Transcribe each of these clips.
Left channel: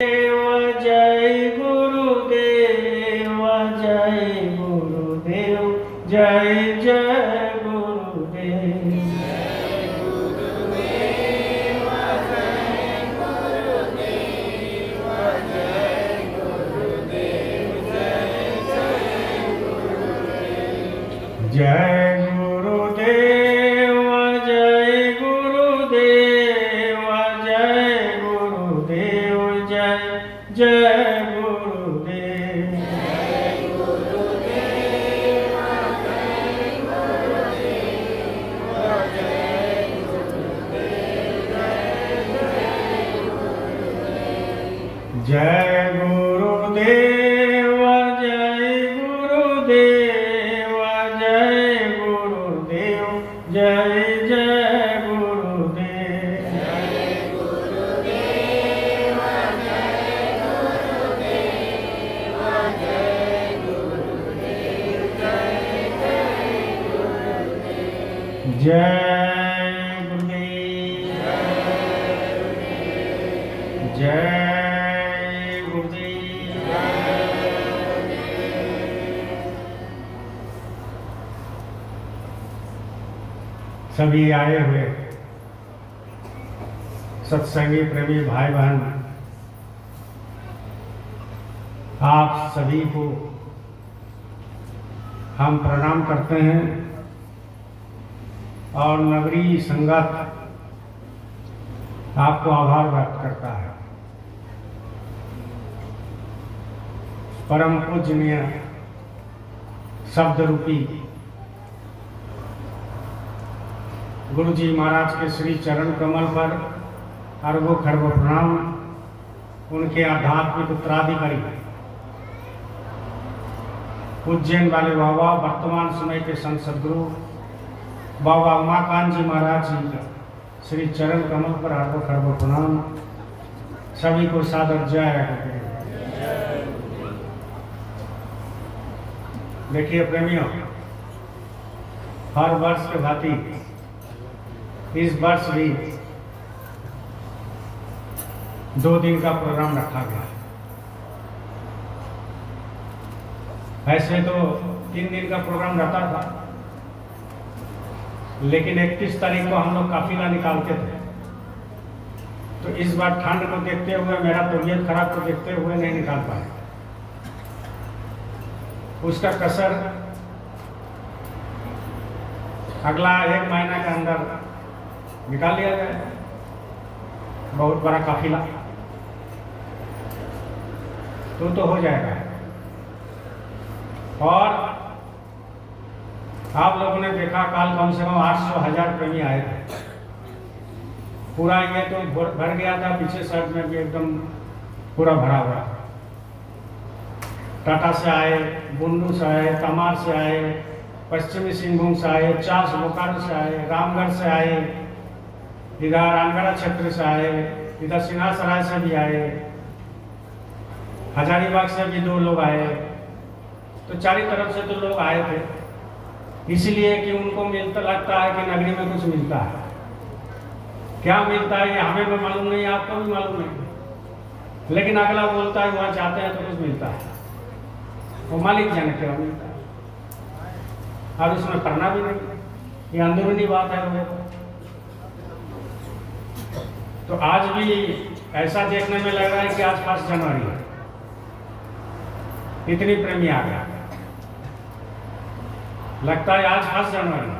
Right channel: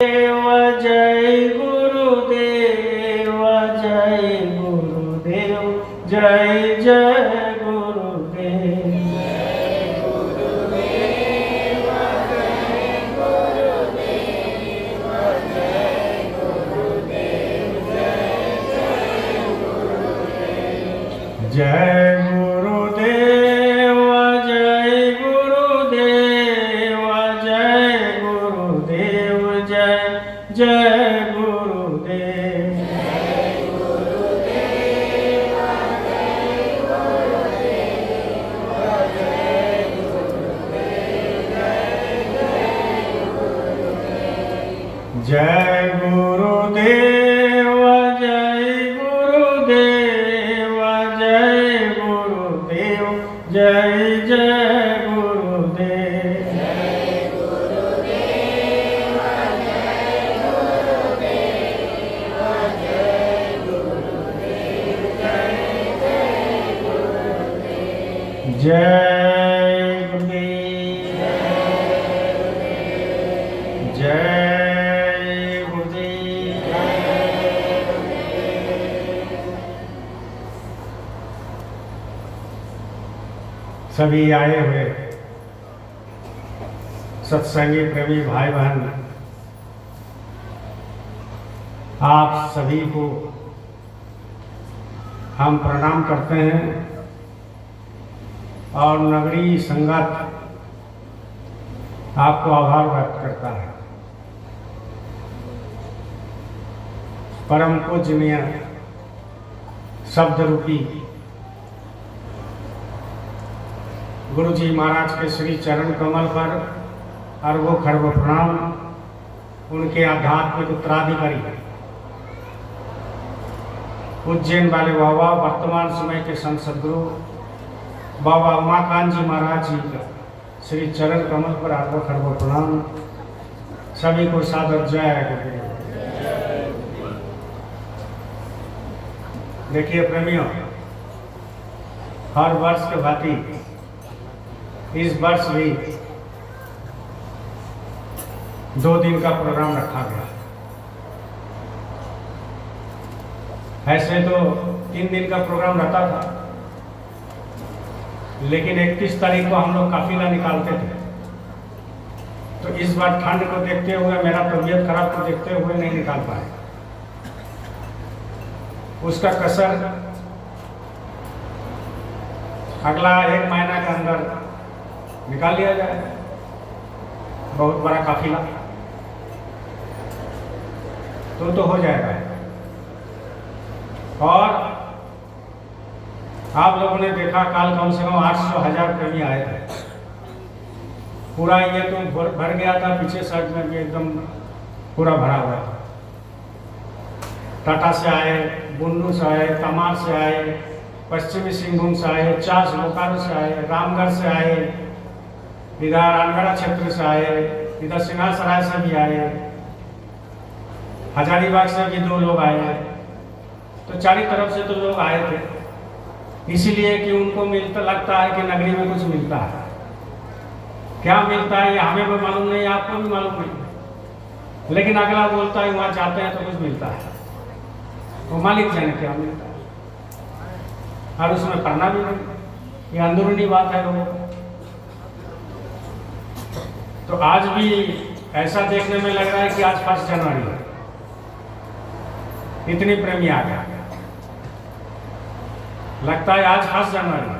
जय गुरुदेव जय गुरुदेव जय जय गुरुदेव। जय गुरुदेव जय गुरुदेव जय गुरुदेव जय जय गुरुदेव। जय गुरुदेव जय गुरुदेव जय गुरुदेव जय जय गुरुदेव। जय गुरुदेव जय गुरुदेव। सभी आए हुए सत्संगी प्रेमी भाई बहन, आप सभी को हम प्रणाम करते हैं और नगरी संगत आपको आभार व्यक्त करता है। परम पूजनीय शब्द रूपी गुरु जी महाराज के श्री चरण कमल पर अरबों खरबों प्रणाम। उनके आध्यात्मिक उत्तराधिकारी उज्जैन वाले बाबा, वर्तमान समय के संत सदगुरु बाबा उमाकांत जी महाराज जी का श्री चरण कमल पर अरबों खरबों प्रणाम। सभी को सादर जय गुरुदेव। देखिए प्रेमियों, हर वर्ष के भांति इस वर्ष भी 2 दिन का प्रोग्राम रखा गया। ऐसे तो 3 दिन का प्रोग्राम रहता था, लेकिन 31 तारीख को हम लोग काफिला निकालते थे। तो इस बार ठंड को देखते हुए, मेरा तबीयत खराब को देखते हुए नहीं निकाल पाए। उसका कसर अगला 1 महीना के अंदर निकाल लिया जाए। बहुत बड़ा काफिला तो हो जाएगा। और आप लोगों ने देखा काल कम से कम 800,000 प्रेमी आए थे। पूरा ये तो भर गया था, पीछे साइड में भी एकदम पूरा भरा हुआ था। टाटा से आए, बुंडू से आए, तमार से आए, पश्चिमी सिंहभूम से आए, चास बोकारो से आए, रामगढ़ से आए, इधर रानगढ़ क्षेत्र से आए, इधर सिंहासराय से भी आए, हजारीबाग से भी 2 लोग आए। तो चारों तरफ से तो लोग आए थे, इसलिए कि उनको मिलता लगता है कि नगरी में कुछ मिलता है। क्या मिलता है ये हमें भी मालूम नहीं, आपको भी मालूम नहीं, लेकिन अगला बोलता है वहां जाते हैं तो कुछ मिलता है। वो मालिक जाने क्या मिलता है, और उसमें करना भी नहीं। ये अंदरूनी बात है लोगों को। तो आज भी ऐसा देखने में लग रहा है कि आज 1 जनवरी है, इतने प्रेमी आ गए। लगता है आज 1 जनवरी।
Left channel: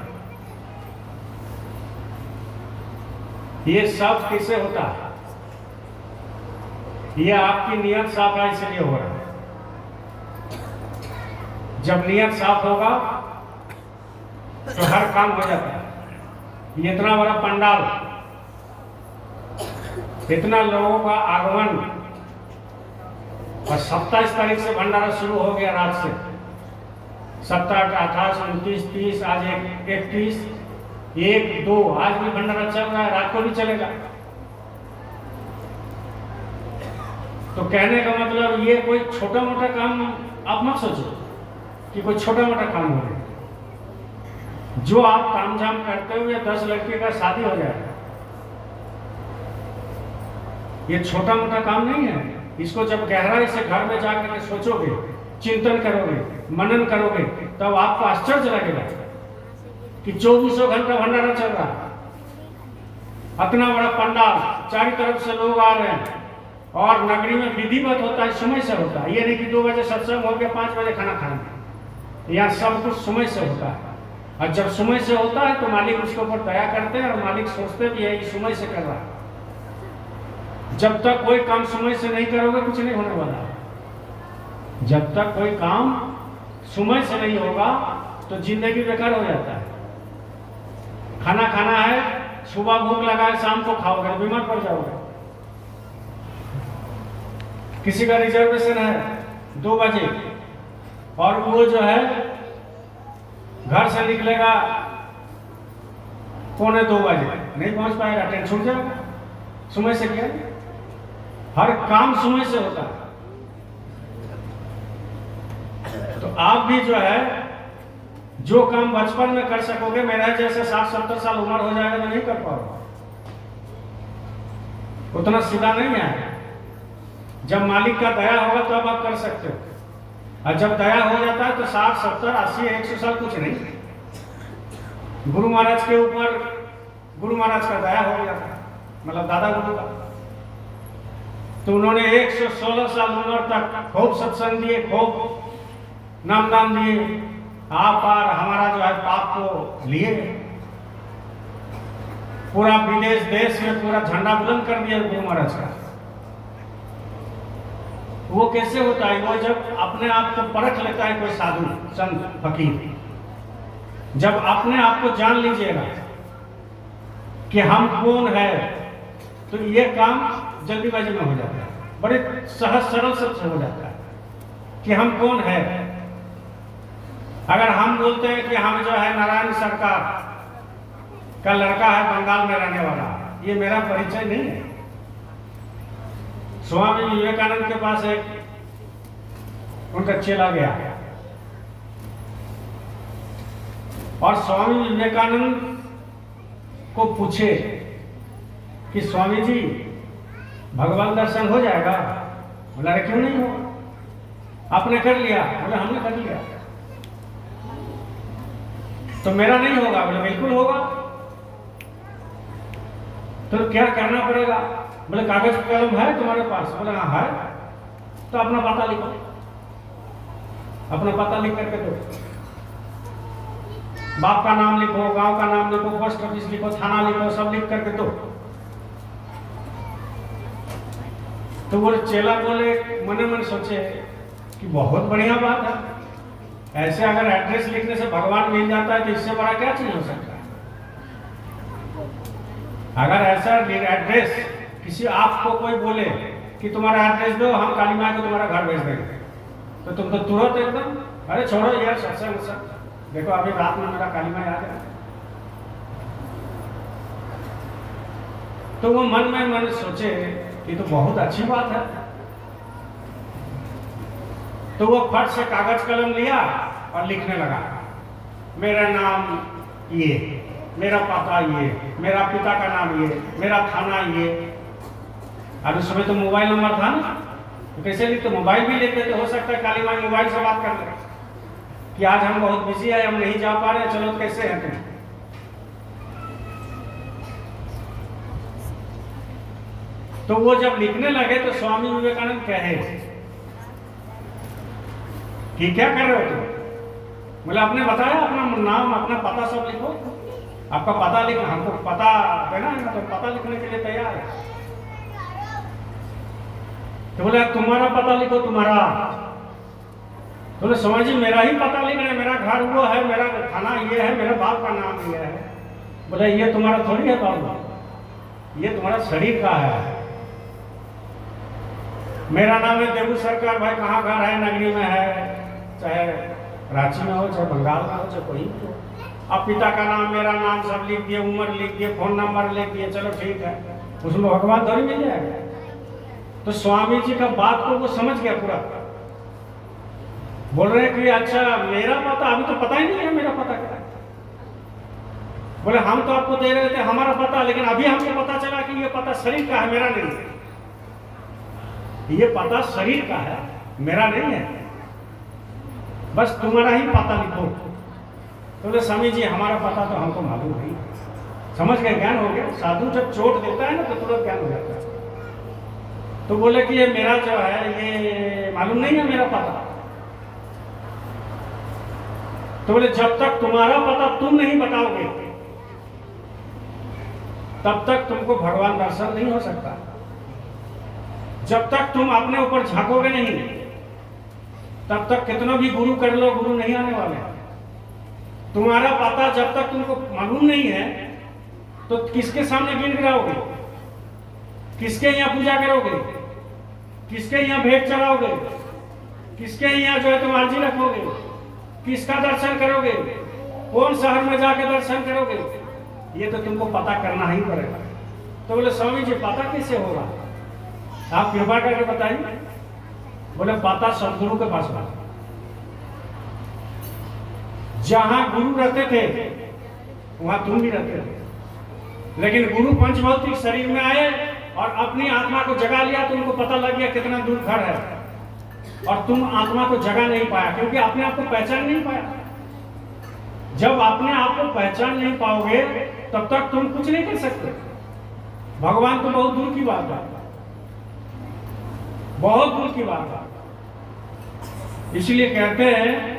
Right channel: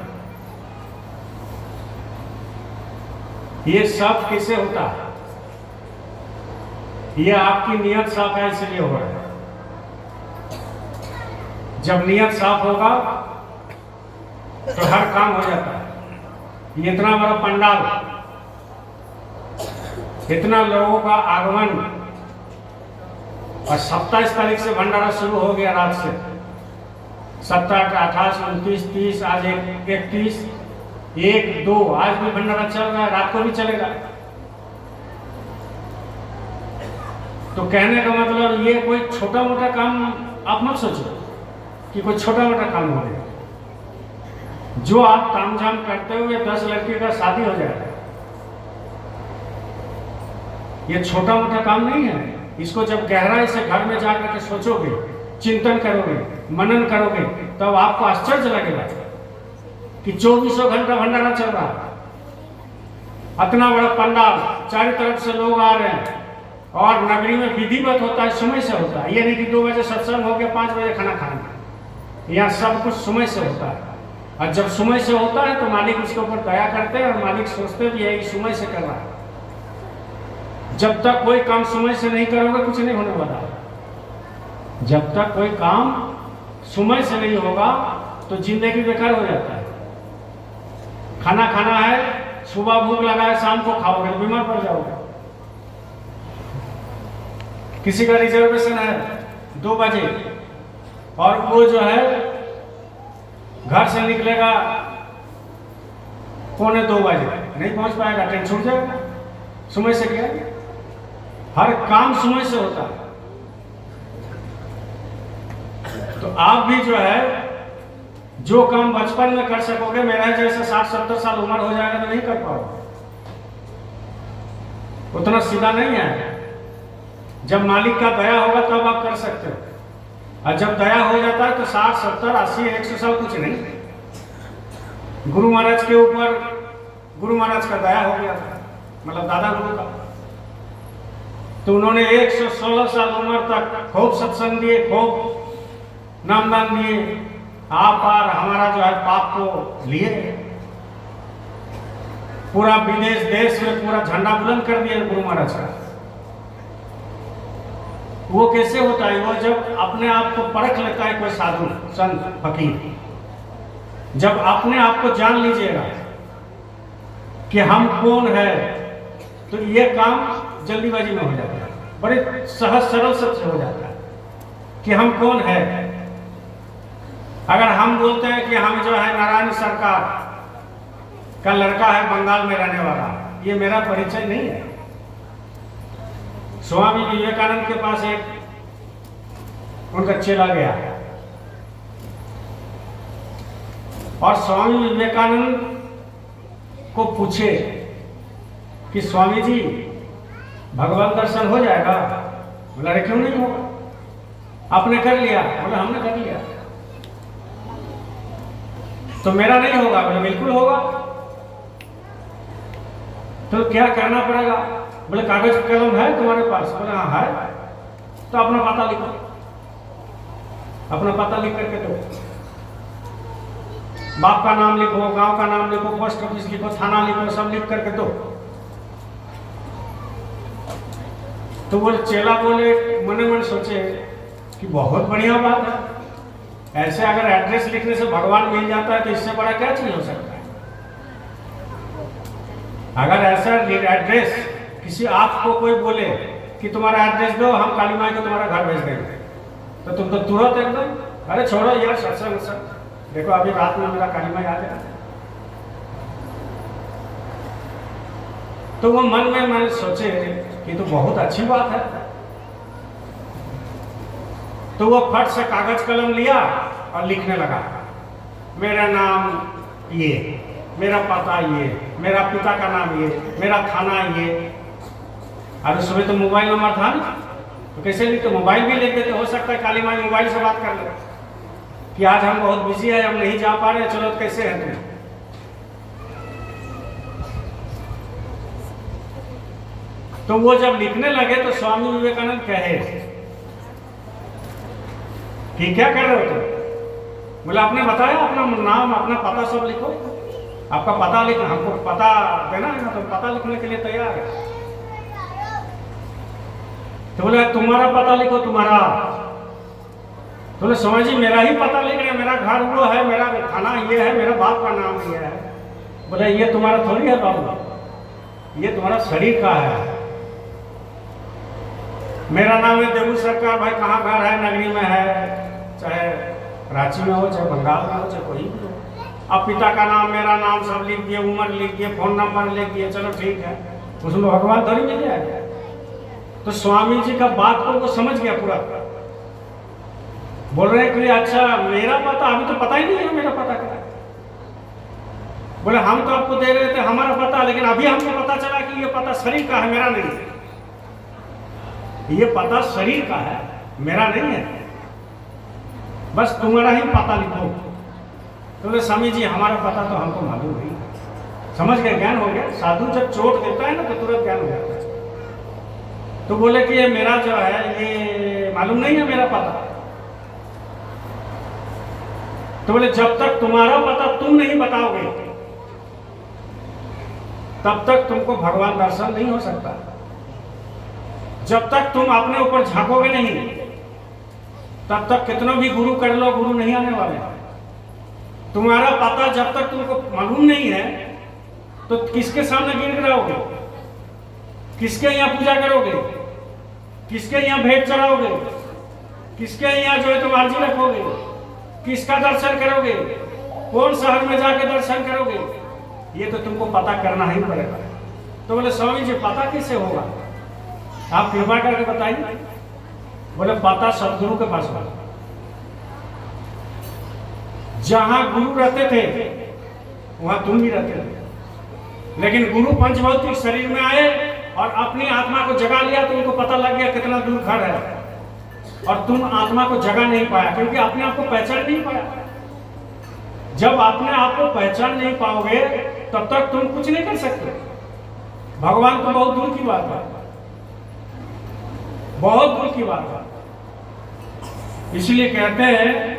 ये सब किसे होता है? ये आपकी नियत साफ है, इसलिए हो रहा है। जब नियत साफ होगा तो हर काम हो जाता है। ये इतना बड़ा पंडाल, इतना लोगों का आगमन, और 27 तारीख से भंडारा शुरू हो गया। रात से 27, 28, 29, 30, आज 31, 1, 2 आज भी भंडारा चल रहा है, रात को भी चलेगा। तो कहने का मतलब ये कोई छोटा मोटा काम आप मत सोचो कि कोई छोटा मोटा काम हो गया। जो आप तामझाम करते हुए 10 लड़के का शादी हो जाएगा, ये छोटा मोटा काम नहीं है। इसको जब गहराई से घर में जाकर के सोचोगे, चिंतन करोगे, मनन करोगे, तब आपको आश्चर्य लगेगा कि 24 घंटा भंडारा चल रहा है। इतना बड़ा पंडाल, चारों तरफ से लोग आ रहे हैं, और नगरी में विधिवत होता है, समय से होता है। ये नहीं कि 2 बजे सत्संग हो गया, 5 बजे खाना खाना। यहाँ सब कुछ समय से होता है, और जब समय से होता है तो मालिक उसके ऊपर दया करते हैं, और मालिक सोचते भी है कि समय से कर रहा है। जब तक कोई काम समय से नहीं करोगे, कुछ नहीं होने वाला है। जब तक कोई काम समय से नहीं होगा तो जिंदगी बेकार हो जाता है। खाना खाना है, सुबह भूख लगा है, शाम को खाओगे, बीमार पड़ जाओगे। किसी का रिजर्वेशन है 2 बजे, और वो जो है घर से निकलेगा 1:45 बजे, नहीं पहुंच पाएगा, ट्रेन छूट जाएगा। समय से क्या, हर काम समय से होता है। तो आप भी जो है, जो काम बचपन में कर सकोगे, मेरा जैसे 60-70 साल उम्र हो जाएगा तो नहीं कर पाओगे, उतना सीधा नहीं है। जब मालिक का दया होगा तब आप कर सकते हो, और जब दया हो जाता है तो 60, 70, 80, 100 साल कुछ नहीं। गुरु महाराज के ऊपर गुरु महाराज का दया हो गया था, मतलब दादा गुरु का, तो उन्होंने 116 साल उम्र तक खूब सत्संग दिए, खूब नाम दिए। आप और हमारा जो है पाप को लिए, पूरा विदेश देश में पूरा झंडा बुलंद कर दिया गुरु महाराज का। वो कैसे होता है? वो जब अपने आप को परख लेता है कोई साधु संत फकीर, जब अपने आप को जान लीजिएगा कि हम कौन है, तो ये काम जल्दीबाजी में हो जाता है, बड़े सहज सरल से हो जाता है कि हम कौन है। अगर हम बोलते हैं कि हम जो है नारायण सरकार का लड़का है, बंगाल में रहने वाला, ये मेरा परिचय नहीं है। स्वामी विवेकानंद के पास एक उनका चेला गया, और स्वामी विवेकानंद को पूछे कि स्वामी जी भगवान दर्शन हो जाएगा? बोला अरे क्यों नहीं हो, आपने कर लिया? बोला हमने कर लिया। तो मेरा नहीं होगा? बोला बिल्कुल होगा। तो क्या करना पड़ेगा? बोले कागज कलम है तुम्हारे पास? बोले हाँ है। तो अपना पता लिखो, अपना पता लिख करके दो, बाप का नाम लिखो, गांव का नाम लिखो, पोस्ट ऑफिस लिखो, थाना लिखो, सब लिख करके दो। तो वो चेला बोले, मने मन सोचे कि बहुत बढ़िया बात है, ऐसे अगर एड्रेस लिखने से भगवान मिल जाता है तो इससे बड़ा क्या चीज हो सकता है। अगर ऐसा एड्रेस किसी आपको कोई बोले कि तुम्हारा एड्रेस दो, हम काली माँ को तुम्हारा घर भेज देंगे, तो तुम तो तुरंत एकदम अरे छोड़ो यार सत्संग सब, देखो अभी रात में मेरा काली माँ आ जाए। तो वो मन में मैंने सोचे कि तो बहुत अच्छी बात है। तो वो फट से कागज कलम लिया और लिखने लगा, मेरा नाम ये, मेरा पता ये, मेरा पिता का नाम ये, मेरा थाना ये। अब उस समय तो मोबाइल नंबर था ना, तो कैसे लिखते? मोबाइल भी लिख देते, हो सकता है काली माई मोबाइल से बात कर ले कि आज हम बहुत बिजी है, हम नहीं जा पा रहे, चलो तो कैसे है तुम। तो वो जब लिखने लगे तो स्वामी विवेकानंद कहे कि क्या कर रहे हो तुम? बोला आपने बताया अपना नाम अपना पता सब लिखो, आपका पता लिखो, हमको पता देना है, मतलब पता लिखने के लिए तैयार है। तो बोले तुम्हारा पता लिखो, तुम्हारा। तो समझ जी मेरा ही पता लिख रहे, मेरा घर वो है, मेरा थाना ये है, मेरा बाप का नाम ये है। बोले ये तुम्हारा थोड़ी है बाबू, ये तुम्हारा शरीर का है। मेरा नाम है देवू सरकार, भाई कहाँ घर है, नगरी में है, चाहे रांची में हो, चाहे बंगाल में हो, चाहे कोई भी हो। अब पिता का नाम, मेरा नाम सब लिख दिए, उम्र लिख दिए, फोन नंबर लिख दिए, चलो ठीक है, उसमें भगवान थोड़ी मिल जाएगा। तो स्वामी जी का बात को वो समझ गया पूरा, बोल रहे हैं कि अच्छा मेरा पता, अभी तो पता ही नहीं है मेरा पता क्या। बोले हम तो आपको दे रहे थे हमारा पता, लेकिन अभी हमको पता चला कि ये पता शरीर का है, मेरा नहीं। ये पता शरीर का है, मेरा नहीं है, बस तुम्हारा ही पता लिखो। तो बोले स्वामी जी हमारा पता तो हमको मालूम नहीं। समझ गए, ज्ञान हो गया। साधु जब चोट देता है ना तो तुरंत ज्ञान हो जाता है। तो बोले कि ये मेरा जो है ये मालूम नहीं है मेरा पता। तो बोले जब तक तुम्हारा पता तुम नहीं बताओगे तब तक तुमको भगवान दर्शन नहीं हो सकता। जब तक तुम अपने ऊपर झांकोगे नहीं तब तक कितना भी गुरु कर लो, गुरु नहीं आने वाले। तुम्हारा पता जब तक तुमको मालूम नहीं है तो किसके सामने गिर गिराओगे, किसके यहाँ पूजा करोगे, किसके यहाँ भेंट चढ़ाओगे, किसके यहाँ जो है तुम अर्जी रखोगे, किसका दर्शन करोगे, कौन शहर में जाके दर्शन करोगे, ये तो तुमको पता करना ही पड़ेगा। तो बोले स्वामी जी पता कैसे होगा, आप कृपा करके बताइए। बोले पता सदगुरु के पास होगा। जहां गुरु रहते थे वहां तुम भी रहते थे, लेकिन गुरु पंचभौतिक शरीर में आए और अपनी आत्मा को जगा लिया तो उनको पता लग गया कितना दूर घर है, और तुम आत्मा को जगा नहीं पाया क्योंकि अपने आप को पहचान नहीं पाया। जब अपने आप को पहचान नहीं पाओगे तब तक तुम कुछ नहीं कर सकते। भगवान तो बहुत दूर की बात है, बहुत दूर की बात है। इसलिए कहते हैं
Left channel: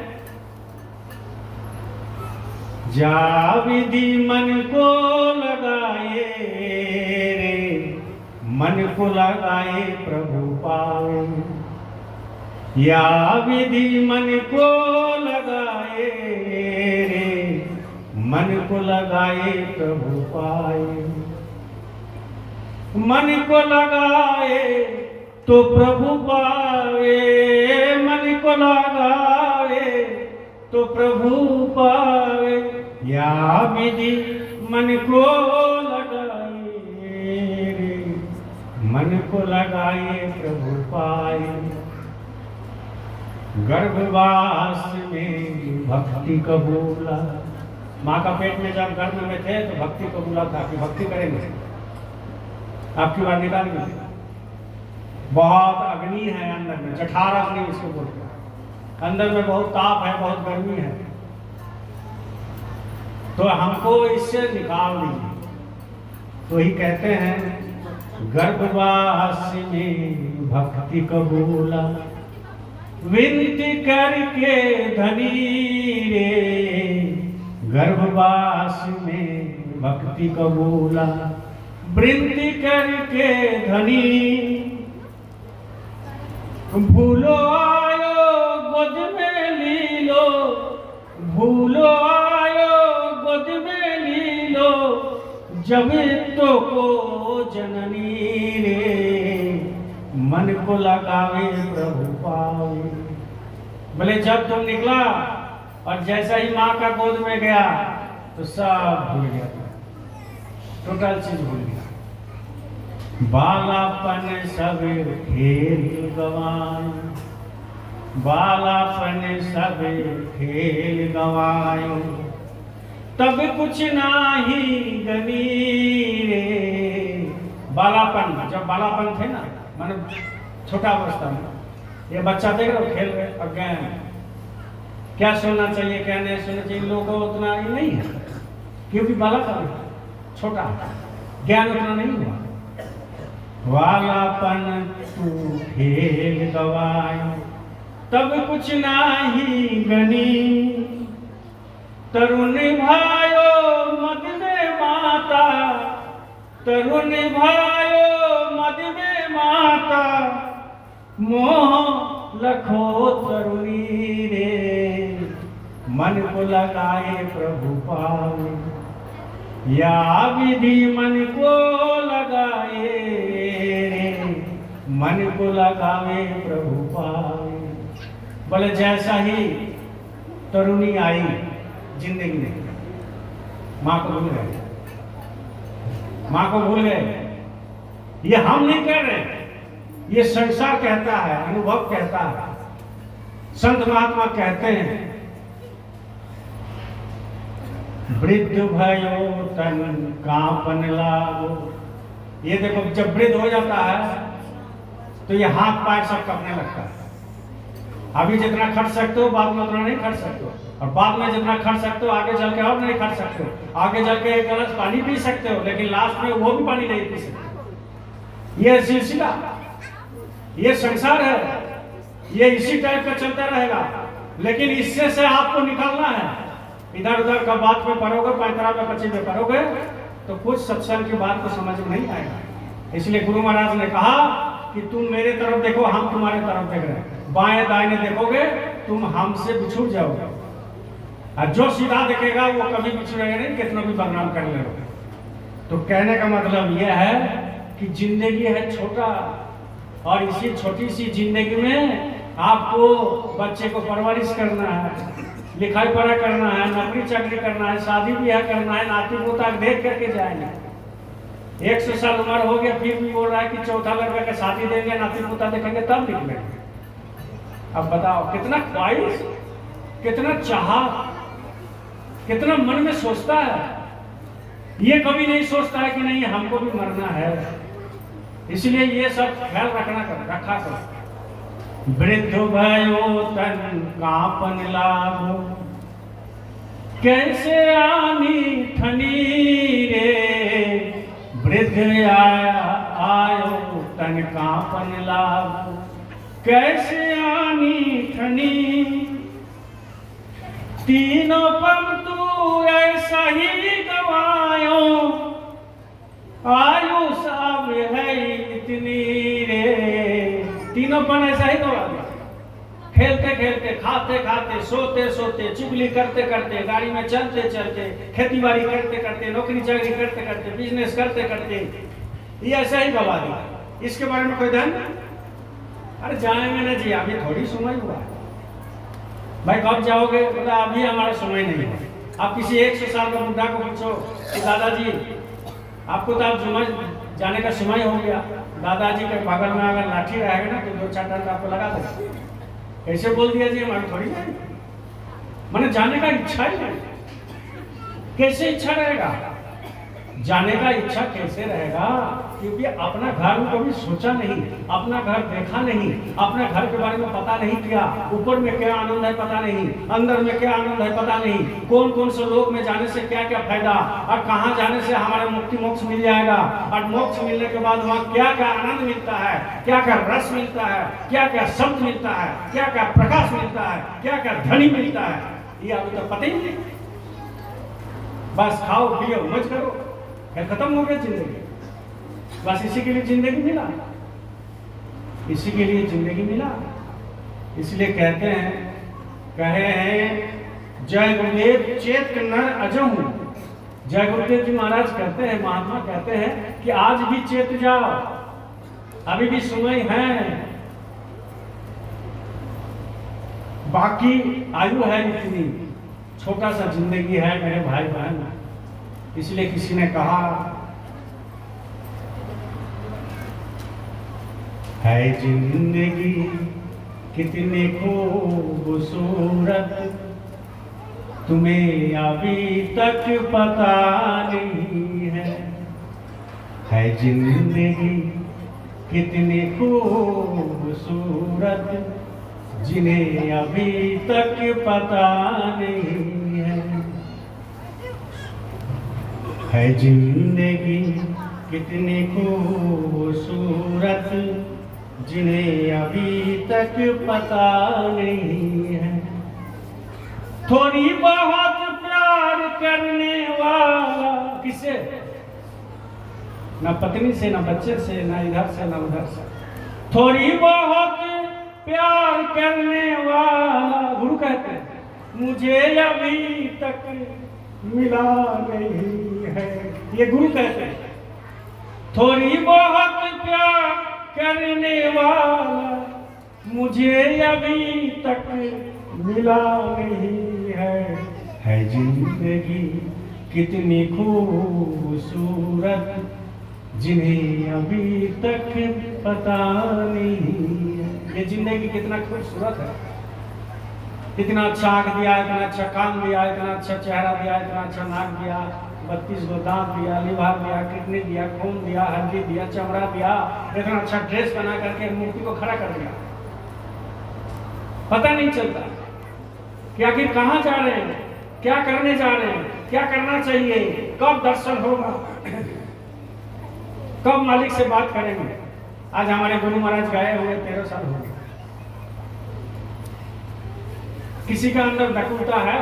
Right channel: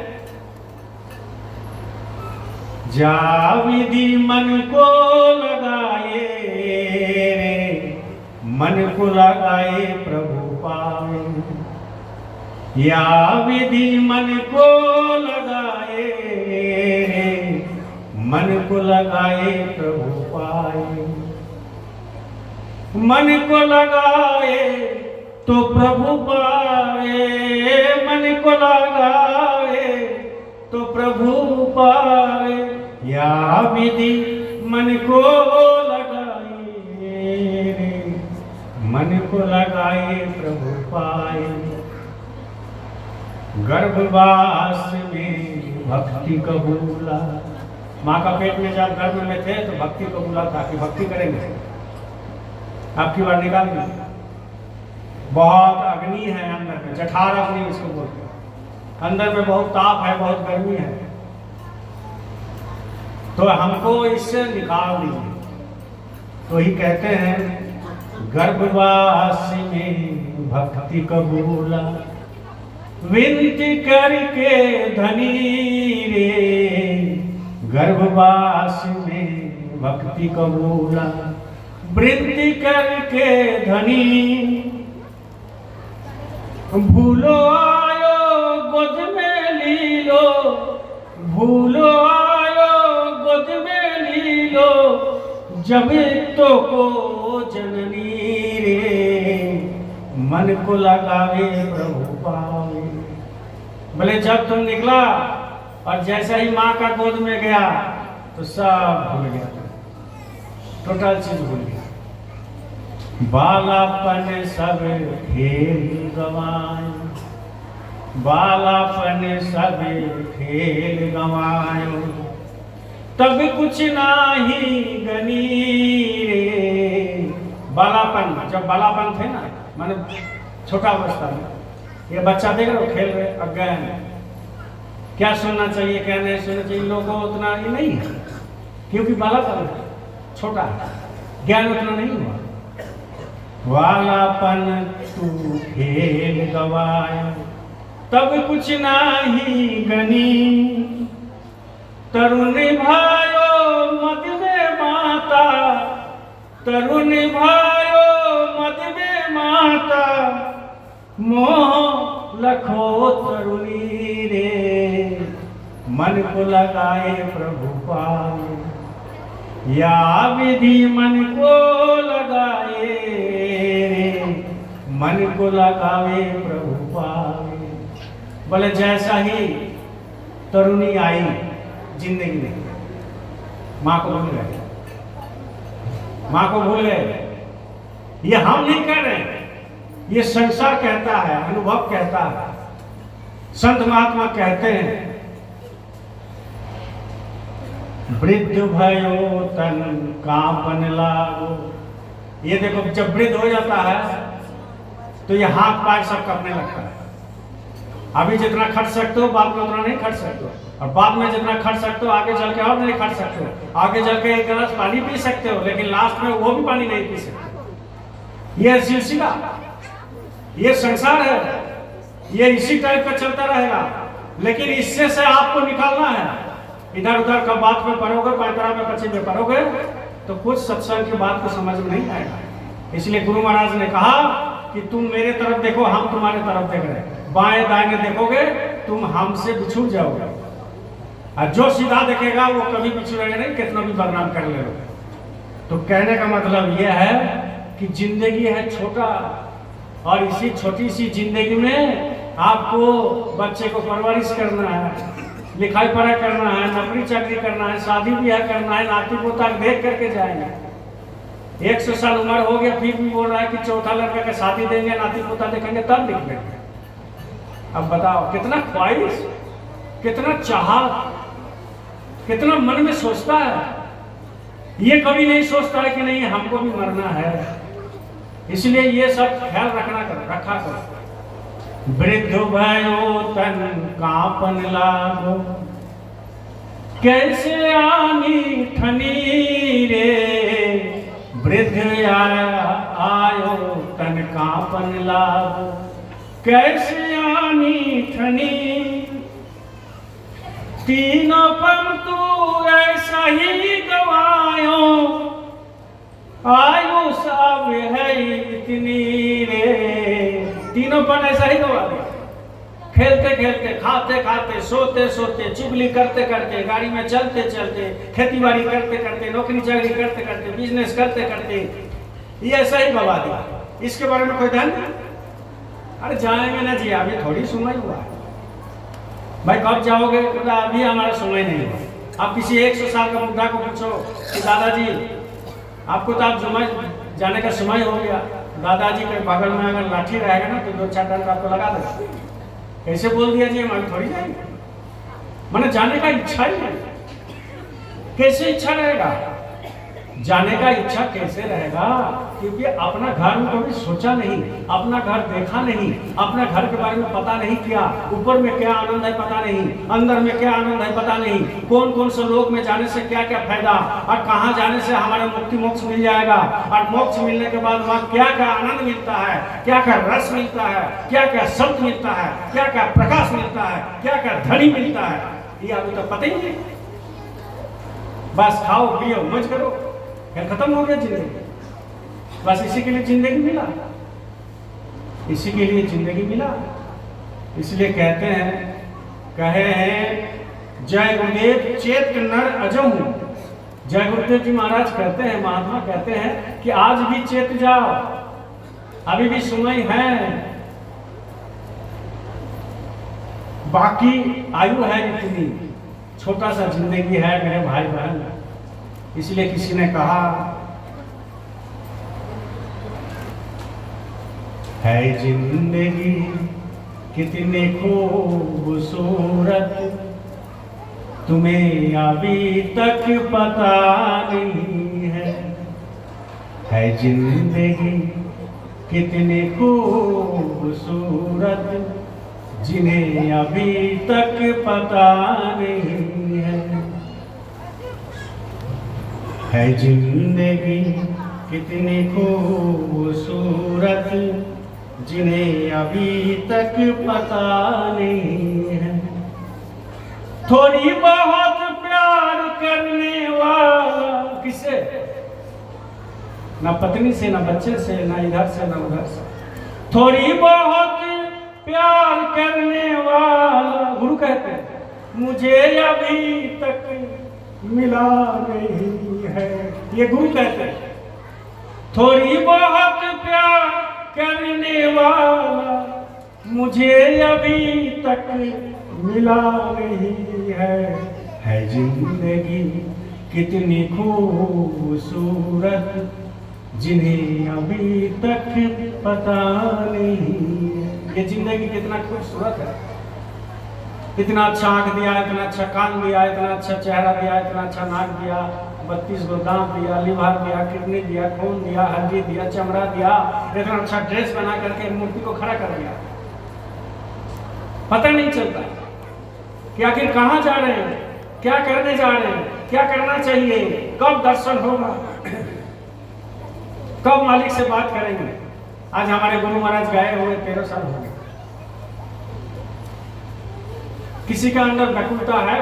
जा विधि मन को लगाए रे, मन को लगाए प्रभु पाए। या विधि मन को लगाए रे, मन को लगाए प्रभु पाए। मन को लगाए तो प्रभु पाए, मन को लगाए तो प्रभु पाए। या विधि मन को लगाए रे, मन को लगाए प्रभु पाए। गर्भवास में भक्ति कबूला, माँ का पेट में जब गर्भ में थे तो भक्ति कबूला था कि भक्ति करेंगे, आपकी बात निकालेंगे। बहुत अग्नि है अंदर में, जठार अग्नि इसको बोलते हैं। अंदर में बहुत ताप है, बहुत गर्मी है, तो हमको इससे निकाल दीजिए। तो ही कहते हैं गर्भवास में भक्ति कबूला, विनती करके धनी रे। गर्भवास में भक्ति कबूला, विनती करके धनी। भूलो आयो गोद में लीलो, भूलो आयो गोद में लीलो, जब तो को जननी रे। मन को लगावे प्रभु पावे। बोले जब तुम निकला और जैसा ही माँ का गोद में गया तो सब भूल गया, टोटल चीज भूल गया। बालापन सब खेल गवाए, बालापन सब खेल गवाए। तब कुछ नाही गनी रे। बालापन, जब बालापन थे ना, माने छोटा अवस्था में, ये बच्चा देख रहे हो खेल रहे अज्ञान, क्या सुनना चाहिए क्या नहीं सुनना चाहिए लोगों को उतना ही नहीं है, क्योंकि बालापन छोटा है, ज्ञान उतना नहीं हुआ। वालापन तू खेल गवाए, तब कुछ नाही गनी। तरुण भायो मद में माता, तरुण भायो मद में माता। मोह लखो तरुणी रे, मन को लगाए प्रभु पाए। या विधि मन को लगाए रे, मन को लगावे प्रभु पाए। बोले जैसा ही तरुणी आई जिंदगी में, माँ को भूल गए, माँ को भूल गए। ये हम नहीं कर रहे, ये संसार कहता है, अनुभव कहता है, संत महात्मा कहते हैं। वृद्ध भयो तन कांपन लागो। ये देखो जब वृद्ध हो जाता है तो ये हाथ पैर सब करने लगता है। अभी जितना खर्च सकते हो बाद में उतना नहीं खर्च सकते हो, और बाद में जितना खर्च सकते हो आगे चल के और नहीं खर्च सकते हो। आगे चल के एक गिलास पानी पी सकते हो, लेकिन लास्ट में वो भी पानी नहीं पी सकते। ये सिलसिला, ये संसार है, ये इसी टाइप का चलता रहेगा। लेकिन इससे से आपको निकालना है। इधर उधर का बात में पढ़ोगे, पैतरा में पच्ची में पढ़ोगे तो कुछ सत्संग की बात को समझ में नहीं आएगा। इसलिए गुरु महाराज ने कहा कि तुम मेरे तरफ देखो, हम तुम्हारे तरफ देख रहे हैं। बाएं दाएं देखोगे तुम हमसे बिछुड़ जाओगे, और जो सीधा देखेगा वो कभी बिछुड़ेगा नहीं, कितना भी बदनाम कर ले। तो कहने का मतलब यह है कि जिंदगी है छोटा, और इसी छोटी सी जिंदगी में आपको बच्चे को परवरिश करना है, लिखाई पढ़ाई करना है, नौकरी चाकरी करना है, शादी ब्याह करना है, नाती पोता देख करके जाएंगे। 100 साल उम्र हो गया फिर भी बोल रहा है कि चौथा लड़का के शादी देंगे, नाती पोता देखेंगे तब दिखेंगे। अब बताओ कितना ख्वाहिश, कितना चाहत, कितना मन में सोचता है। ये कभी नहीं सोचता है कि नहीं हमको भी मरना है। इसलिए ये सब ख्याल रखा करो। वृद्ध भयो तन कांपन लागो, कैसे आनी ठनी रे। वृद्ध आयो तन कांपन लागो, कैसे आनी ठनी। तीनों पन तू ऐसा ही गवायो, आयु सब है इतनी रे। तीनों पन ऐसा ही गवा दिया। खेलते खेलते, खाते खाते, सोते सोते, चुगली करते करते, गाड़ी में चलते चलते, खेती बाड़ी करते करते, नौकरी चाकरी करते करते, बिजनेस करते करते, ये ऐसा ही गवा दिया। इसके बारे में कोई ध्यान? अरे जाएंगे ना जी, अभी थोड़ी समय हुआ है भाई, कब जाओगे? अभी हमारा समय नहीं है। आप किसी 100 साल का बुढ़ा को पूछो कि दादाजी आपको तो आप जुम्मे जाने का समय हो गया, दादाजी के बगल में अगर लाठी रहेगा ना तो 2-4 टन आपको लगा दो। ऐसे बोल दिया जी हमारी थोड़ी जाएंगे, मैंने जाने का इच्छा ही नहीं। कैसे इच्छा रहेगा जाने का? इच्छा कैसे रहेगा? क्योंकि अपना घर को कभी सोचा नहीं, अपना घर देखा नहीं, अपना घर के बारे में पता नहीं किया। ऊपर में क्या आनंद है पता नहीं, अंदर में क्या आनंद है पता नहीं, कौन कौन से लोग में जाने से क्या क्या फायदा, और कहाँ जाने से हमारा मुक्ति मोक्ष मिल जाएगा, और मोक्ष मिलने के बाद वहाँ क्या क्या आनंद मिलता है, क्या क्या रस मिलता है, क्या क्या शब्द मिलता है, क्या क्या प्रकाश मिलता है, क्या क्या ध्वनि मिलता है, ये अभी तक पता ही नहीं। बस खाओ पियो मौज करो, खत्म हो गया जिंदगी। बस इसी के लिए जिंदगी मिला, इसी के लिए जिंदगी मिला। इसलिए कहते हैं, कहे हैं जय गुरुदेव चेत नर अजहूं। जय गुरुदेव जी महाराज कहते हैं, महात्मा कहते हैं कि आज भी चेत जाओ, अभी भी समय है, बाकी आयु है इतनी, छोटा सा जिंदगी है मेरे भाई बहन। इसलिए किसी ने कहा है जिंदगी कितने खूबसूरत, तुम्हें अभी तक पता नहीं है जिंदगी कितने खूबसूरत, जिन्हें अभी तक पता नहीं है जिंदगी कितनी खूबसूरत, जिन्हें अभी तक पता नहीं है। थोड़ी बहुत प्यार करने वाला किसे? ना पत्नी से, ना बच्चे से, ना इधर से, ना उधर से। थोड़ी बहुत प्यार करने वाला, गुरु कहते हैं, मुझे अभी तक मिला नहीं है। ये गुरु कहते हैं, थोड़ी बहुत प्यार करने वाला, मुझे अभी तक मिला नहीं है जिंदगी कितनी खूबसूरत, जिन्हें अभी तक पता नहीं है। ये जिंदगी कितना खूबसूरत है, इतना अच्छा आंख दिया, इतना अच्छा कान दिया, इतना अच्छा चेहरा दिया, इतना अच्छा नाक दिया, 32 गो दांत दिया, लीवर दिया, किडनी दिया, खून दिया, हड्डी दिया, चमड़ा दिया, इतना अच्छा ड्रेस बना करके मूर्ति को खड़ा कर दिया। पता नहीं चलता कि आखिर कहाँ जा रहे हैं, क्या करने जा रहे हैं, क्या करना चाहिए, कब दर्शन होगा, कब मालिक से बात करेंगे। आज हमारे गुरु महाराज गए हुए 13 साल हो गए। किसी का अंदर व्याकुलता है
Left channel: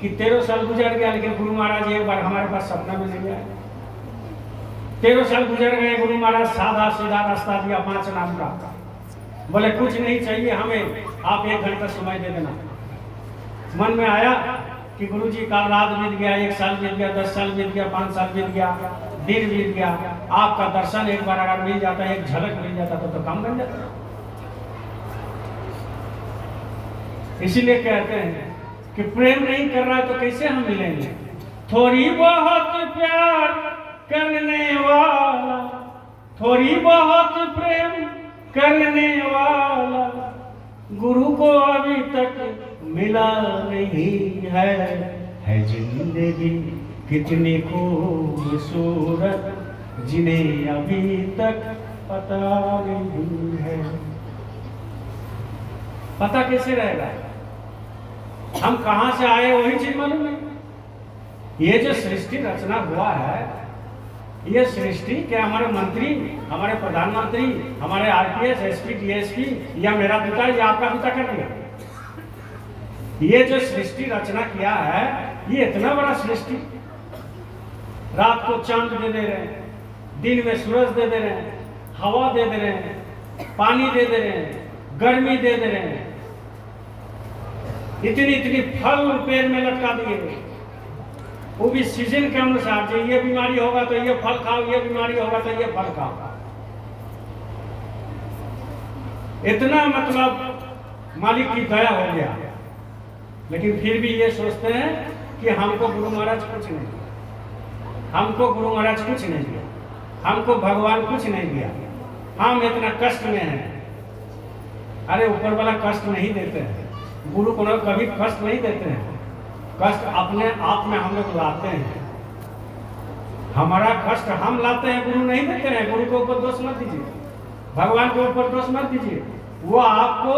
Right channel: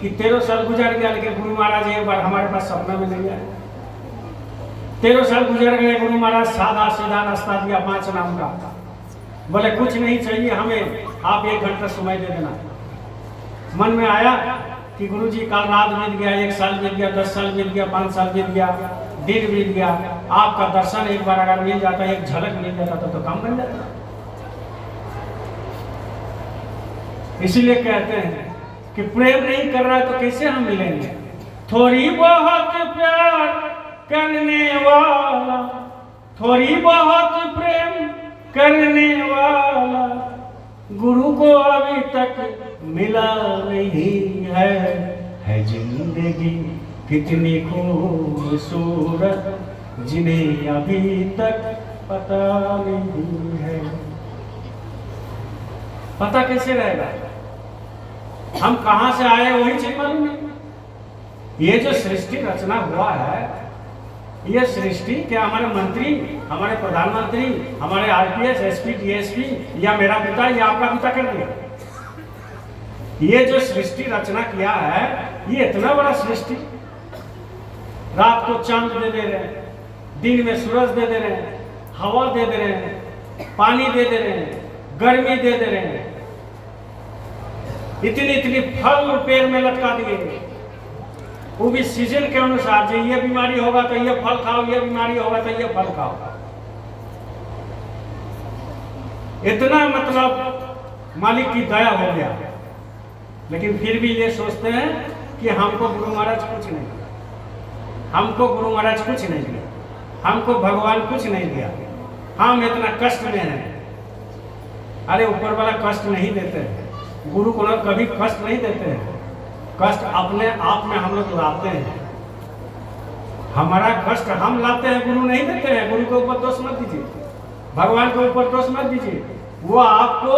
कि 13 साल गुजर गया, लेकिन गुरु महाराज एक बार हमारे पास सपना में नहीं आए। 13 साल गुजर गए, गुरु महाराज सादा सीधा रास्ता दिया 5 नाम का, बोले कुछ नहीं चाहिए हमें, आप 1 घंटा समय दे देना। मन में आया कि गुरु जी कल रात बीत गया, 1 साल बीत गया, 10 साल बीत गया, 5 साल बीत गया, दिन बीत गया, आपका दर्शन एक बार अगर मिल जाता, एक झलक मिल जाता तो काम बन जाता। इसीलिए कहते हैं कि प्रेम नहीं कर रहा तो कैसे हम मिलेंगे। थोड़ी बहुत प्यार करने वाला, थोड़ी बहुत प्रेम करने वाला गुरु को अभी तक मिला नहीं है जिंदगी कितनी खूबसूरत जिन्हें अभी तक पता नहीं है। पता कैसे रहेगा, हम कहां से आए वही चीज मालूम नहीं। ये जो सृष्टि रचना हुआ है, ये सृष्टि क्या हमारे मंत्री, हमारे प्रधानमंत्री, हमारे आरपीएस, एसपी, डीएसपी या मेरा पिता या आपका पिता कर दिया? ये जो सृष्टि रचना किया है, ये इतना बड़ा सृष्टि, रात को चांद दे दे रहे हैं, दिन में सूरज दे दे रहे हैं, हवा दे दे रहे हैं, पानी दे दे रहे हैं, गर्मी दे दे रहे हैं, इतनी इतनी फल पेड़ में लटका दिए, वो भी सीजन के अनुसार। जो ये बीमारी होगा तो ये फल खाओ, ये बीमारी होगा तो ये फल खाओ। इतना मतलब मालिक की दया हो गया। लेकिन फिर भी ये सोचते हैं कि हमको गुरु महाराज कुछ नहीं, हमको गुरु महाराज कुछ नहीं दिया, हमको भगवान कुछ नहीं दिया, हम इतना कष्ट में हैं। अरे ऊपर वाला कष्ट नहीं देते हैं, गुरु को कभी कष्ट नहीं देते हैं, कष्ट अपने आप में हम लोग लाते हैं। हमारा कष्ट हम लाते हैं, गुरु नहीं देते हैं। गुरु के ऊपर दोष मत दीजिए, भगवान के ऊपर दोष मत दीजिए। वो आपको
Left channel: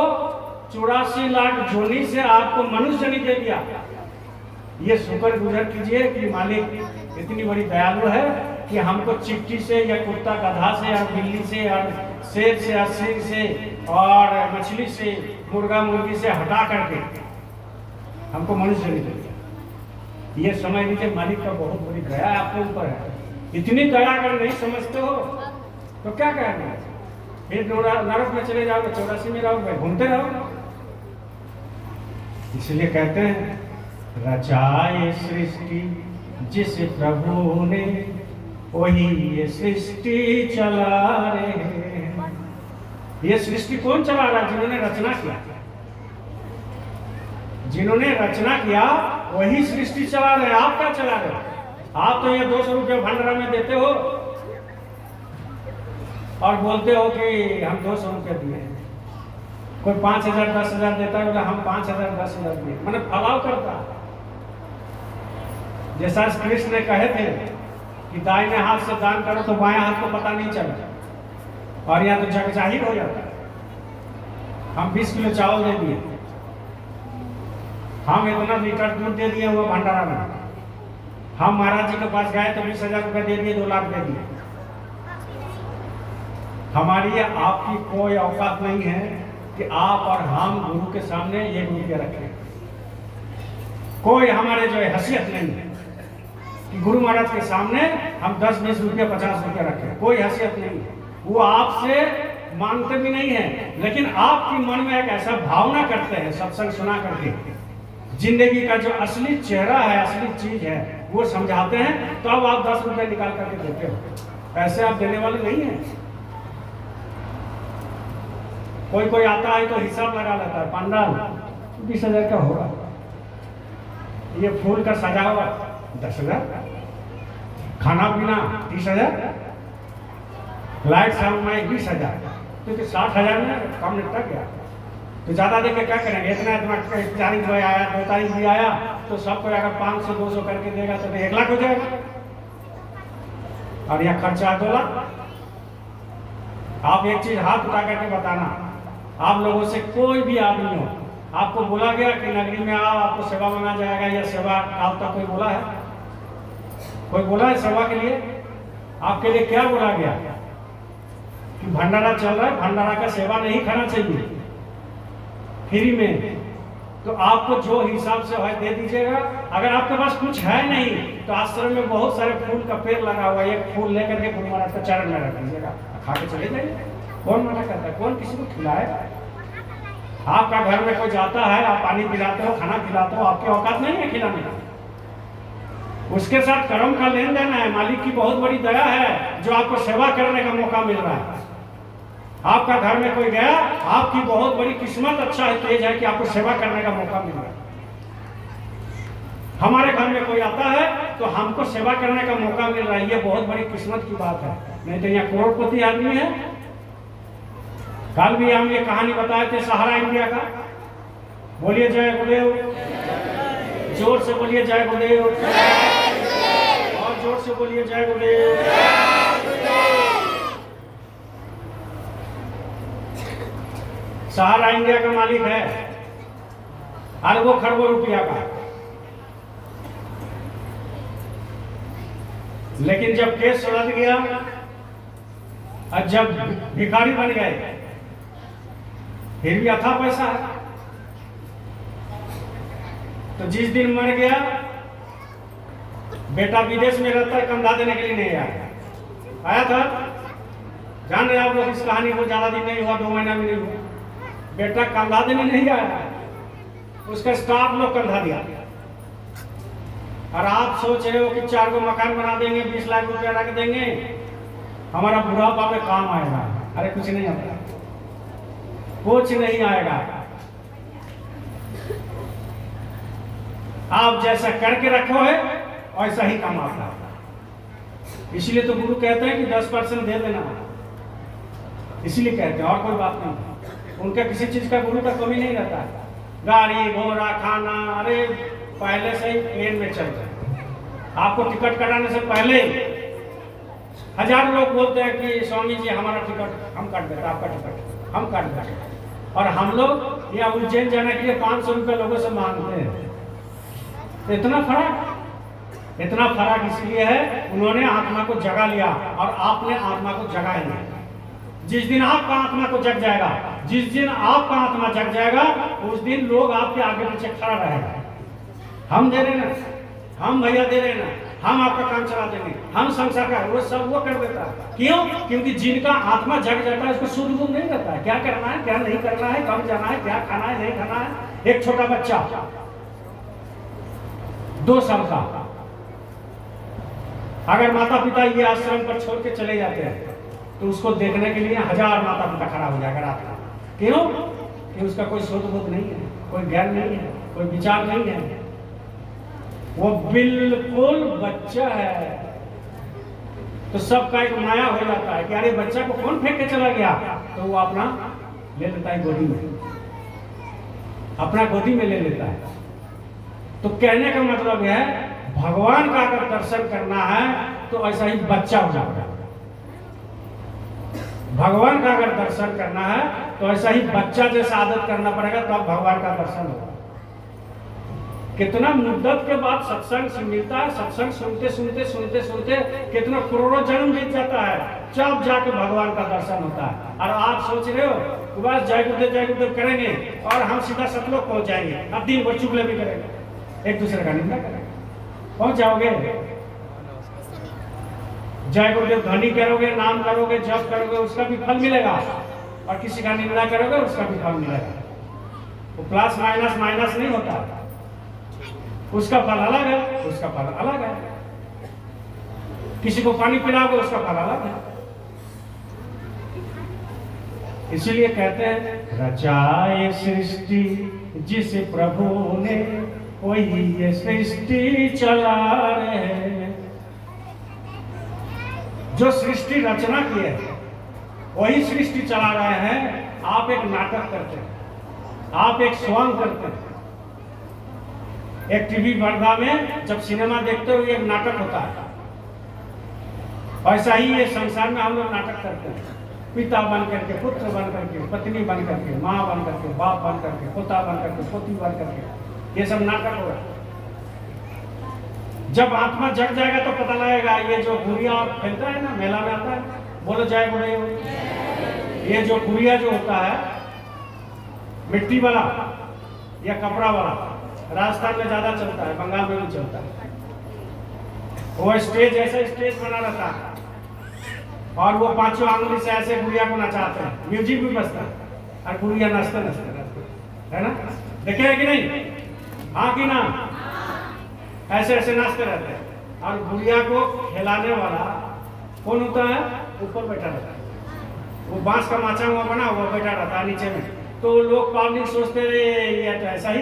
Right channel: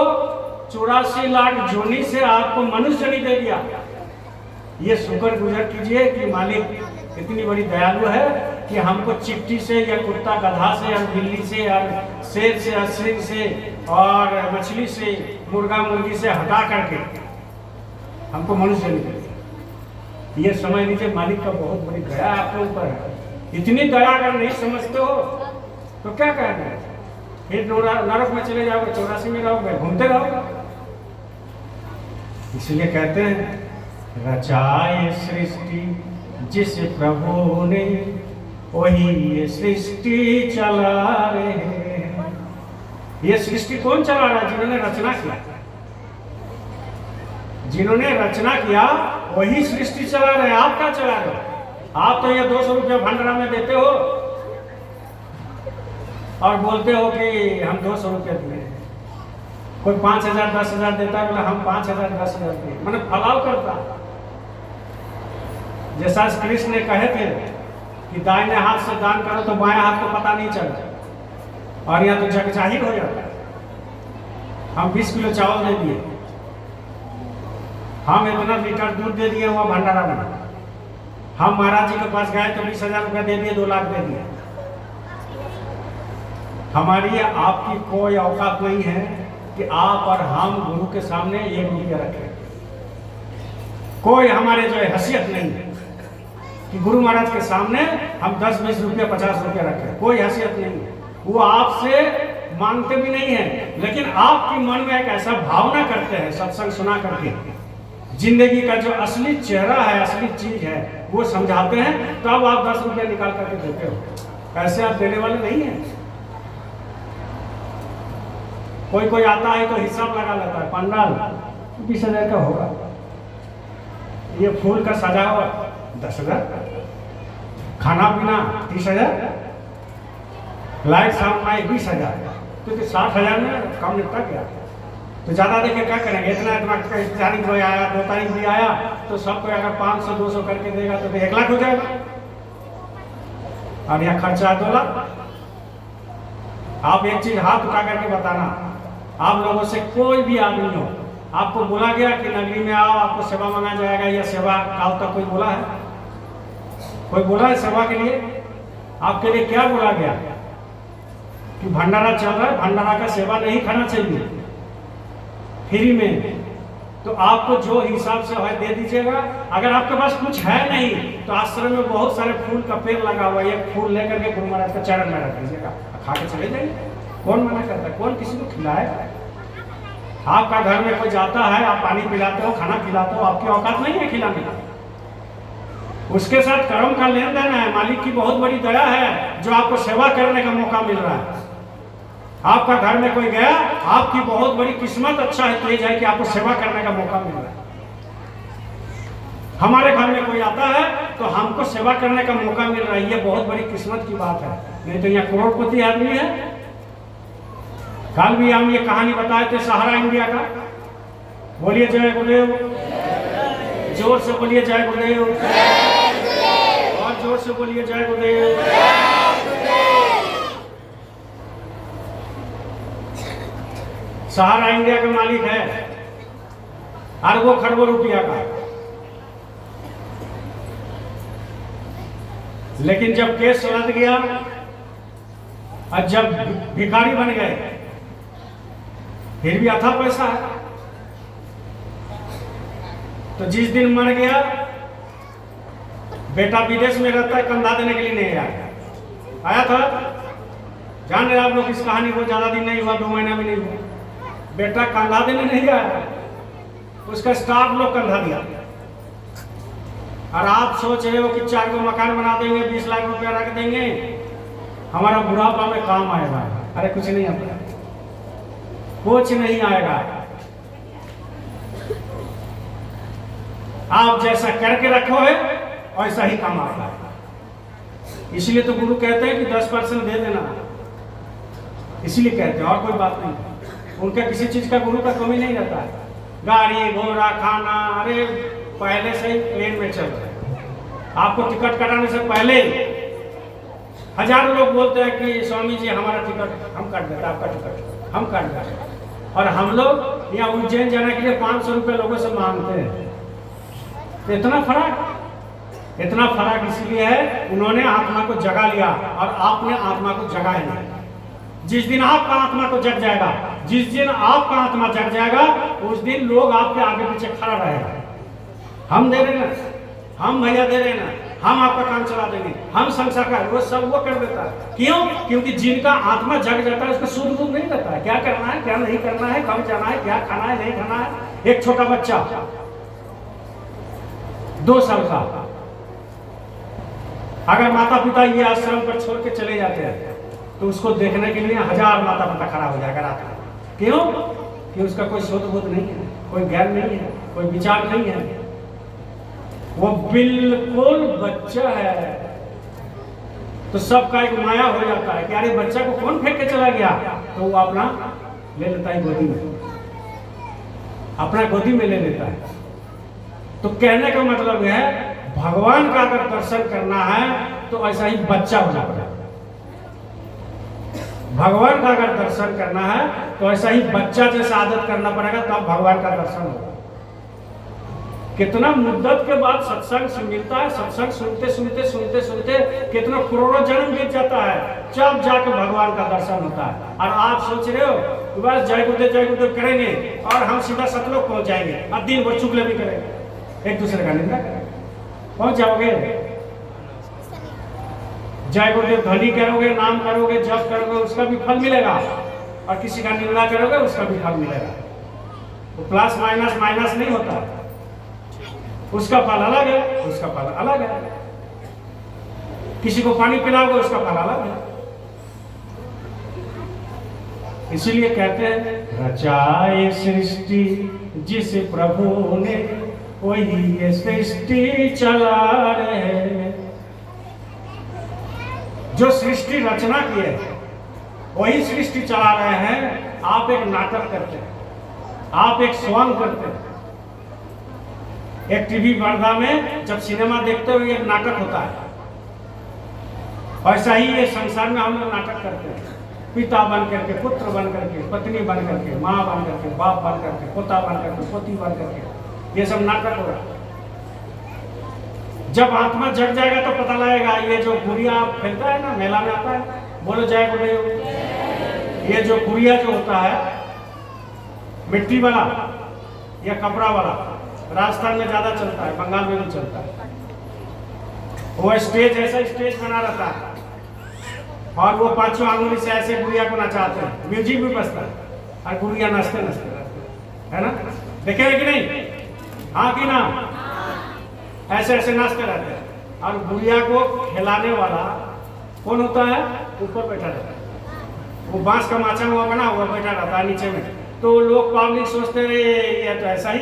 84 लाख जोनी से आपको मनुष्य नहीं दे दिया। ये शुक्र गुजर कीजिए कि मालिक इतनी बड़ी दयालु है कि हमको चिट्ठी से या कुत्ता गधा से या बिल्ली से या शेर से या सिंह से और मछली से, मुर्गा मुर्गी से हटा करके हमको मनुष्य नहीं दे। ये समझ लीजिए मालिक का बहुत बड़ी दया आपके ऊपर है। इतनी दया अगर नहीं समझते हो तो क्या करेंगे, फिर नरक में चले जाओगे, 84 में रहोगे, घूमते रहोगे। इसलिए कहते हैं रचाए सृष्टि जिस प्रभु ने, वही ये सृष्टि चला रहे हैं। ये सृष्टि कौन चला रहा है? जिन्होंने रचना किया, जिन्होंने रचना किया वही सृष्टि चला रहे। आप क्या चला रहे हो? आप तो ये 200 रुपये भंडारा में देते हो और बोलते हो कि हम 200 रुपये दिए। कोई 5000 10,000 देता है, बोले हम 5000 10,000 दिए, मैंने फलाव करता। जैसा कृष्ण ने कहे थे कि दाहिने हाथ से दान करो तो बाएं हाथ को पता नहीं चलता, और यहाँ तो जग जाहिर हो जाता। हम 20 किलो चावल दे दिए, हम इतना लीटर दूध दे दिए वो भंडारा में। हम महाराज जी के पास गए तो 20,000 रुपया दे दिए, 2 लाख दे दिए। हमारी आपकी कोई औकात नहीं है कि आप और हम गुरु के सामने 1 रुपया रखें। कोई हमारे जो है हैसियत नहीं है कि गुरु महाराज के सामने हम 10 20 रुपया 50 रुपया रखें, कोई हैसियत नहीं है। वो आपसे मांगते भी नहीं है, लेकिन आपकी मन में एक ऐसा भावना करते हैं सत्संग सुना करके, जिंदगी का जो असली चेहरा है, असली चीज है, वो समझाते हैं, तब आप 10 रुपये निकाल करके देते हो। ऐसे आप देने वाले नहीं हैं। कोई कोई आता है तो हिसाब लगा लेता है, 15 20,000 का होगा, ये फूल का सजावट 10,000, खाना पीना 30,000, लाइट साउंड माइक 20,000, क्योंकि 60,000 में कम निपटा गया। तो ज़्यादा देके क्या करेंगे? इतना इतना 1 तारीख में आया, 2 तारीख भी आया, तो सबको अगर 500 200 करके देगा तो 1 लाख हो जाएगा। और यहाँ खर्चा 2 लाख। आप एक चीज हाथ उठा करके बताना, आप लोगों से कोई भी आदमी हो, आपको बोला गया कि नगरी में आओ आपको सेवा मांगा जाएगा, या सेवा काल तक कोई बोला है? कोई बोला है सेवा के लिए? आपके लिए क्या बोला गया कि भंडारा चल रहा है, भंडारा का सेवा नहीं खाना चाहिए फ्री में, तो आपको जो हिसाब से है दे दीजिएगा। अगर आपके पास कुछ है नहीं तो आश्रम में बहुत सारे फूल का पेड़ लगा हुआ है, एक फूल लेकर के गुरु महाराज के चरण में रख दीजिएगा, खा के चले जाइए। कौन मना करता है? कौन किसी को खिलाए? आपका घर में कोई जाता है, आप पानी पिलाते हो, खाना खिलाते हो, आपकी औकात नहीं है खिलाने का। उसके साथ कर्म का लेन देन है, मालिक की बहुत बड़ी दया है जो आपको सेवा करने का मौका मिल रहा है। आपका घर में कोई गया, आपकी बहुत बड़ी किस्मत अच्छा है, तेज है कि आपको सेवा करने का मौका मिल रहा है। हमारे घर में कोई आता है तो हमको सेवा करने का मौका मिल रहा है, ये बहुत बड़ी किस्मत की बात है। नहीं तो यहाँ करोड़पति आदमी है। कल भी हम ये कहानी बताए थे सहारा इंडिया का। बोलिए जय गुरुदेव, जोर से बोलिए जय गुरुदेव, और जोर से बोलिए जय गुरुदेव। सहारा इंडिया का मालिक है अरबों खरबों रुपया का, लेकिन जब केस सुलझ गया और जब भिखारी बन गए, फिर भी अथा पैसा है। तो जिस दिन मर गया, बेटा विदेश में रहता है, कंधा देने के लिए नहीं आया था। जान रहे आप लोग इस कहानी को, ज्यादा दिन नहीं हुआ, 2 महीना भी नहीं हुआ, बेटा कंधा देने नहीं आया, उसका स्टाफ लोग कंधा दिया। और आप सोच रहे हो कि 4 को मकान बना देंगे, 20 लाख रुपया रख देंगे, हमारा बुढ़ापा में काम आएगा। अरे कुछ नहीं आता, कुछ नहीं आएगा। आप जैसा करके रखो है वैसा ही काम आता है। इसलिए तो गुरु कहते हैं कि 10% दे देना, इसलिए कहते हैं, और कोई बात नहीं। उनका किसी चीज का गुरु का कमी नहीं रहता है। गाड़ी घोड़ा खाना, अरे पहले से ही प्लेन में चल रहे। आपको टिकट कराने से पहले हजारों लोग बोलते हैं कि स्वामी जी हमारा टिकट हम काट देते, आपका टिकट हम काट देते, और हम लोग यहाँ उज्जैन जाने के लिए 500 रुपये लोगों से मांगते हैं। तो इतना फर्क इसलिए है, उन्होंने आत्मा को जगा लिया और आपने आत्मा को जगाया नहीं। जिस दिन आपका आत्मा को जग जाएगा, जिस दिन आपका आत्मा जग जाएगा, उस दिन लोग आपके आगे पीछे खड़ा रहेगा। हम दे रहे ना, हम भैया दे रहे ना, हम आपका काम चला देंगे, हम संसार का, वो सब वो कर देता है। क्यों? क्योंकि जिनका आत्मा जग जाता है उसको सूझ बूझ नहीं रहता है, क्या करना है क्या नहीं करना है, कब जाना है, क्या खाना है नहीं खाना है। एक छोटा बच्चा 2 साल का, अगर माता पिता ये आश्रम पर छोड़ के चले जाते हैं तो उसको देखने के लिए 1000 माता पिता खड़ा हो जाएगा रात में। क्यों? कि उसका कोई शोध बोध नहीं है, कोई ज्ञान नहीं है, कोई विचार नहीं है, वो बिल्कुल बच्चा है। तो सबका एक माया हो जाता है कि अरे बच्चा को कौन फेंक के चला गया, तो वो अपना ले लेता है गोदी में, अपना गोदी में ले लेता है। तो कहने का मतलब है भगवान का अगर दर्शन करना है तो ऐसा ही बच्चा हो जाता है। भगवान का अगर दर्शन करना है तो ऐसा ही बच्चा जैसा आदत करना पड़ेगा, तब भगवान का दर्शन होगा। कितना मुद्दत के बाद सत्संग मिलता है, सत्संग सुनते सुनते सुनते सुनते कितना करोड़ों जन्म बीत जाता है, जब जाके भगवान का दर्शन होता है। और आप सोच रहे हो कि बस जय गुरुदेव करेंगे और हम सीधा सतलोक पहुंच जाएंगे, अब दिन भर चुगले भी करेंगे, एक दूसरे का निंदा करेंगे, पहुंच जाओगे। जय गुरुदेव ध्वनि करोगे, नाम करोगे, जप करोगे, उसका भी फल मिलेगा, और किसी का निंदा करोगे उसका भी फल मिलेगा। तो प्लस माइनस माइनस नहीं होता, उसका फल अलग है, उसका फल अलग है। किसी को पानी पिलाओगे उसका फल अलग है। इसीलिए कहते हैं रचाए सृष्टि जिस प्रभु ने, वही ये सृष्टि चला रहे हैं। जो सृष्टि रचना की है वही सृष्टि चला रहे हैं। आप एक नाटक करते हैं, आप एक सॉन्ग करते हैं, एक टीवी पर्दा में जब सिनेमा देखते हो एक नाटक होता है, वैसा ही ये संसार में हम लोग नाटक करते हैं। पिता बन करके, पुत्र बन करके, पत्नी बन करके, माँ बन करके, बाप बन करके, पोता बन करके, पोती बन करके, ये सब नाटक होगा। जब आत्मा जग जाएगा तो पता लगेगा ये जो गुड़िया फैलता है ना, मेला में आता है, बोलो जय गुड़िया। ये जो गुड़िया जो होता है मिट्टी वाला या कपड़ा वाला, राजस्थान में ज्यादा चलता है, बंगाल में भी चलता है। वो स्टेज ऐसा स्टेज बना रहता है और वो पांचों आंगुली से ऐसे गुड़िया को नचाते हैं, म्यूजिक भी बजता है और गुड़िया नाचते नाचते रहते है ना, देखे है कि नहीं? हाँ कि ना? ऐसे ऐसे नाचते रहते हैं। और गुड़िया को खिलाने वाला कौन होता है? ऊपर बैठा रहता है, वो बांस का माचा हुआ बना वो बैठा रहता है नीचे में। तो लोग पब्लिक सोचते रहे ये तो ऐसा ही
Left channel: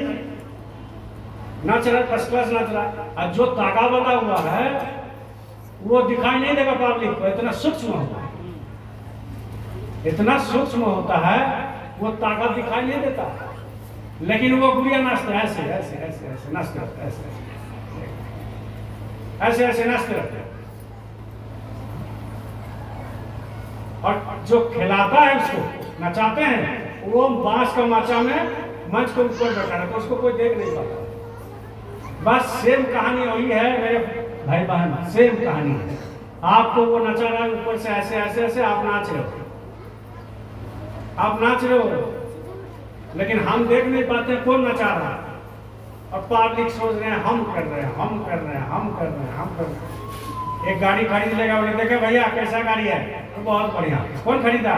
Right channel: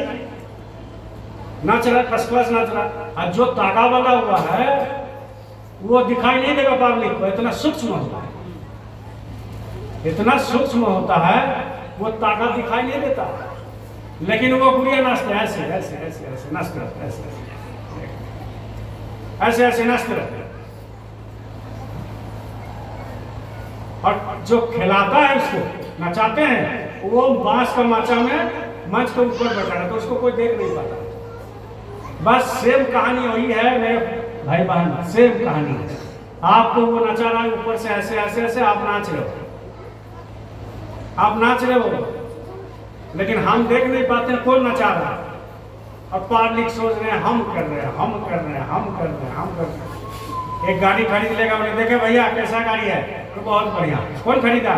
नाच रहा, फर्स्ट क्लास नाच रहा। और जो तागा वाला हुआ है वो दिखाई नहीं देगा पब्लिक को, इतना सूक्ष्म होता है, इतना सूक्ष्म होता है, वो तागा दिखाई नहीं देता। लेकिन वो गुड़िया नाचते ऐसे ऐसे ऐसे ऐसे नाचते रहते, ऐसे ऐसे ऐसे नाचते रहते। और जो खिलाता है उसको नचाते हैं, वो बांस का माचा में मंच के ऊपर बैठा रहता, तो उसको कोई देख नहीं पाता। बस सेम कहानी वही है मेरे भाई बहन, सेम कहानी है। आपको वो नचा रहा है ऊपर से ऐसे ऐसे ऐसे, आप नाच रहे हो, आप नाच रहे हो, लेकिन हम देख नहीं पाते कौन नचा रहा है। और पब्लिक सोच रहे हैं हम कर रहे हैं, हम कर रहे हैं, हम कर रहे हैं, हम कर रहे हैं। एक गाड़ी खरीद लेगा, बोले देखे भैया कैसा गाड़ी है, तो बहुत बढ़िया। कौन खरीदा?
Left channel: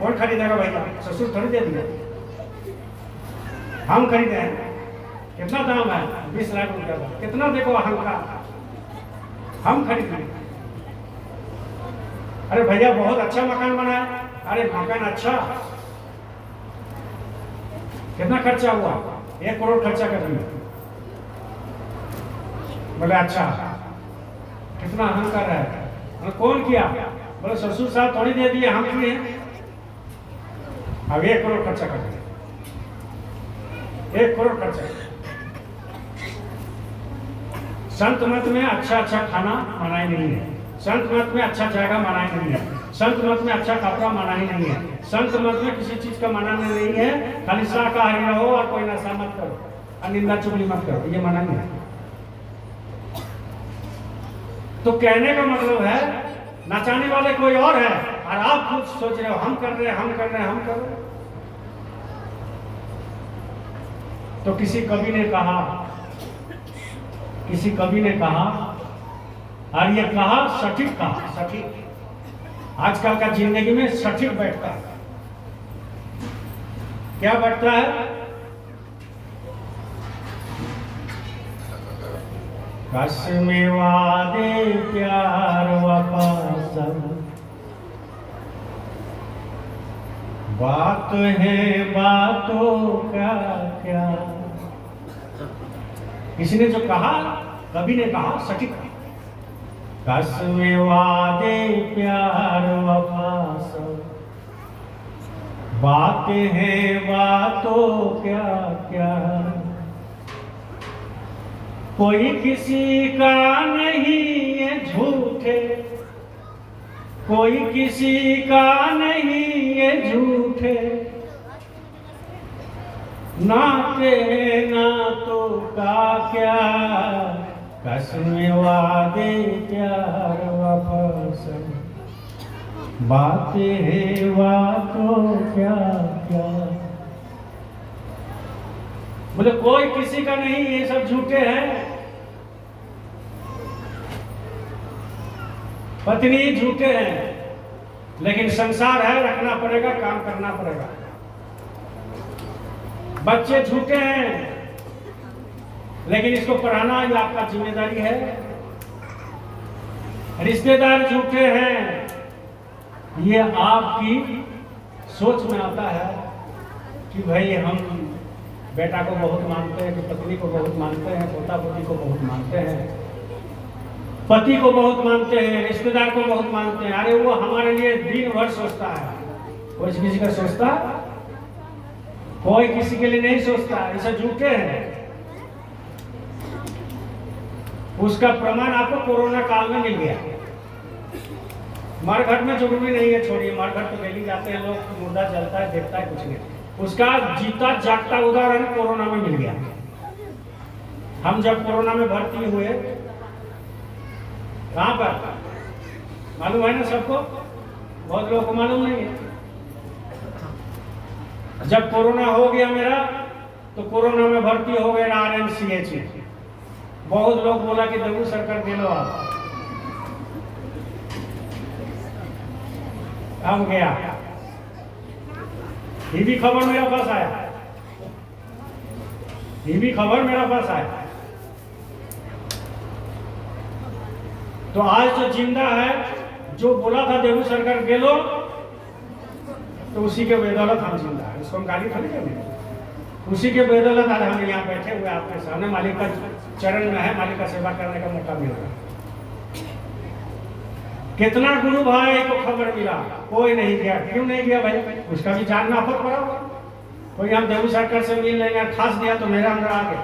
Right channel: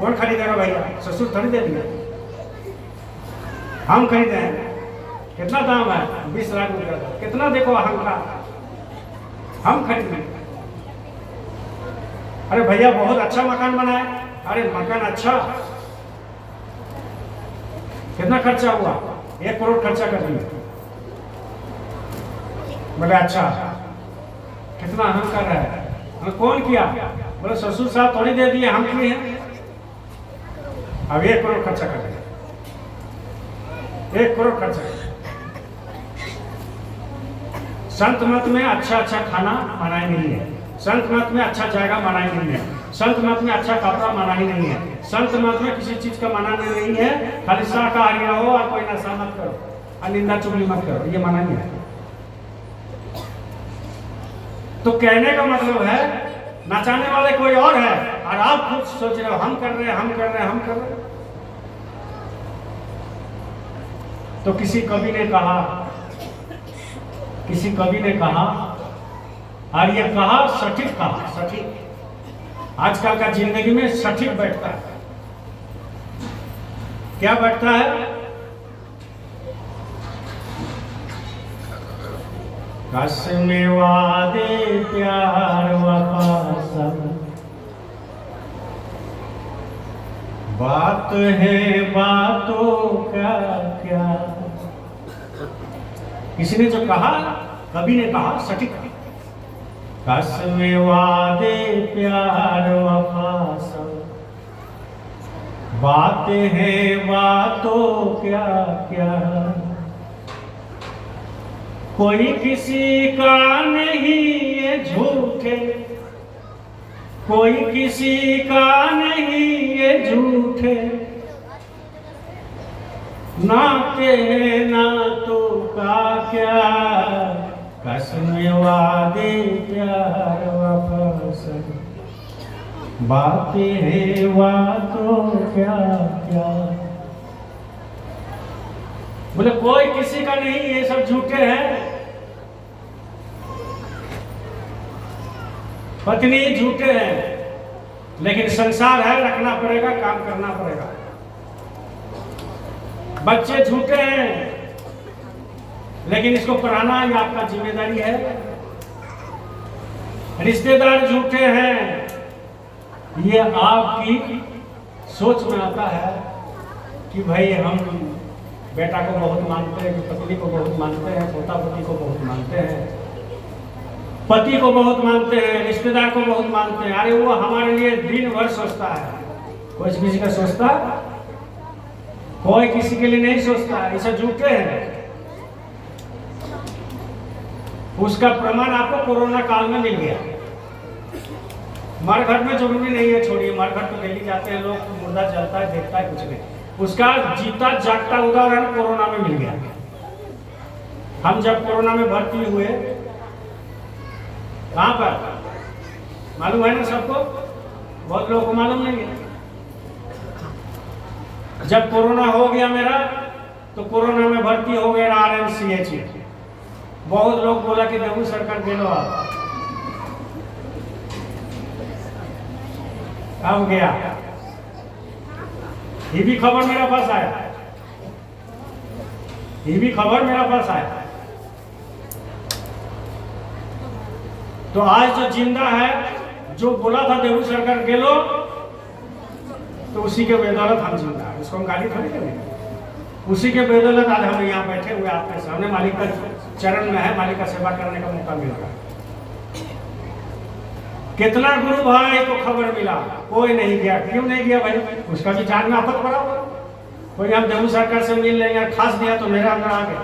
कौन खरीदेगा भैया? ससुर थोड़ी दे दिया, हम खरीदे हैं। कितना दाम है? 20 लाख रुपया का। कितना देखो अहंकार, हम खरीद लें। अरे भैया बहुत अच्छा मकान बना है, अरे मकान अच्छा, कितना खर्चा हुआ? 1 करोड़ खर्चा कर दिया। बोले अच्छा, कितना अहंकार है। कौन किया? बोले ससुर साहब थोड़ी दे दिए, हम किए हैं। अब 1 करोड़ खर्चा कर दिया, 1 करोड़ खर्चा। संत मत में अच्छा अच्छा खाना माना ही नहीं है, संत मत में अच्छा जगह माना ही नहीं है, संत मत में अच्छा कपड़ा माना ही नहीं है, संत मत में किसी चीज का माना नहीं है। खाली शाकाहारी रहो और कोई नशा मत करो और निंदा चुगली मत करो, ये माना नहीं है। तो कहने का मतलब है नचाने वाले कोई और है और आप खुद सोच रहे हो हम कर रहे हैं, हम कर रहे हैं, हम कर रहे हैं। तो किसी कवि ने कहा, किसी कवि ने कहा, और ये कहा सटीक था, सटीक आजकल का जिंदगी में सटीक बैठता है। क्या बैठता है? कसमे वादे प्यार वफा सब, बात है बातों का क्या। किसी ने जो कहा, कवि ने कहा सटीक, कसमे वादे प्यार वफा सब, बातें हैं बातों क्या क्या। कोई किसी का नहीं ये झूठे, कोई किसी का नहीं ये झूठे, नाते नातों का क्या। कसमे वादे प्यार वफा सब, बातें हैं बातों क्या क्या। बोले कोई किसी का नहीं, ये सब झूठे हैं। पत्नी झूठे हैं, लेकिन संसार है, रखना पड़ेगा, काम करना पड़ेगा। बच्चे झूठे हैं, लेकिन इसको पढ़ाना ही आपका जिम्मेदारी है। रिश्तेदार झूठे हैं, ये आपकी सोच में आता है कि भाई हम बेटा को बहुत मानते हैं, कि पत्नी को बहुत मानते हैं, पोता पोती को बहुत मानते हैं, पति को बहुत मानते हैं, रिश्तेदार को बहुत मानते हैं। अरे वो हमारे लिए दिन भर सोचता है, कोई किसी का सोचता कोई किसी के लिए नहीं सोचता, ऐसा झूठे हैं। उसका प्रमाण आपको कोरोना काल में मिल गया। मरघट में जरूरी नहीं है, छोड़िए, मरघट तो डेली जाते हैं लोग, मुर्दा जलता है, देखता है, कुछ नहीं। उसका जीता जागता उदाहरण कोरोना में मिल गया। हम जब कोरोना में भर्ती हुए, कहां पर मालूम है ना सबको, बहुत लोगों को मालूम नहीं है। जब कोरोना हो गया मेरा, तो कोरोना में भर्ती हो गए RMCH में। बहुत लोग बोला कि देवू सरकार दे लो आप, अब गया। ये भी खबर मेरे पास आया, ये भी खबर मेरे पास आया। तो आज जो जिंदा है, जो बोला था देवू सरकार के लो, तो उसी के बदौलत हम जिंदा है। इसको हम गाली थोड़ी करेंगे। उसी के बदौलत आज हम यहाँ बैठे हुए आपके सामने, मालिक का चरण में है, मालिक का सेवा करने का मौका मिल रहा है। कितना गुरु भाई को खबर मिला, कोई नहीं गया। क्यों नहीं गया भाई? उसका भी जान में आफत पड़ा हुआ। कोई हम देवू सरकार से मिल लेंगे, खास दिया तो मेरा अंदर आ गया।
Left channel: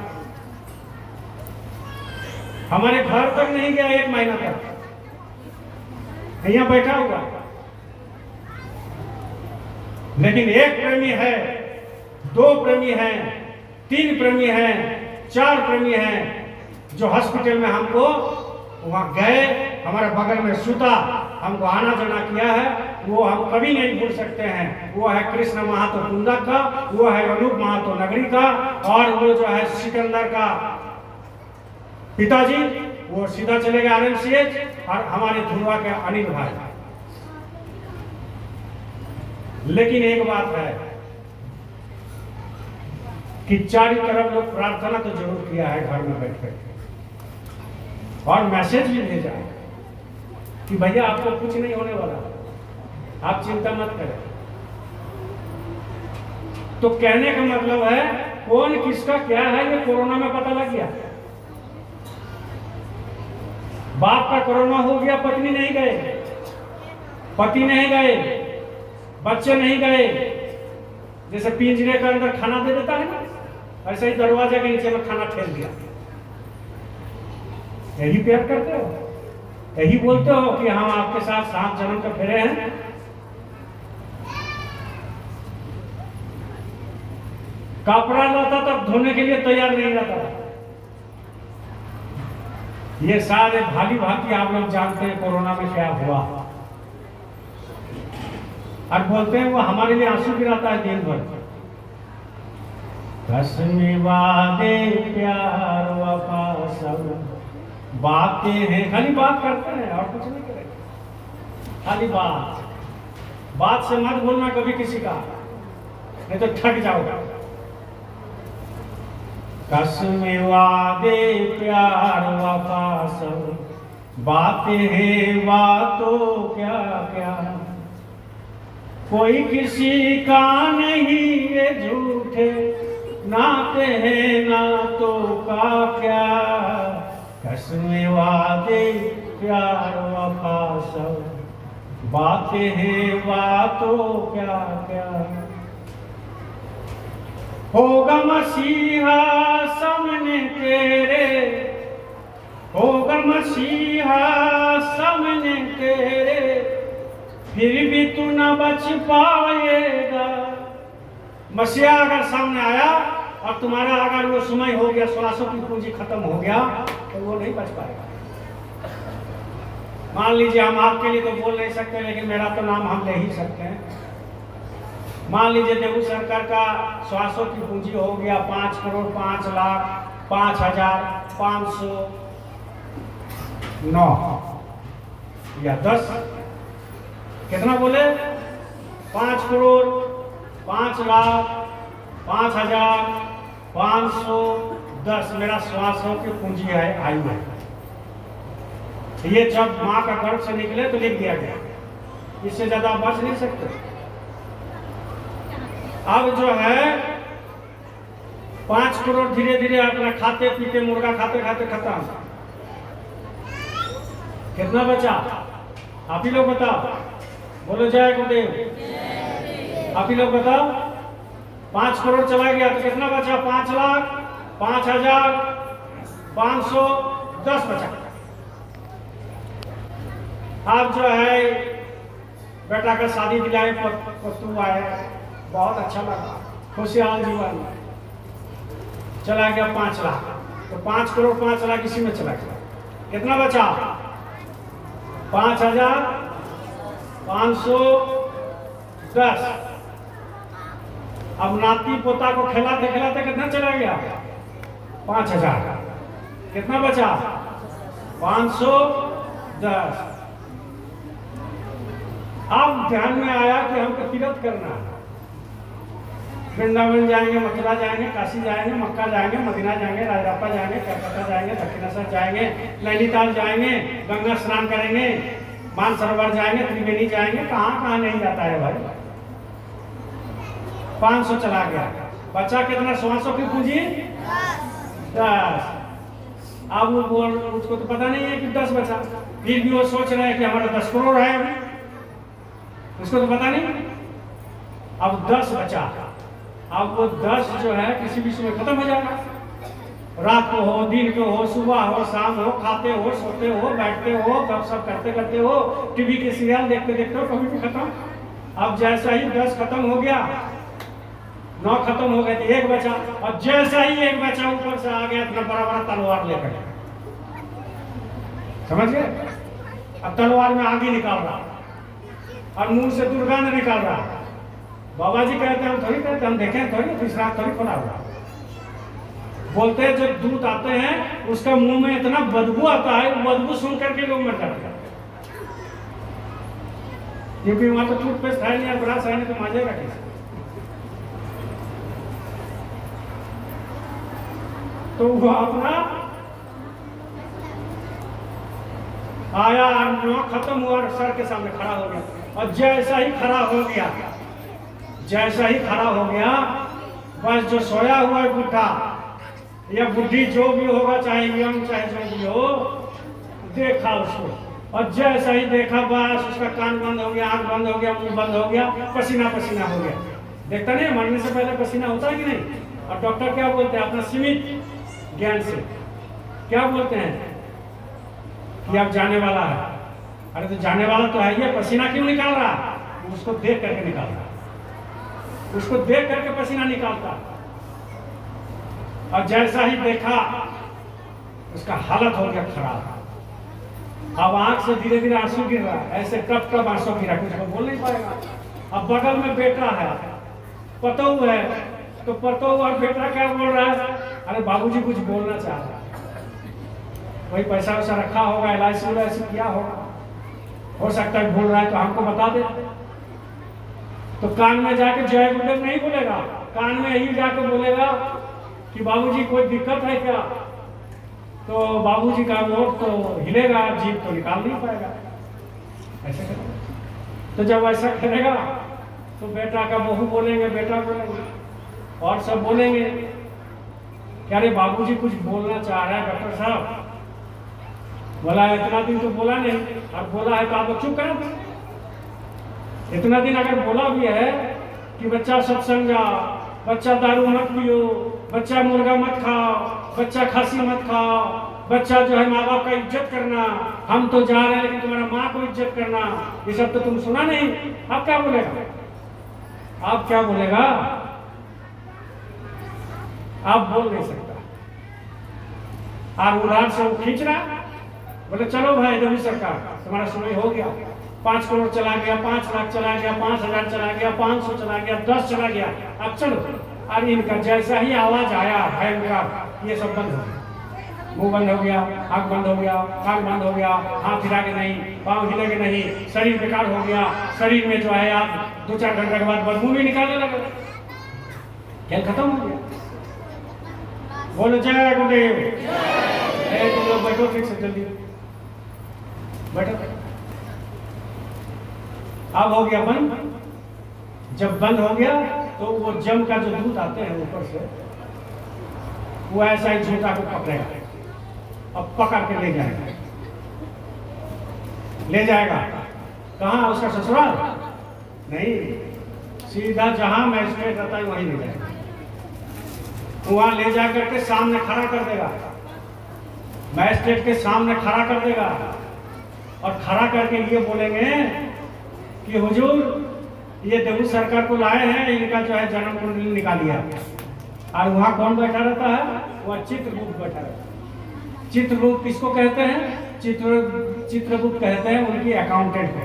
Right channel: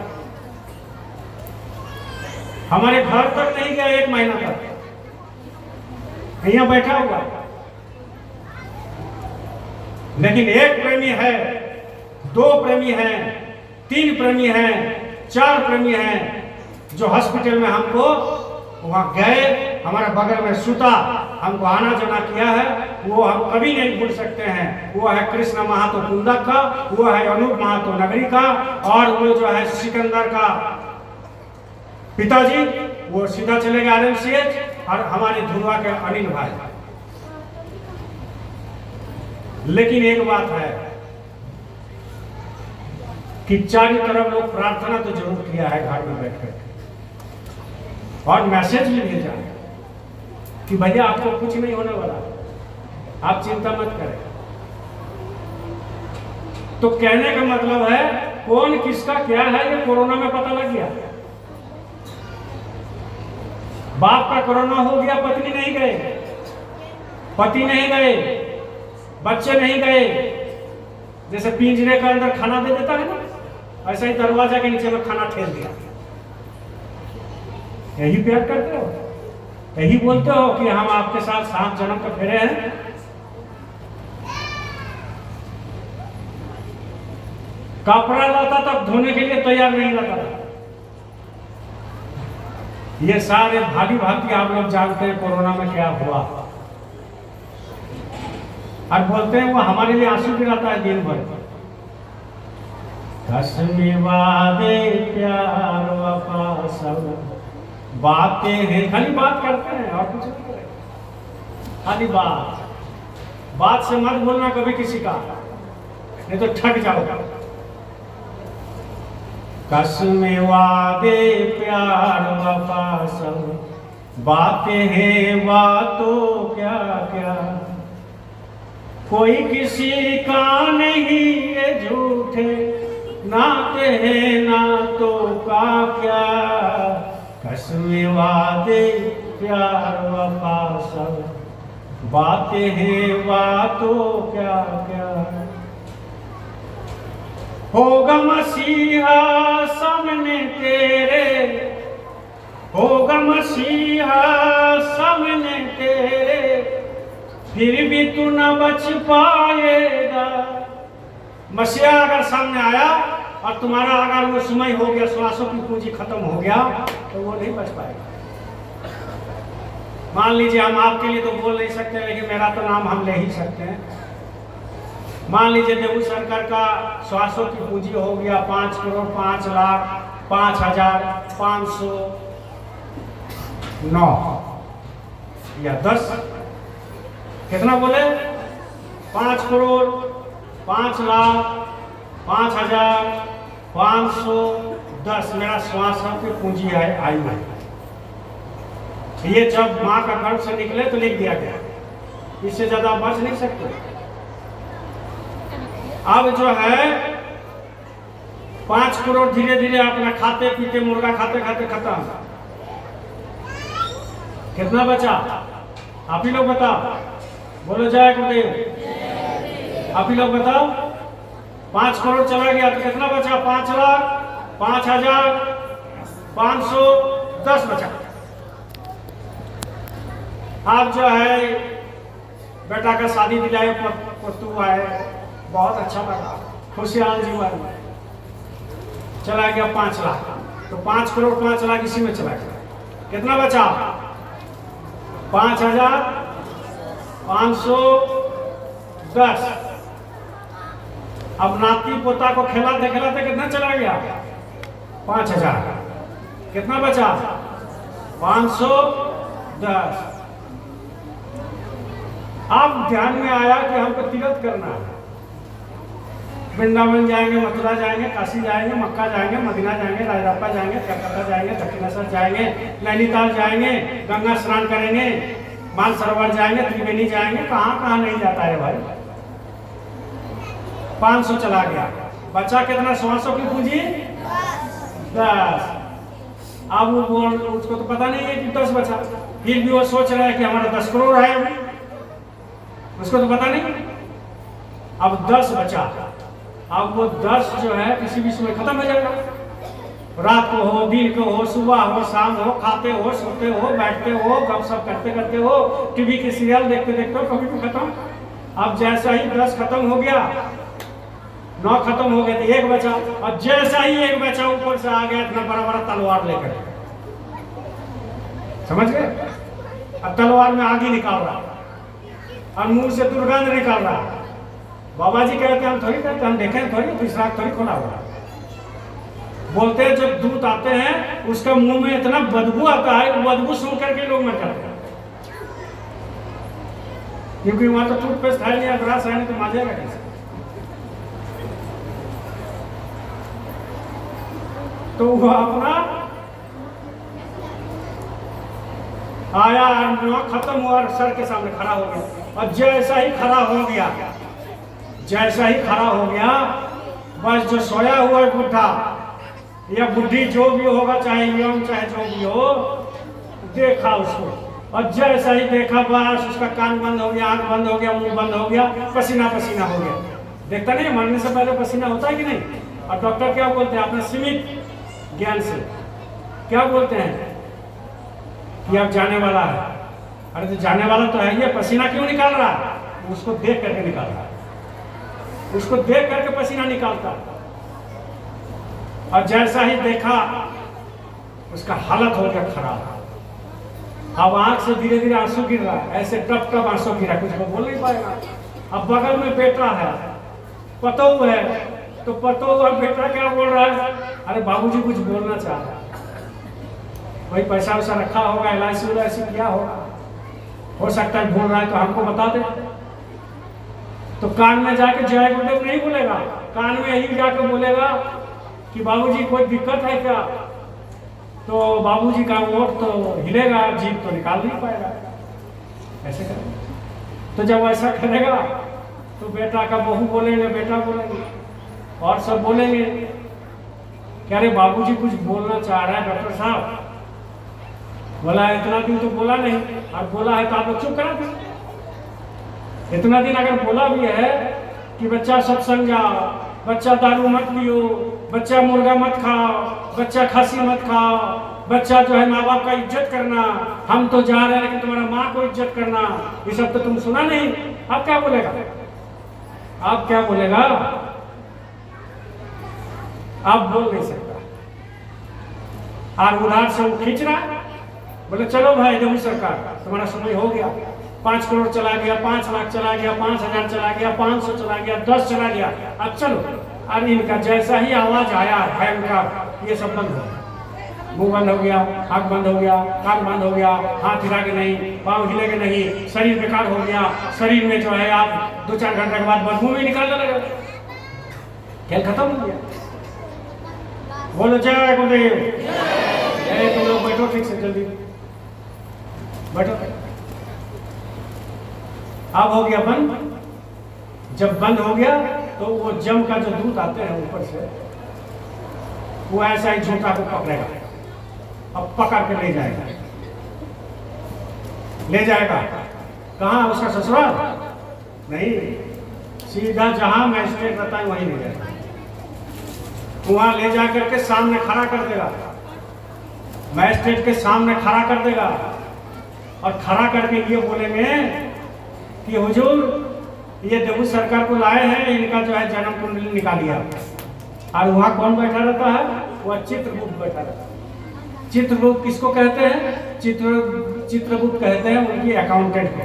हमारे घर तक नहीं गया, 1 महीना तक यहाँ बैठा हुआ। लेकिन 1 प्रेमी है, 2 प्रेमी है, 3 प्रेमी है, 4 प्रेमी है, जो हॉस्पिटल में हमको वहां गए, हमारे बगल में सुता, हमको आना जाना किया है, वो हम कभी नहीं भूल सकते हैं। वो है कृष्ण महातो कुंदक का, वो है अनूप महातो नगरी का, और वो जो है सिकंदर का पिताजी, वो सीधा चले गए RMCH, और हमारे धुआ के अनिल भाई। लेकिन एक बात है कि चारों तरफ लोग प्रार्थना तो जरूर किया है घर में बैठ कर, और मैसेज भी भेजा है कि भैया आपको कुछ नहीं होने वाला, आप चिंता मत करें। तो कहने का मतलब है, कौन किसका क्या है ये कोरोना में पता लग गया। बाप का कोरोना हो गया, पत्नी नहीं गए, पति नहीं गए, बच्चे नहीं गए। जैसे पिंजरे के अंदर खाना दे देता है ना, ऐसे ही दरवाजे के नीचे में खाना ठेल दिया। यही प्यार करते हो, यही बोलते हो कि हम आपके साथ 7 जन्म के फेरे हैं। कपड़ा लाता तब धोने के लिए तैयार नहीं रहता। ये सारे भागी भागी आप लोग जानते हैं कोरोना में क्या हुआ, और बोलते हैं वो हमारे लिए आंसू गिराता है दिन भर। कसमे वादे प्यार वफा सब बातें हैं, खाली बात करते हैं और कुछ नहीं करेंगे, खाली बात से मत बोलना कभी किसी का, नहीं तो ठग जाओगे। कसमे वादे प्यार वफा सब बातें हैं, बातों क्या क्या, कोई किसी का नहीं ये झूठे नाते हैं, नातों का क्या। कसमे वादे प्यार वफा सब बातें हैं, बातों क्या क्या, होगा मसीहा सामने तेरे, होगा मसीहा सामने तेरे, फिर भी तू न बच पाएगा। मसीहा अगर सामने आया और तुम्हारा अगर वो समय हो गया, श्वासों की पूंजी खत्म हो गया, तो वो नहीं बच पाएगा। मान लीजिए हम आपके लिए तो बोल नहीं सकते, लेकिन मेरा तो नाम हम ले ही सकते हैं। मान लीजिए देवू सरकार का श्वासों की पूंजी हो गया 5 करोड़ 5 लाख 5,509 या 10, कितना बोले? 5 करोड़ 5 लाख 5,510 मेरा श्वासों की पूंजी है, आयु है। ये जब माँ का गर्भ से निकले तो लिख दिया गया, इससे ज्यादा बच नहीं सकते। अब जो है 5 करोड़ धीरे धीरे अपना खाते पीते मुर्गा खाते खाते खत्म। कितना बचा आप ही लोग बताओ, बोलो जय गुरुदेव। आप ही लोग बताओ 5 करोड़ चला गया तो कितना बचा? 5,05,510 बचा। अब जो है बेटा का शादी दिलाए, पुतू आए, बहुत अच्छा लगा, खुशहाल जीवन, चला गया 5 लाख। तो 5 करोड़ 5 लाख इसी में चला गया। कितना बचा? 5,510। अब नाती पोता को खिलाते खिलाते कितना चला गया? 5,000। कितना बचा? 510। अब ध्यान में आया कि हमको तीर्थ करना है, वृंदावन जाएंगे, मथुरा जाएंगे, काशी जाएंगे, मक्का जाएंगे, मदीना जाएंगे, रायरापा जाएंगे, कलकत्ता जाएंगे, दक्षिणेश्वर जाएंगे, नैनीताल जाएंगे, गंगा स्नान करेंगे, मानसरोवर जाएंगे, त्रिवेणी जाएंगे, कहाँ कहाँ नहीं जाता है भाई। 500 चला गया, बचा कितना? 100 की पूंजी 10। अब वो उसको तो पता नहीं है कि 10 बचा, फिर भी वो सोच रहे हैं कि हमारा 10 करोड़ है, उसको तो पता नहीं। अब 10 बचा, अब वो 10 जो है किसी भी समय खत्म हो जाएगा। रात को हो, दिन को हो, सुबह हो, शाम हो, खाते हो, सोते हो, बैठते हो, गपशप करते करते हो, टीवी के सीरियल देखते देखते हो, कभी भी खत्म। अब जैसा ही 10 खत्म हो गया, 9 खत्म हो गए तो 1 बचा, और जैसा ही 1 बचा ऊपर से आ गया इतना बड़ा बड़ा तलवार लेकर, समझ गए? अब तलवार में आगे निकाल रहा और मुंह से दुर्गंध निकाल रहा। बाबा जी कहते हैं हम थोड़ी कहते, हम देखें थोड़ी, दूसरा थोड़ी खोला हुआ। बोलते हैं जब दूध आते हैं उसका मुंह में इतना बदबू आता है, बदबू सुन करके लोग मर जाते हैं, क्योंकि वहां तो टूथपेस्ट है नहीं, ब्रश है नहीं, तो माजेगा कैसे? तो वो अपना आया, 9 खत्म हुआ, सर के सामने खड़ा हो गया, और जैसा ही खड़ा हो गया, जैसा ही खड़ा हो गया, बस जो सोया हुआ है बुढ़ा या बुढ़ी जो भी होगा, चाहे यंग चाहे जो भी हो, देखा उसको, और जैसा ही देखा बस उसका कान बंद हो गया, आंख बंद हो गया, मुंह बंद हो गया, पसीना पसीना हो गया। देखता नहीं, मरने से पहले पसीना होता है कि नहीं? और डॉक्टर क्या बोलते हैं अपना सीमित ज्ञान से, क्या बोलते हैं कि अब जाने वाला है। अरे तो जाने वाला तो है, ये पसीना क्यों निकाल रहा? उसको देख करके निकाल रहा है, उसको देख करके पसीना निकालता। और जैसा ही देखा उसका हालत हो गया खराब, अब आंख से धीरे धीरे आंसू गिर रहा, ऐसे टप टप आंसू गिरा, कुछ वो बोल नहीं पाएगा। अब बगल में बेटा है, पतोह है, तो पतोह और बेटा क्या बोल रहा है? अरे बाबूजी कुछ बोलना चाह रहा है, वही पैसा वैसा रखा होगा, LIC किया होगा, हो सकता है बोल रहा है तो हमको बता दे। तो कान में जाके जय गुरुदेव नहीं बोलेगा, कान में यही जाके बोलेगा कि बाबूजी कोई दिक्कत है क्या? तो बाबूजी का वोट तो हिलेगा, जीभ तो निकाल नहीं पाएगा, ऐसे करेगा। तो जब ऐसा करेगा तो बेटा का बहू बोलेंगे, बेटा बोलेंगे, और सब बोलेंगे कि अरे बाबूजी कुछ बोलना चाह रहा है डॉक्टर साहब। बोला है इतना दिन तो बोला नहीं, अब बोला है तो आप लोग चुप करें। इतना दिन अगर बोला भी है कि बच्चा सत्संग जाओ, बच्चा दारू मत पियो, बच्चा मुर्गा मत खाओ, बच्चा खांसी मत खाओ, बच्चा जो है माँ बाप का इज्जत करना, हम तो जा रहे हैं लेकिन तुम्हारा माँ को इज्जत करना, ये सब तो तुम सुना नहीं। अब क्या बोलेगा? अब क्या बोलेगा? आप बोल नहीं सकता। और उधार से वो खींच रहा, बोले चलो भाई देवी सरकार तुम्हारा समय हो गया, 5 करोड़ चला गया, 5 लाख चला गया, 5,000 चला गया, 500 चला गया, 10 चला गया, अब चलो। और इनका जैसा ही आवाज आया भयंकर, ये सब बंद हो गया, मुंह बंद हो गया, आंख बंद हो गया, कान बंद हो गया, हाथ हिलाके नहीं, पाँव हिलेगे नहीं, शरीर बेकार हो गया, शरीर में जो है आप 2-4 घंटे के बाद बदबू भी निकालने लगे, खेल खत्म हो गया। बोलो जय गुरुदेव। तो लोग बैठो ठीक से, जल्दी बैठो। अब हो गया बंद। जब बंद हो गया तो वो जम का जो दूत आते हैं ऊपर से, वो ऐसा ही झूठा को पकड़ेगा, अब पकड़ के ले जाएगा। ले जाएगा कहाँ? उसका ससुराल नहीं, सीधा जहां मैजिस्ट्रेट रहता है वहीं ले जाएगा। वहां ले जाकर के सामने खड़ा कर देगा, मैजिस्ट्रेट के सामने खड़ा कर देगा और खड़ा करके ये बोलेंगे कि हुजूर ये देवू सरकार को लाए हैं, इनका जो है जन्म कुंडली निकालिए। और वहां कौन बैठा रहता है? वह चित्रगुप्त बैठा रहता है। चित्रगुप्त किसको कहते हैं? चित्रगुप्त कहते हैं उनकी अकाउंटेंट को।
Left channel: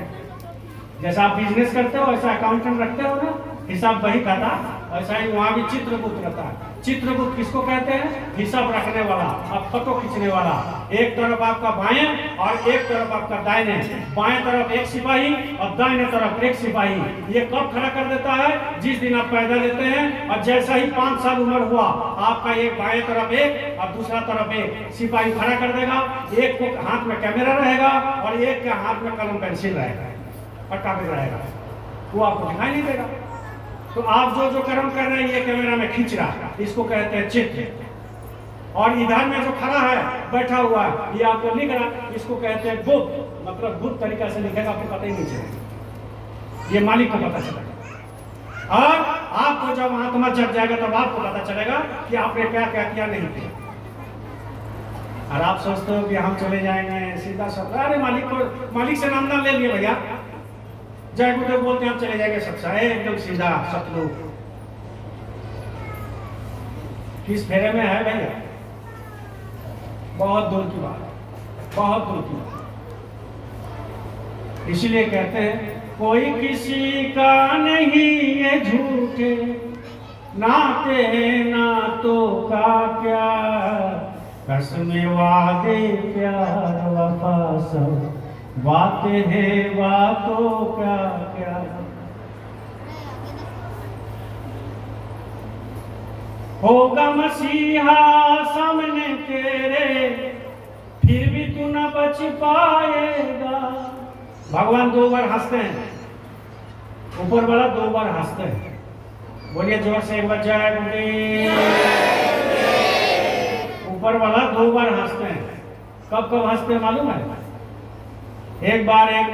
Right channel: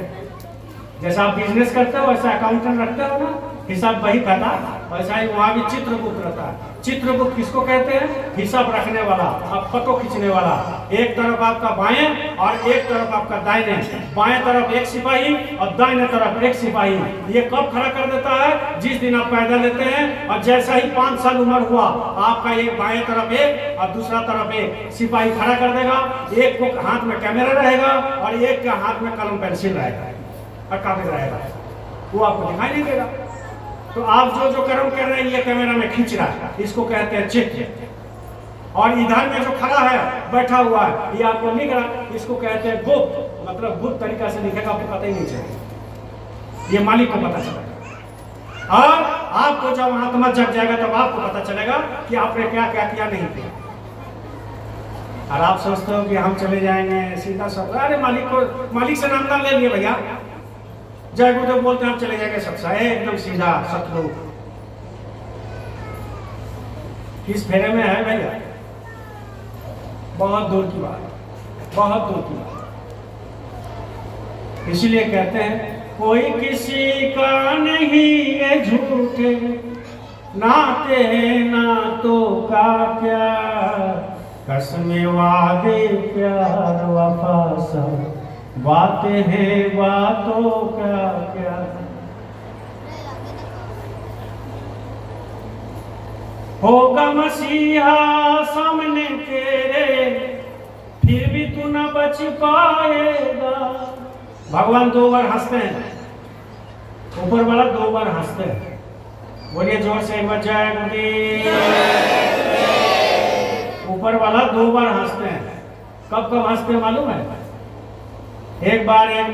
जैसा आप बिजनेस करते हो वैसा अकाउंटेंट रखते हो ना, हिसाब बही खाता, वैसा ही वहां भी चित्रगुप्त रहता है। चित्रगुप्त किसको कहते हैं? हिसाब रखने वाला, अब फोटो खींचने वाला। एक तरफ आपका बाएं और एक तरफ आपका दाहिने, बाएं तरफ एक सिपाही और दाहिने तरफ एक सिपाही। ये कब खड़ा कर देता है? जिस दिन आप पैदा लेते हैं और जैसा ही 5 साल उम्र हुआ, आपका एक बाएं तरफ एक और दूसरा तरफ एक सिपाही खड़ा कर देगा। एक को हाथ में कैमरा रहेगा और एक के हाथ में कलम पेंसिल रहेगा और कागज रहेगा, वो आपको दिखाई नहीं देगा। तो आप जो कर्म कर रहे हैं ये कैमरा में खींच रहा है, इसको कहते हैं चित्र। और इधर में जो खड़ा है बैठा हुआ है ये आपको लिख रहा, इसको कहते हैं गुप्त। मतलब गुप्त तरीका से लिखेगा, आपको पता ही नहीं चलेगा, ये मालिक को पता चलेगा। और आपको जब आत्मा जग जाएगा तब आपको पता चलेगा कि आपने क्या क्या किया नहीं किया। और आप सोचते हो कि हम चले जाएंगे सीधा सब, अरे मालिक से नाम ना ले लिए भैया, जय गुरुदेव बोलते हैं आप चले जाएंगे सबसे एकदम सीधा सतलुज। किस फेरे में है भैया? बहुत दूर की बात, बहुत दूर की बात। इसीलिए कहते हैं कोई किसी का नहीं ये झूठे नाते नातों का क्या, कसम वादे प्यार वफा सब बातें हैं बातों क्या क्या। होगा मसीहा सामने तेरे, फिर भी तू न बच पाएगा। भगवान 2 बार हंसते हैं, ऊपर वाला 2 बार हंसते हैं। बोलिए जोर से एक बार जय गुरुदेव। ऊपर वाला 2 बार हंसते हैं। कब कब हंसते हैं मालूम है? एक बार एक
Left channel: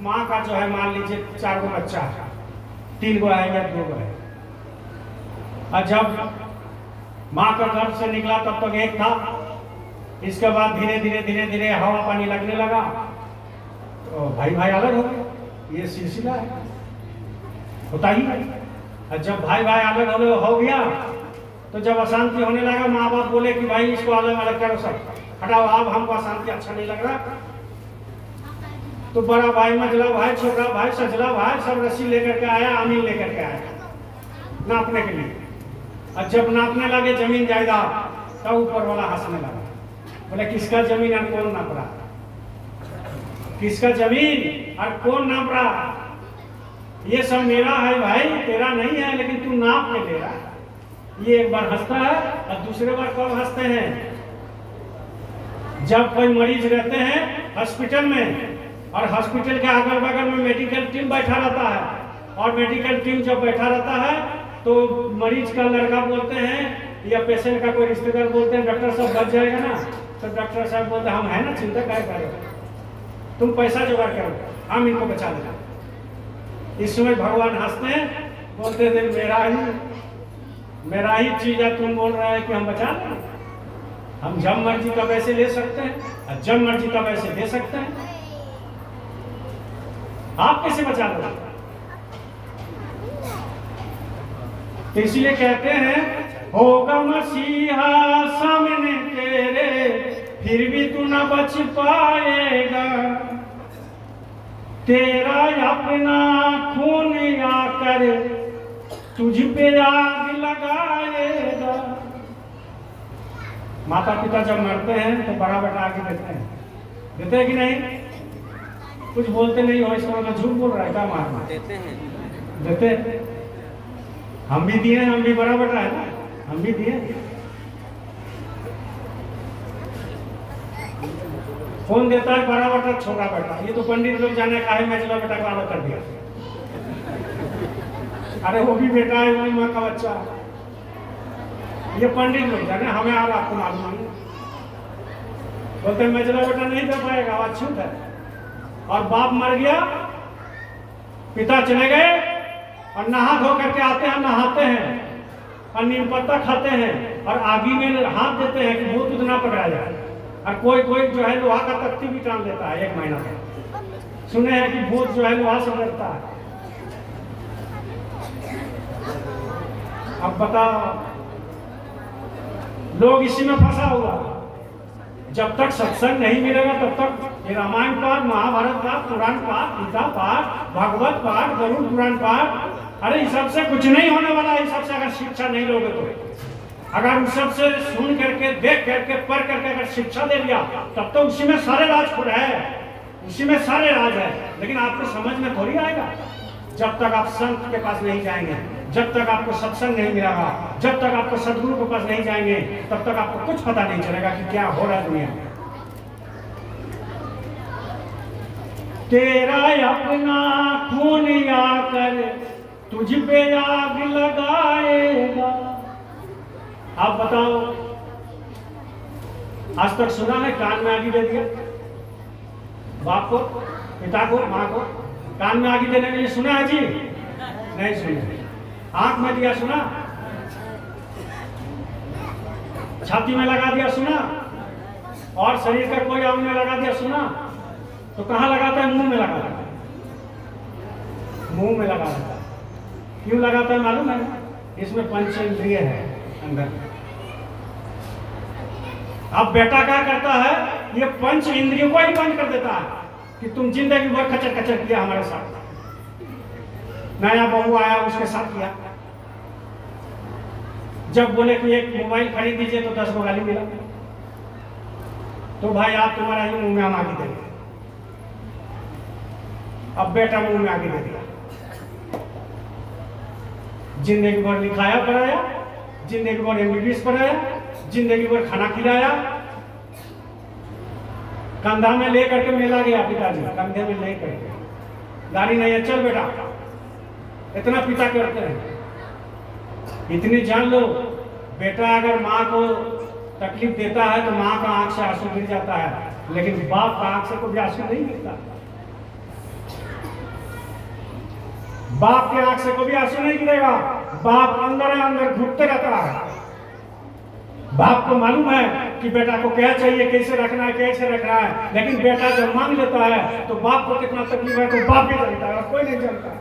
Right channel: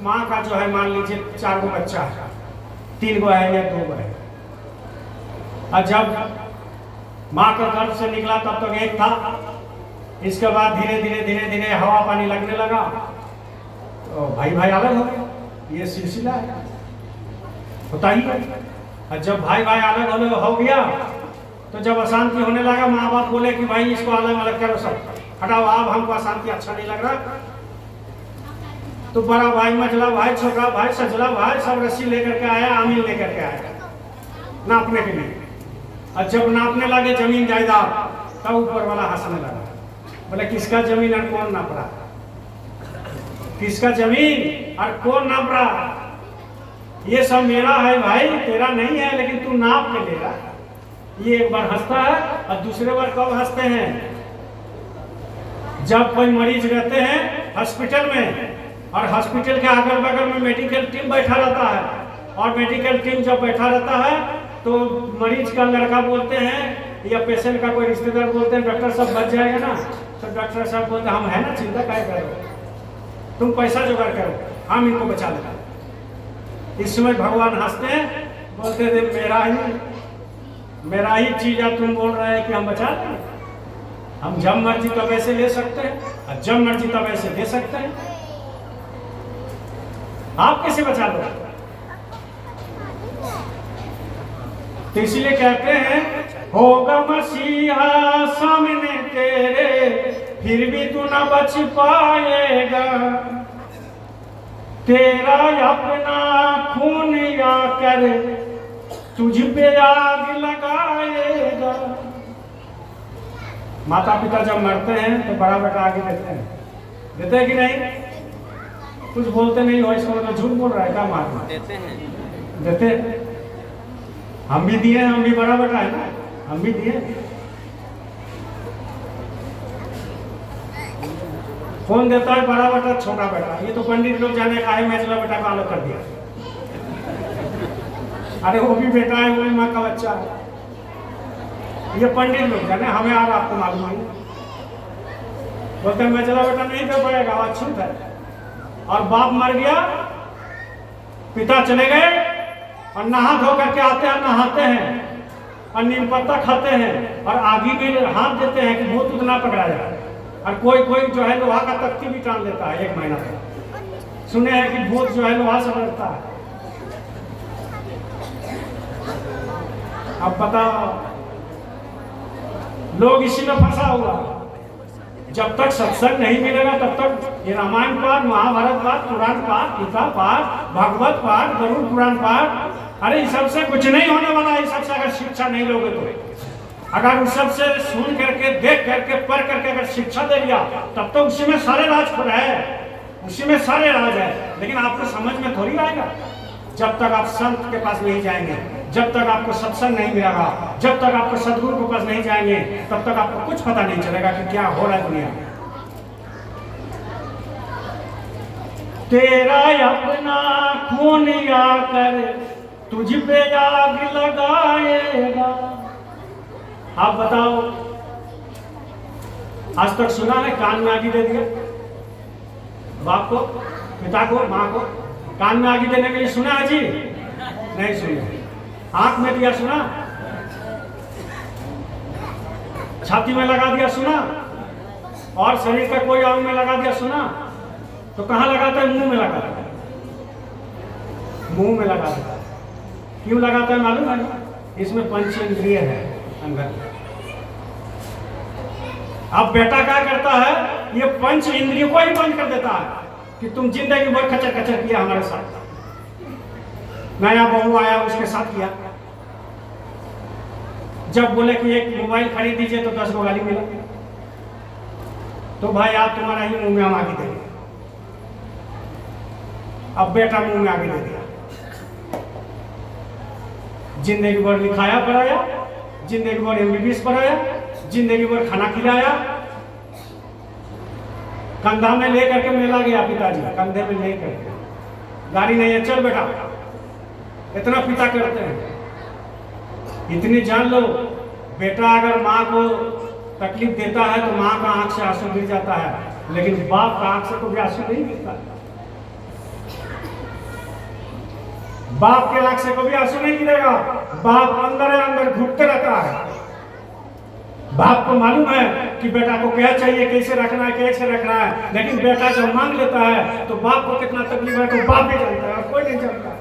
माँ का जो है मान लीजिए 4 गो बच्चा है, 3 गो है या 2 गो है, और जब माँ का गर्भ से निकला तब तक एक था। इसके बाद धीरे धीरे हवा पानी लगने लगा तो भाई अलग हो गया। ये सिलसिला है, होता ही है। और जब भाई अलग हो गया तो जब अशांति होने लगा, माँ बाप बोले कि भाई इसको अलग अलग करो, सब हटाओ, अब हमको अशांति अच्छा नहीं लग रहा। तो बड़ा भाई, मझला भाई, छोटा भाई, सजला भाई सब रस्सी लेकर के आया, आमीन लेकर के आया नापने के लिए। और जब नापने लगे जमीन जायदाद, तब ऊपर वाला हंसने लगा, बोले किसका जमीन और कौन नाप रहा, किसका जमीन और कौन नाप रहा? ये सब मेरा है भाई, तेरा नहीं है, लेकिन तू नाप के ले रहा। ये एक बार हंसता है और दूसरे बार कब हंसते हैं? जब कोई मरीज रहते हैं हॉस्पिटल में और हॉस्पिटल के अगल बगल में मेडिकल टीम बैठा रहता है, और मेडिकल टीम जब बैठा रहता है तो मरीज का लड़का बोलते हैं या पेशेंट का कोई रिश्तेदार बोलते हैं डॉक्टर साहब बच जाएगा ना, तो डॉक्टर साहब बोलते हम है ना, चिंता क्या करो, तुम पैसा जुगाड़ करो, हम इनको बचा लेंगे। इस समय भगवान हंसते हैं, बोलते थे मेरा ही चीज है, तुम बोल रहे हैं कि हम बचा लें। हम जब मर्जी तब ऐसे ले सकते हैं और जब मर्जी तब ऐसे दे सकते हैं। आप कैसे बचा लो? तो इसलिए कहते हैं होगा मसीहा सामने तेरे, फिर भी तू न बच पाएगा। तेरा अपना खून आकर तुझ पे आग लगाएगा। माता पिता जब मरते हैं तो बड़ा बेटा आगे देते हैं कि नहीं? कुछ बोलते नहीं हो, इसको मैं झूठ बोल रहा है क्या? मारना देते हैं। हम भी दिए, हम भी बड़ा बेटा है ना, हम भी दिए। कौन देता है? बड़ा बेटा छोटा बेटा। ये तो पंडित लोग जाने का है, मैं चला बेटा को अलग कर दिया। अरे वो भी बेटा है, वो भी माँ का बच्चा है। ये पंडित लोग जाने, हमें और आपको मालूम नहीं। बोलते मैं चला बेटा नहीं दे पाएगा, अछूत है। और बाप मर गया, पिता चले गए और नहा धो करके आते हैं, नहाते हैं और नीम पत्ता खाते हैं और आगी में हाथ देते हैं कि भूत उतना पकड़ा जाए। और कोई कोई जो है लोहा का तख्ती भी टान लेता है 1 महीना में। सुने हैं कि भूत जो है लोहा से लड़ता है। अब पता लोग इसी में फंसा हुआ। जब तक सत्संग नहीं मिलेगा तब तक ये रामायण पाठ, महाभारत पाठ, पुराण पाठ, गीता पाठ, भागवत पाठ, गरुड़ पुराण पाठ, अरे इस सबसे कुछ नहीं होने वाला। इस सबसे अगर शिक्षा नहीं लोगे तो, अगर उस सबसे सुन करके, देख करके, पढ़ करके अगर शिक्षा दे लिया तब तो उसी में सारे राज खुद है, उसी में सारे राज है। लेकिन आपको समझ में थोड़ी आएगा जब तक आप संत के पास नहीं जाएंगे, जब तक आपको सत्संग नहीं मिलेगा, जब तक आपको सदगुरु के पास नहीं जाएंगे, तब तक आपको कुछ पता नहीं चलेगा कि क्या हो रहा है दुनिया में। तेरा अपना खून आकर तुझ पे आग लगाएगा। आप बताओ, आज तक सुना है कान में आग दे दिया? बाप को, पिता को, माँ को कान में आग देने के लिए सुना है जी? नहीं सुना। आंख में दिया सुना? छाती में लगा दिया सुना? और शरीर का कोई अंग में लगा दिया सुना? तो कहां लगाता है? मुंह में लगाता है। मुंह में लगाता है। क्यों लगाता है मालूम है? इसमें पंचेंद्रिय है अंदर। अब बेटा क्या करता है? ये पंच इंद्रियों को ही बंद कर देता है कि तुम जिंदगी भर खचर खचर किया हमारे साथ। नया बहू आया उसके साथ किया। जब बोले कि एक मोबाइल खरीद दीजिए तो 10 गाली मिला, तो भाई आप तुम्हारा ही मुंह में हम आगे देंगे। अब बेटा मुंह में आगे दे दिया। जिंदगी भर लिखाया पढ़ाया, जिंदगी भर MBBS पढ़ाया, जिंदगी भर खाना खिलाया, कंधा में ले करके मेला गया पिताजी, कंधे में ले करके, गाड़ी नहीं है चल बेटा, इतना पिता करते हैं। इतनी जान लो, बेटा अगर माँ को तकलीफ देता है तो माँ का आंख से आंसू गिर जाता है, लेकिन बाप का आंख से कभी आंसू नहीं गिरता। बाप के आंख से कभी आंसू नहीं गिरेगा। बाप अंदर अंदर घुटते रहता है। बाप को मालूम है कि बेटा को क्या चाहिए, कैसे रखना है, कैसे रखना है, लेकिन बेटा जब मांग लेता है तो बाप को कितना तकलीफ है तो बाप ही जानता है और कोई नहीं जानता।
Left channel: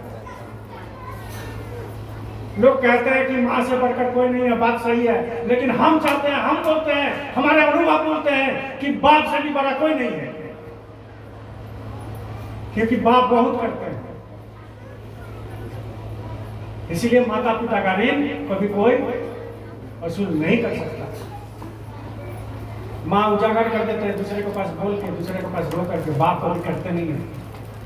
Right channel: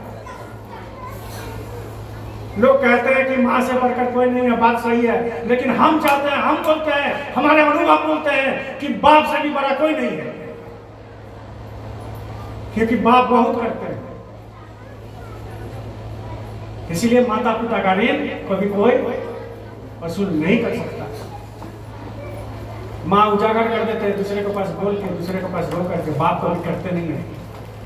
लोग कहते हैं कि माँ से बढ़कर कोई नहीं है, बात सही है, लेकिन हम चाहते हैं, हम बोलते हैं, हमारे अनुभव बोलते हैं कि बाप से भी बड़ा कोई नहीं है, क्योंकि बाप बहुत करते हैं। इसीलिए माता पिता का ऋण कभी कोई वसूल नहीं कर सकता। माँ उजागर कर देते हैं दूसरे के पास बोल के, दूसरे के पास रो करके, बाप को भी करते नहीं है,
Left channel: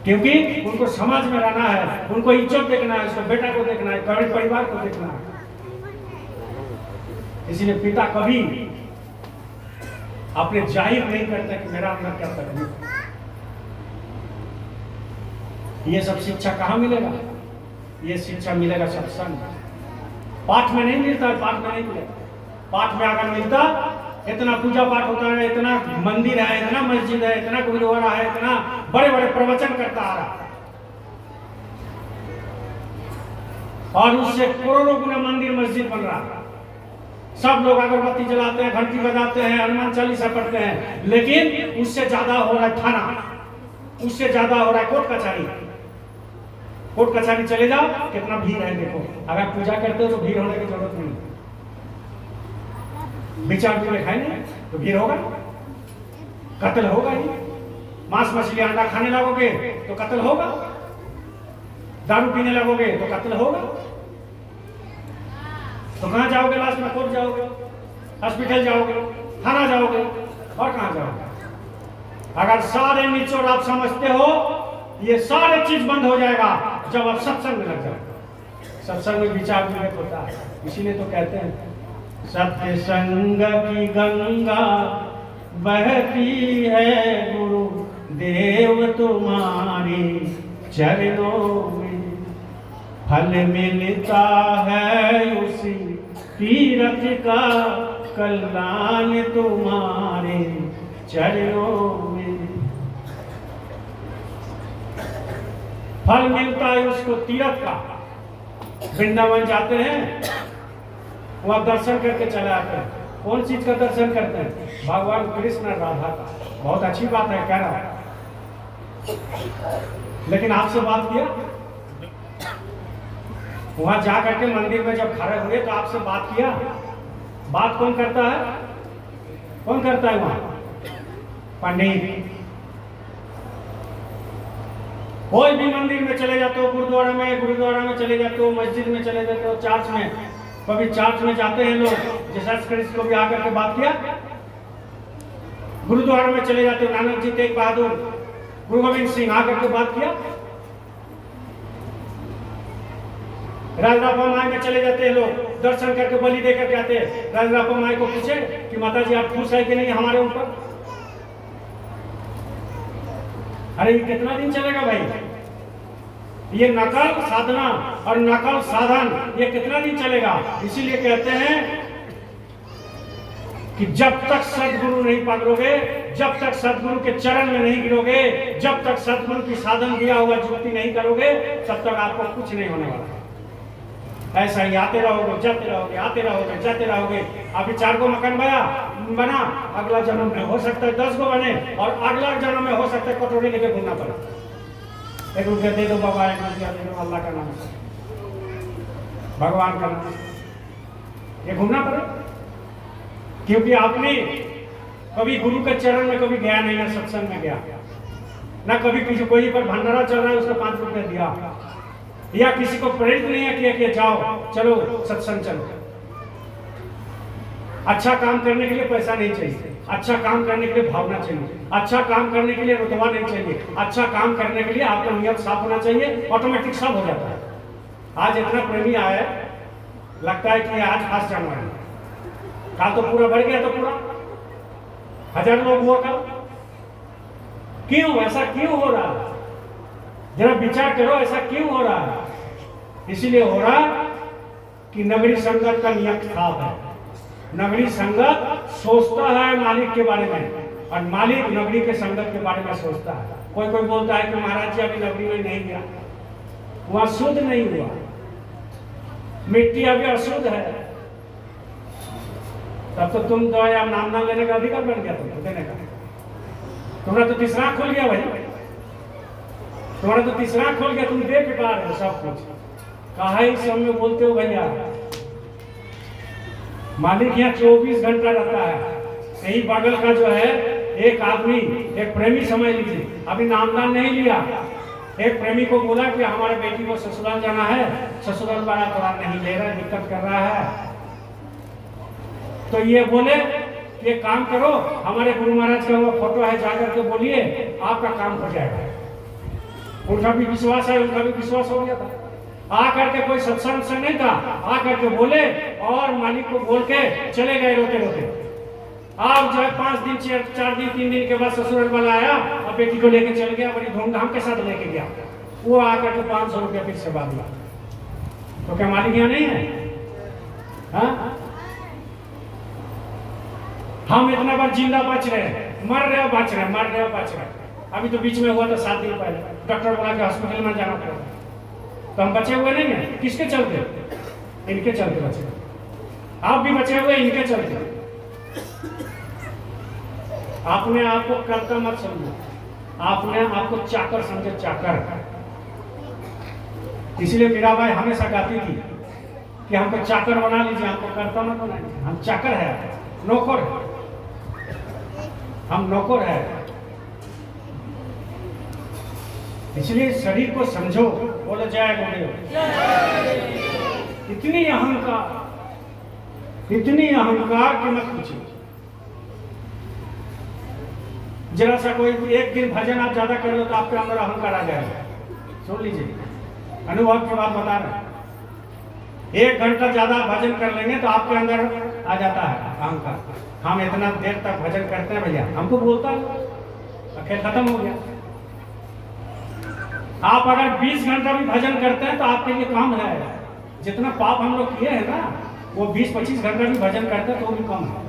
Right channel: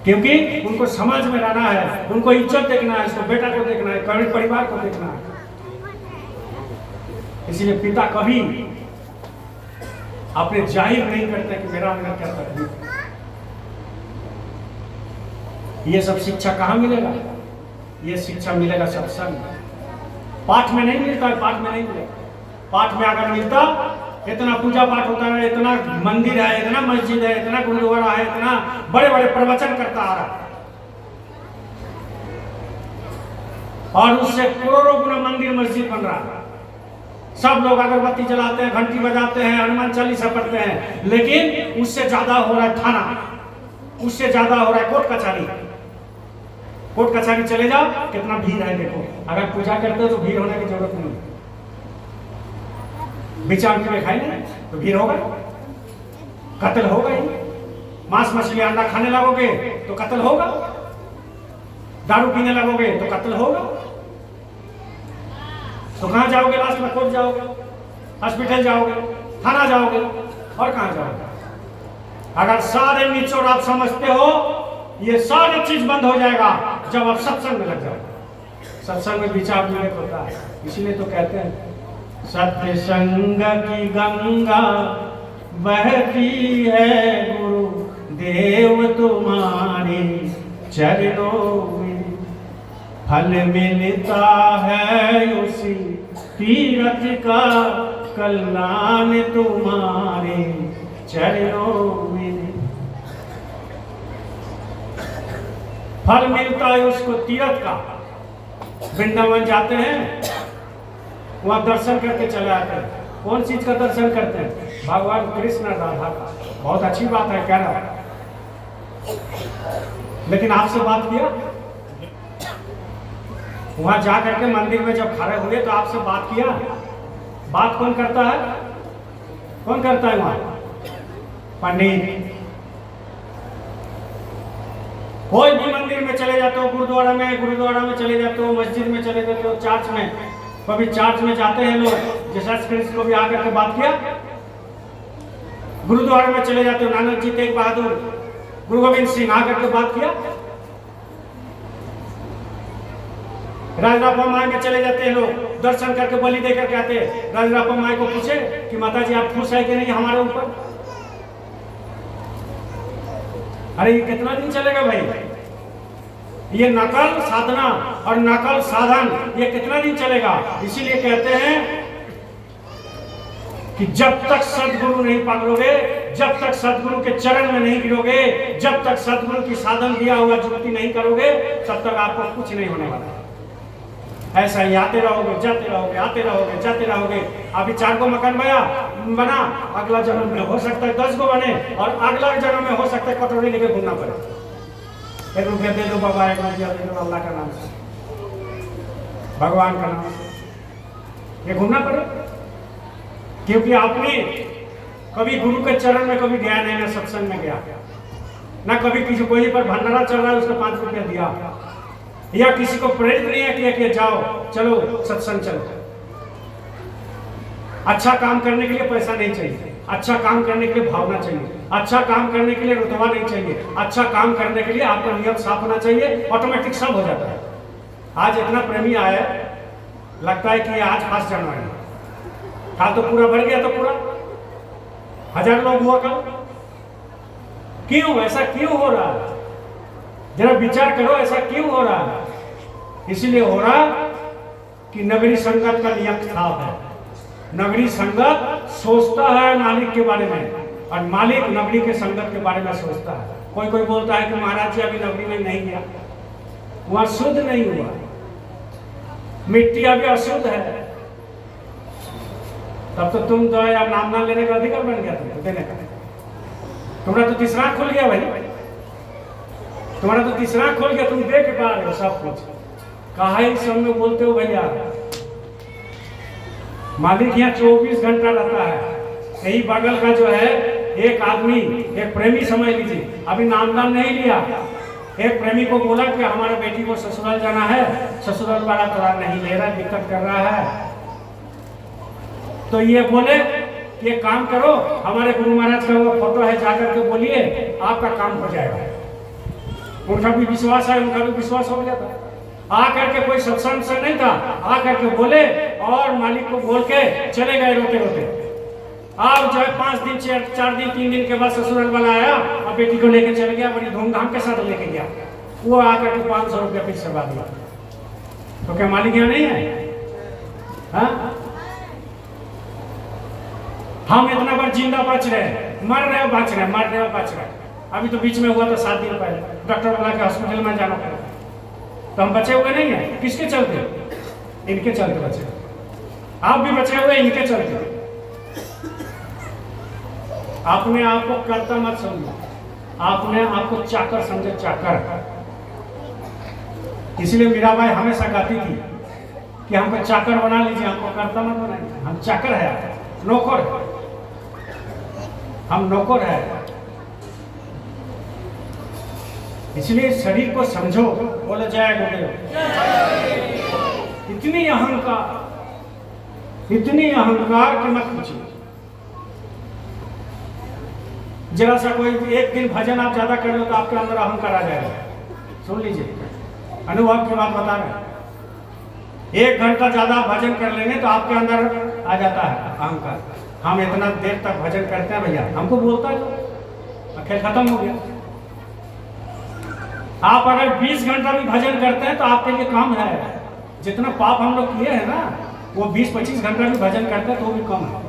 क्योंकि उनको समाज में रहना है, उनको इज्जत देखना है, उसको बेटा को देखना है, परिवार को देखना है। इसलिए पिता कभी अपने जाहिर नहीं करते कि मेरा अंदर क्या तकलीफ है। ये सब शिक्षा कहाँ मिलेगा? ये शिक्षा मिलेगा सत्संग। पाठ में नहीं मिलता है, पाठ में नहीं मिलेगा। पाठ में अगर मिलता, इतना पूजा पाठ होता है, इतना मंदिर है, इतना मस्जिद है, इतना गुरुद्वारा है, इतना बड़े बड़े प्रवचन करता आ रहा, और उससे करोड़ों गुना मंदिर मस्जिद बन रहा है। सब लोग अगरबत्ती जलाते हैं, घंटी बजाते हैं, हनुमान चालीसा पढ़ते हैं, लेकिन उससे ज्यादा हो रहा है थाना, उससे ज्यादा हो रहा है कोर्ट कचहरी। कोर्ट कचहरी चले जाओ, कितना भीड़ है देखो। अगर पूजा करते हो तो भीड़ होने की जरूरत नहीं। विचार के खाएंगे तो भीड़ होगा, कत्ल होगा ही। मांस मछली अंडा खाने लगोगे तो कत्ल होगा, दारू पीने लगोगे तो कत्ल होगा। तो कहां जाओगे? लास्ट में कोर्ट जाओगे, हॉस्पिटल जाओगे, थाना जाओगे, और कहां जाओगे? अगर सारे निचोड़ आप समझते हो, ये सारे चीज बंद हो जाएगा जब आप सत्संग में लग जाओगे। सत्संग में विचार विवेक होता है। इसीलिए तो कहते हैं सत्य संग की गंगा बहती है गुरु देव तुम्हारे चरणों में, फल मिलता है उसी तीरथ का, कल्याण तुम्हारे चरणों में। फल मिलता है उसको तीरथ का। वृंदावन जाते हैं वहाँ दर्शन करके चले आते हैं। कौन चीज का दर्शन करते हैं? भगवान कृष्ण राधा। बहुत अच्छी बात है कहना, लेकिन आपसे बात किया? वहां जा करके मंदिर में जब खड़े हुए तो आपसे बात किया? बात कौन करता है? कौन करता है वहां? पंडित। कोई भी मंदिर में चले जाते हो, गुरुद्वारा में चले जाते हो, मस्जिद में चले जाते हो, चर्च में, कभी चर्च में जाते हैं लोग, जीसस क्राइस्ट को भी आकर के बात किया? गुरुद्वारा में चले जाते हो, नानक जी, तेग बहादुर, गुरु गोविंद सिंह आकर के बात किया? राजरापा माई में चले जाते हैं लोग, दर्शन करके बलि देकर के आते हैं। राजरापा माई को पूछे कि माता जी आप खुश है कि नहीं हमारे ऊपर? अरे ये कितना दिन चलेगा भाई? ये नकल साधना और नकल साधन ये कितना दिन चलेगा? इसीलिए कहते हैं कि जब तक सदगुरु नहीं पकड़ोगे, जब तक सदगुरु के चरण में नहीं गिरोगे, जब तक सदगुरु की साधन दिया हुआ जुक्ति नहीं करोगे, तब तक आपको कुछ नहीं होने वाला। ऐसा ही आते रहोगे, जाते रहोगे, आते रहोगे, जाते रहोगे। अभी 4 गो मकान बना, अगला जन्म में हो सकता है 10 गो बने, और अगला जन्म में हो सकता है कटोरी लेकर घूमना पड़े। 1 रुपया दे दो बाबा, 1 रुपया दे दो अल्लाह का नाम से, भगवान का नाम से, ये घूमना पड़े। क्योंकि आपने कभी गुरु के चरण में कभी गया नहीं, ना सत्संग में गया, ना कभी किसी कोई पर भंडारा चल रहा है उसको 5 रुपया दिया, या किसी को प्रेरित नहीं किया कि जाओ चलो सत्संग चलो। अच्छा काम करने के लिए पैसा नहीं चाहिए, अच्छा काम करने के लिए भावना चाहिए, अच्छा काम करने के लिए रुतबा नहीं चाहिए, अच्छा काम करने के लिए आपका नियत साफ होना चाहिए, ऑटोमेटिक सब हो जाता है। आज इतना प्रेमी आया, लगता है कि आज 5 जनवरी, कल तो पूरा भर गया, तो पूरा 1000 लोग हुआ कल। क्यों ऐसा क्यों हो रहा? जरा विचार करो, ऐसा क्यों हो रहा? इसीलिए हो रहा कि नगरी संगत का नियम खराब है। नगरी संगत सोचता है मालिक के बारे में, और मालिक नगरी के संगत के बारे में सोचता है। कोई बोलता है कि महाराज जी अभी नगरी में नहीं गया, वहां शुद्ध नहीं हुआ, मिट्टी अभी अशुद्ध है। तब तो तुम तो यार नाम ना लेने का अधिकार बन गया, तुम देने का। तुम्हारा तो तीसरा खोल गया भाई, तुम्हारा तो तीसरा खोल गया, तुम देख पा रहे हो सब कुछ। काहे सब में बोलते हो भैया? मालिक यहाँ 24 घंटा रहता है। यही बगल का जो है एक आदमी, एक प्रेमी समझ लीजिए, अभी नामदान नहीं लिया, एक प्रेमी को बोला कि हमारे बेटी को ससुराल जाना है, ससुराल वाला थोड़ा नहीं ले रहा, दिक्कत कर रहा है। तो ये बोले ये काम करो, हमारे गुरु महाराज का वो फोटो है, जाकर के बोलिए आपका काम हो जाएगा। उनका भी विश्वास है, उनका भी विश्वास हो गया था। आकर के कोई सत्संग से नहीं था, आकर के बोले और मालिक को बोल के चले गए रोते रोते। आप जो है 5 दिन 4 दिन 3 दिन के बाद ससुराल वाला आया और बेटी को लेके चल गया, बड़ी धूमधाम के साथ लेके गया। वो आकर के 500 रुपया फिर से दिया। तो क्या मालिक यहाँ नहीं है? हाँ? हम इतना बार जिंदा बच रहे, मर रहे बच रहे, मर रहे बच रहे। अभी तो बीच में हुआ तो 7 दिन पहले डॉक्टर बोला कि हॉस्पिटल में जाना पड़ेगा, तो हम बचे हुए नहीं है। किसके चलते? इनके चलते बचे। आप भी बचे हुए इनके चलते। आपने आपको कर्ता मत समझो, आपने आपको चाकर समझे, चाकर। इसलिए मीराबाई हमेशा कहती थी कि हमको चाकर बना लीजिए, हमको कर्ता मत बनाइए। हम चाकर है, नौकर है, हम नौकर है। इसलिए शरीर को समझो, बोलो जय गुरुदेव। इतनी अहंकार कि मत पूछिए। जरा सा कोई एक दिन भजन आप ज्यादा कर लो तो आपके अंदर अहंकार आ जाएगा। सुन लीजिए, अनुभव की बात बता रहे। 1 घंटा ज्यादा भजन कर लेंगे तो आपके अंदर आ जाता है अहंकार। हम इतना देर तक भजन करते हैं भैया, हमको बोलता है, खेल खत्म हो गया। आप अगर 20 घंटा भी भजन करते हैं तो आपके लिए कम है। जितना पाप हम लोग किए हैं ना, वो 20-25 घंटा भी भजन करते हैं तो वो भी कम है।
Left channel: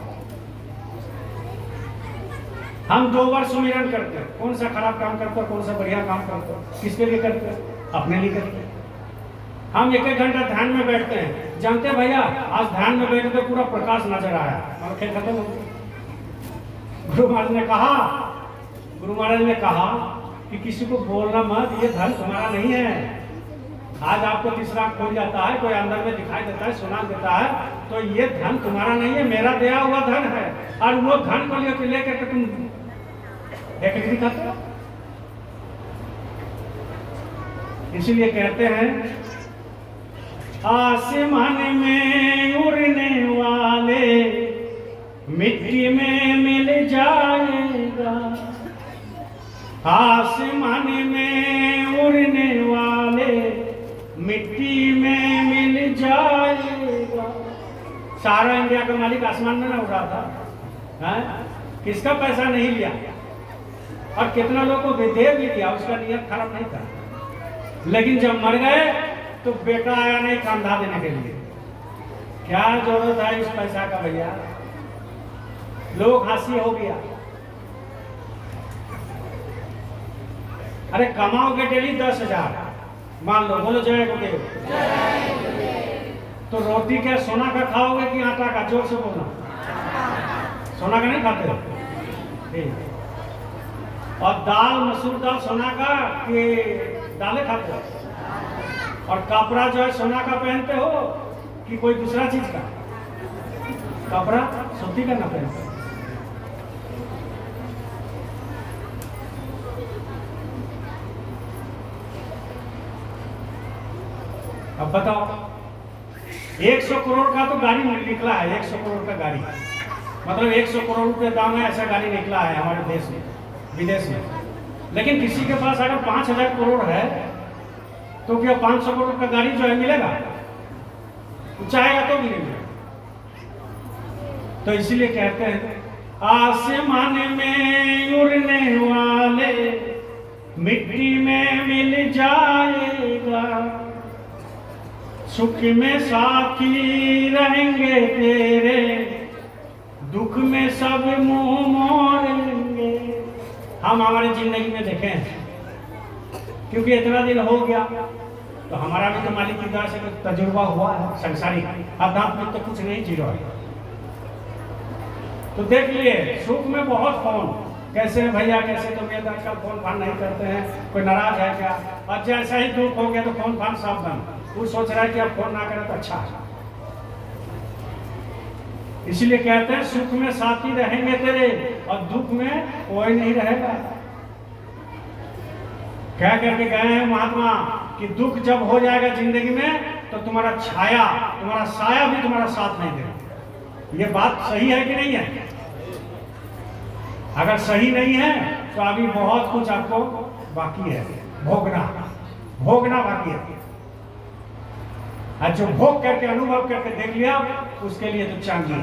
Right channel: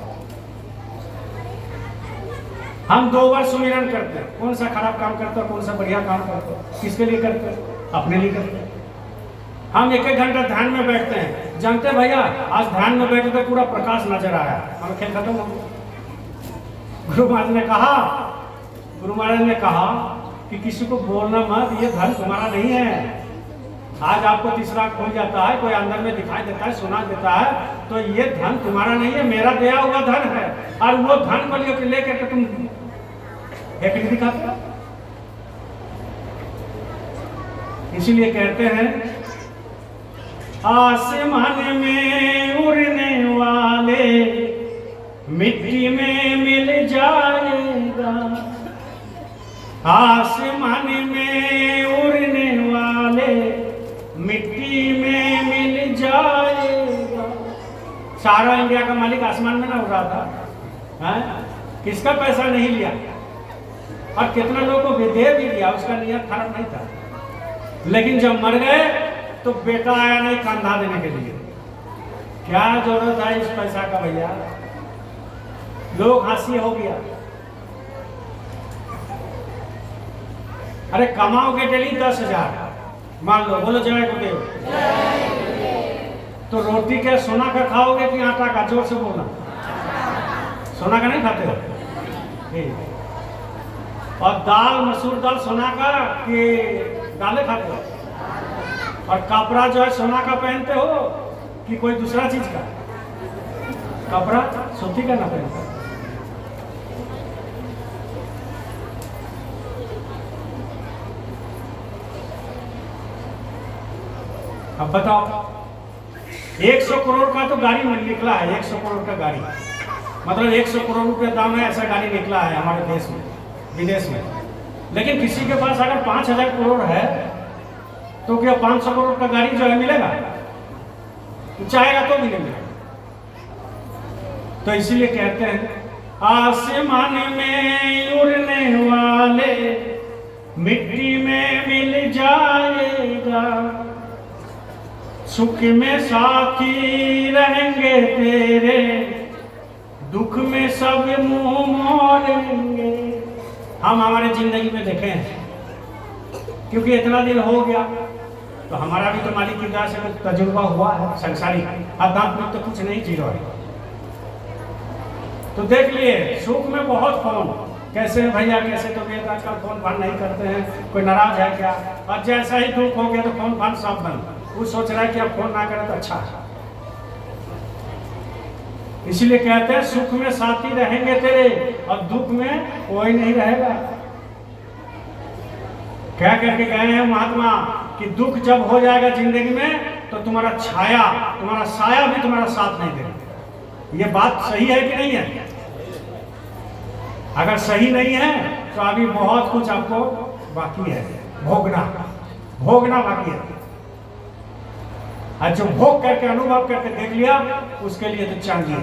हम 2 बार सुमिरन करते हैं, कौन सा खराब काम करते हो, कौन सा बढ़िया काम करते हो, किसके लिए करते हो? अपने लिए करते हो। हम एक एक घंटा ध्यान में बैठते हैं, जानते हैं भैया आज ध्यान में बैठे तो पूरा प्रकाश नजर आया, और खेल खत्म हो गया। गुरु महाराज ने कहा कि किसी को बोलना मत, ये धन तुम्हारा नहीं है। आज आपको तीसरा खोल जाता है, कोई अंदर में दिखाई देता है, सुना देता है, तो ये धन तुम्हारा नहीं है, मेरा दिया हुआ धन है। और वो धन को लेकर तुम एक दिखाते हो। इसीलिए कहते हैं आसमान में उड़ने वाले मिट्टी में मिल जाएगा, आसमान में उड़ने वाले मिट्टी में मिल जाएगा। सारा इंडिया का मालिक आसमान में ना उड़ा था, है? किसका पैसा नहीं लिया, और कितना लोगों को दे भी दिया, उसका नियत खराब नहीं था। लेकिन जब मर गए तो बेटा आया नहीं कंधा देने के लिए। क्या जरूरत है इस पैसा का भैया, लोग हंसी हो गया। अरे कमाओगे डेली 10,000, मान लो, बोलो जय गुरुदेव, तो रोटी के सोना का खाओगे कि आटा का? जोर से बोलना। सोना का नहीं खाते हो? और दाल, मसूर दाल सोना का कि दालें खाते हो? और कपड़ा जो है सोना का पहनते हो कि कोई दूसरा चीज का? कपड़ा सूती का ना पहनते। अब बताओ, 100 करोड़ का तो गाड़ी निकला है, 100 करोड़ का गाड़ी, मतलब 100 करोड़ रुपए दाम है, ऐसा गाड़ी निकला है हमारे देश में, विदेश में। लेकिन किसी के पास अगर 5,000 करोड़ है तो क्या 500 करोड़ का गाड़ी जो है मिलेगा? चाहेगा तो भी नहीं मिलेगा। तो इसीलिए कहते हैं आसमान में उड़ने वाले मिट्टी में मिल जाएगा, सुख में साथी रहेंगे तेरे, दुख में सब मुंह मोड़ेंगे। हम हमारे जिंदगी में देखें, क्योंकि इतना दिन हो गया तो हमारा भी तो मालिक की दया से कुछ तजुर्बा हुआ है संसारिक, आध्यात्मिक तो कुछ नहीं, जीरो है। तो देख लिए सुख में बहुत फोन, कैसे है भैया, कैसे तो भैया आजकल फोन फान नहीं करते हैं, कोई नाराज है क्या? और जैसा ही दुख हो गया तो फोन फान सब बंद। वो सोच रहा है कि अब फोन ना करें तो अच्छा है। इसलिए कहते हैं सुख में साथी रहेंगे तेरे और दुख में कोई नहीं रहेगा। क्या करके गए हैं महात्मा कि दुख जब हो जाएगा जिंदगी में तो तुम्हारा छाया, तुम्हारा साया भी तुम्हारा साथ नहीं देगा। ये बात सही है कि नहीं है? अगर सही नहीं है तो अभी बहुत कुछ आपको बाकी है, भोगना बाकी है। जो भोग करके अनुभव करके देख लिया उसके लिए तो चाहिए।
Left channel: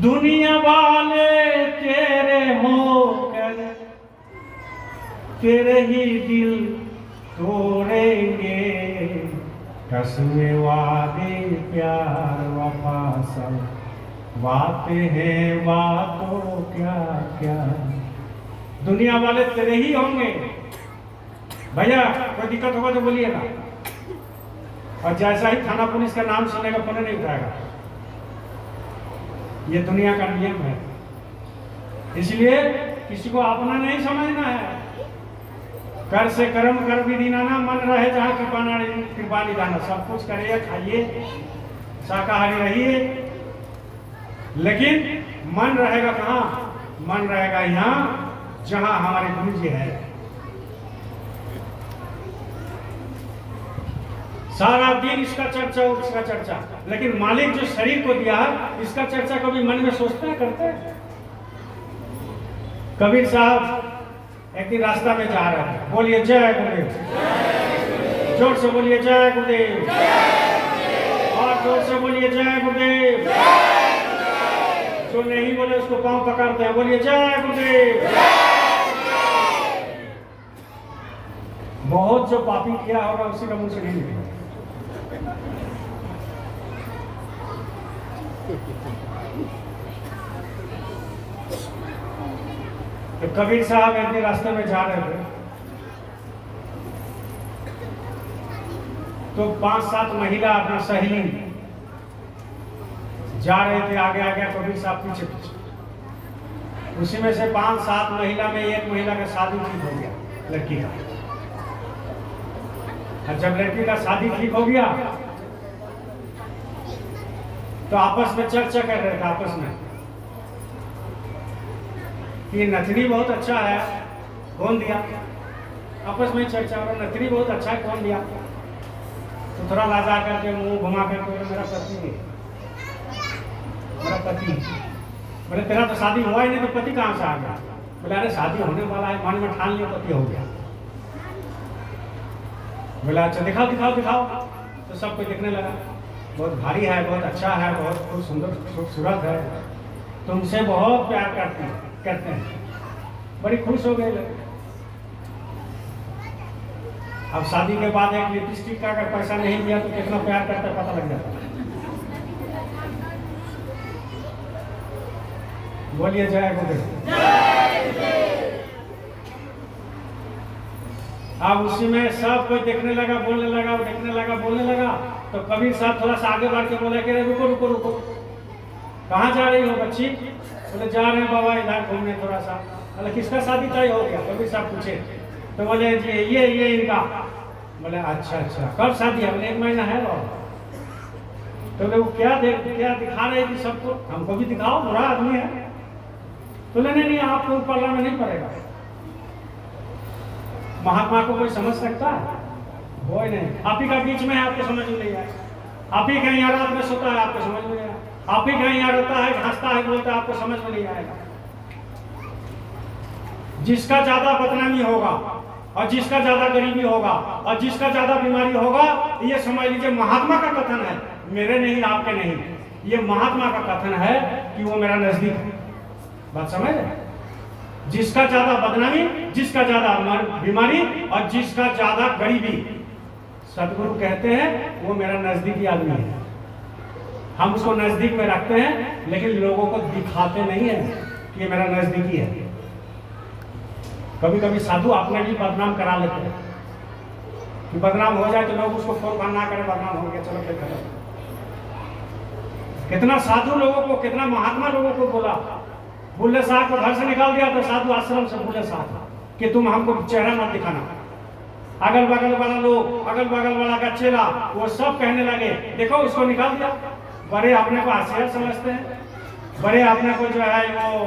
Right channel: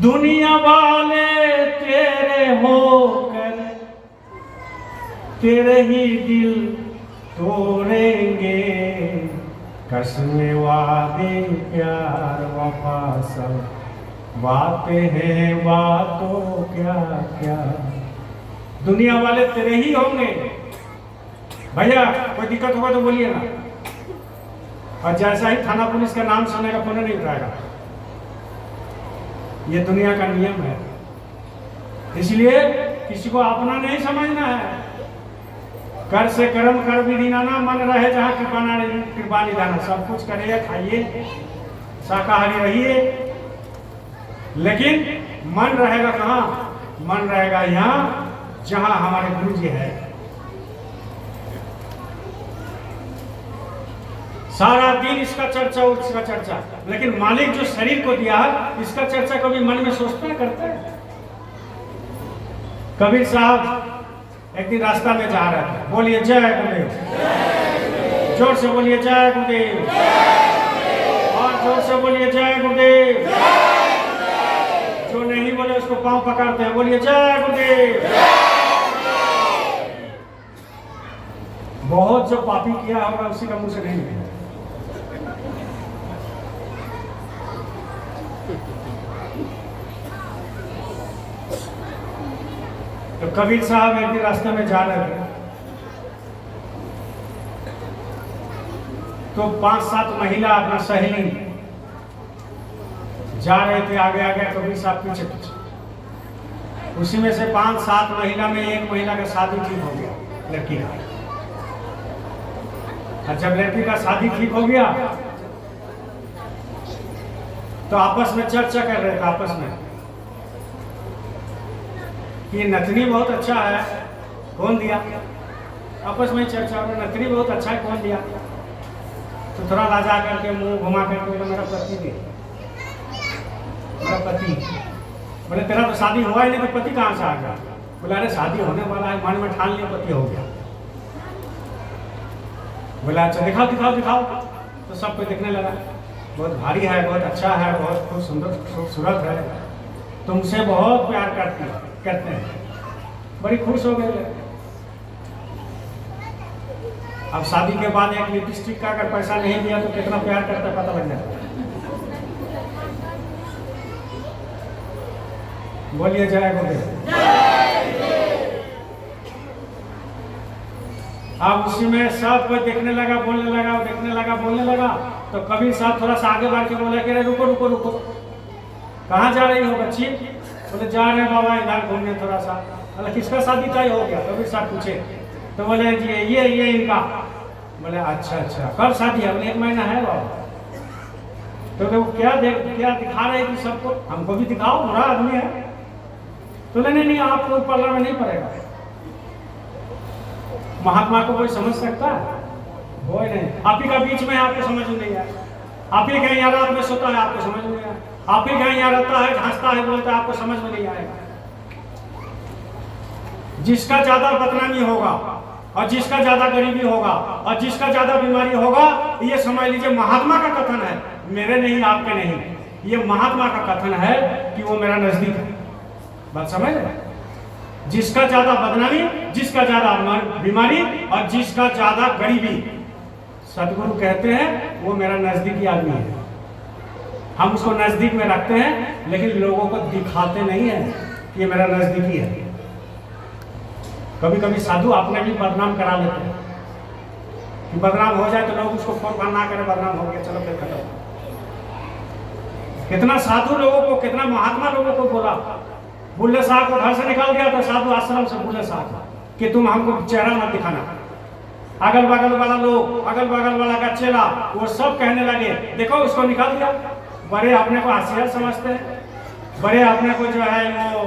दुनिया वाले तेरे होकर तेरे ही दिल तोड़ेंगे, कसमें वादे प्यार वफा सब बातें हैं बातों क्या क्या। दुनिया वाले तेरे ही होंगे भैया, कोई दिक्कत होगा तो बोलिएगा। और जैसा ही थाना पुलिस का नाम सुनेगा फोन नहीं उठाएगा। ये दुनिया का नियम है। इसलिए किसी को अपना नहीं समझना है। कर से कर्म कर विधि नाना, मन रहे जहाँ कृपा निधाना। सब कुछ करिए, खाइए, शाकाहारी रहिए, लेकिन मन रहेगा कहाँ? मन रहेगा यहाँ जहाँ हमारे गुरु जी है। सारा दिन इसका चर्चा उसका चर्चा, लेकिन मालिक जो शरीर को दिया इसका चर्चा कभी मन में सोचते करते? कबीर साहब एक दिन रास्ता में जा रहे थे, बोलिए जय गुरुदेव, जोर से बोलिए जय गुरुदेव, और जोर से बोलिए जय गुरुदेव। जो नहीं बोले उसको पांव पकड़ते हैं, बोलिए जय गुरुदेव। बहुत जो पापी किया होगा उसी का मुंह से नहीं निकला। तो कबीर साहब एक दिन रास्ते में जा रहे थे, तो 5-7 महिला अपना सहेली जा रहे थे आगे आगे, कबीर साहब पीछे पीछे। उसी में से 5-7 महिला में एक महिला का शादी ठीक हो गया, लड़की का। और जब लड़की का शादी ठीक हो गया तो आपस में चर्चा कर रहे थे, आपस में कि नथनी बहुत अच्छा है, कौन दिया। आपस में चर्चा करो, नथनी बहुत अच्छा है, कौन दिया। तो थोड़ा लाजा करके मुंह घुमा करके मेरा पति दे, मेरा पति। बोले तेरा तो शादी हुआ ही नहीं, तो पति कहाँ से आ गया। बोले अरे शादी होने वाला है, मन में ठान लिया पति हो गया। बोला अच्छा दिखाओ दिखाओ दिखाओ। तो सब कोई देखने लगा, बहुत भारी है, बहुत अच्छा है, बहुत खूब सुंदर खूबसूरत है, तुमसे बहुत प्यार करते हैं। बड़ी खुश हो गई। अब शादी के बाद एक लिपस्टिक का अगर पैसा नहीं दिया तो कितना प्यार करता पता लग जाता। बोलिए जय गुरुदेव। अब उसी में सब कोई देखने लगा, बोलने लगा, देखने लगा, बोलने लगा। तो कबीर साहब थोड़ा सा आगे बढ़ के बोले कि रुको रुको रुको, कहाँ जा रही हो बच्ची। बोले जा रहे हैं बाबा इधर घूमने थोड़ा सा। बोले किसका शादी तय हो गया। कबीर साहब पूछे तो बोले जी ये इनका। बोले अच्छा अच्छा, कब शादी है। 1 महीना है बाबा। तो वो क्या दिखा रहे कि सबको, हमको भी दिखाओ, बुरा आदमी है। तो नहीं आपको पल्ला में नहीं पड़ेगा, महात्मा को कोई समझ सकता है, वो ही नहीं। आप ही का बीच में, आपको समझ में नहीं आया। आप ही कहीं रात में सोता है, आपको समझ में नहीं आया। आप ही कहीं रहता है, हंसता है, बोलता है, आपको समझ में नहीं आएगा। जिसका ज्यादा बदनामी होगा और जिसका ज्यादा गरीबी होगा और जिसका ज्यादा बीमारी होगा, ये समझ लीजिए महात्मा का कथन है, मेरे नहीं, आपके नहीं। ये महात्मा का कथन है कि वो मेरा नजदीक है। बात समझ रहे? जिसका ज्यादा बदनामी, जिसका ज्यादा बीमारी और जिसका ज्यादा गरीबी, सदगुरु कहते हैं वो मेरा नजदीकी आदमी है। हम उसको नजदीक में रखते हैं, लेकिन लोगों को दिखाते नहीं है कि ये मेरा नजदीकी है। कभी कभी साधु अपने भी बदनाम करा लेते हैं कि बदनाम हो जाए तो लोग उसको फोन बंद ना करें, बदनाम हो गया, चलो फिर करो। कितना साधु लोगों को, कितना महात्मा लोगों को बोला। बुल्ले साहब को घर से निकाल दिया तो साधु आश्रम से बुल्ले साहब कि तुम हमको चेहरा मत दिखाना। अगल बगल वाला लोग, अगल बगल वाला का चेला, वो सब कहने लगे देखो उसको निकाल दिया। बड़े अपने को होशियार समझते हैं, बड़े अपने को जो है वो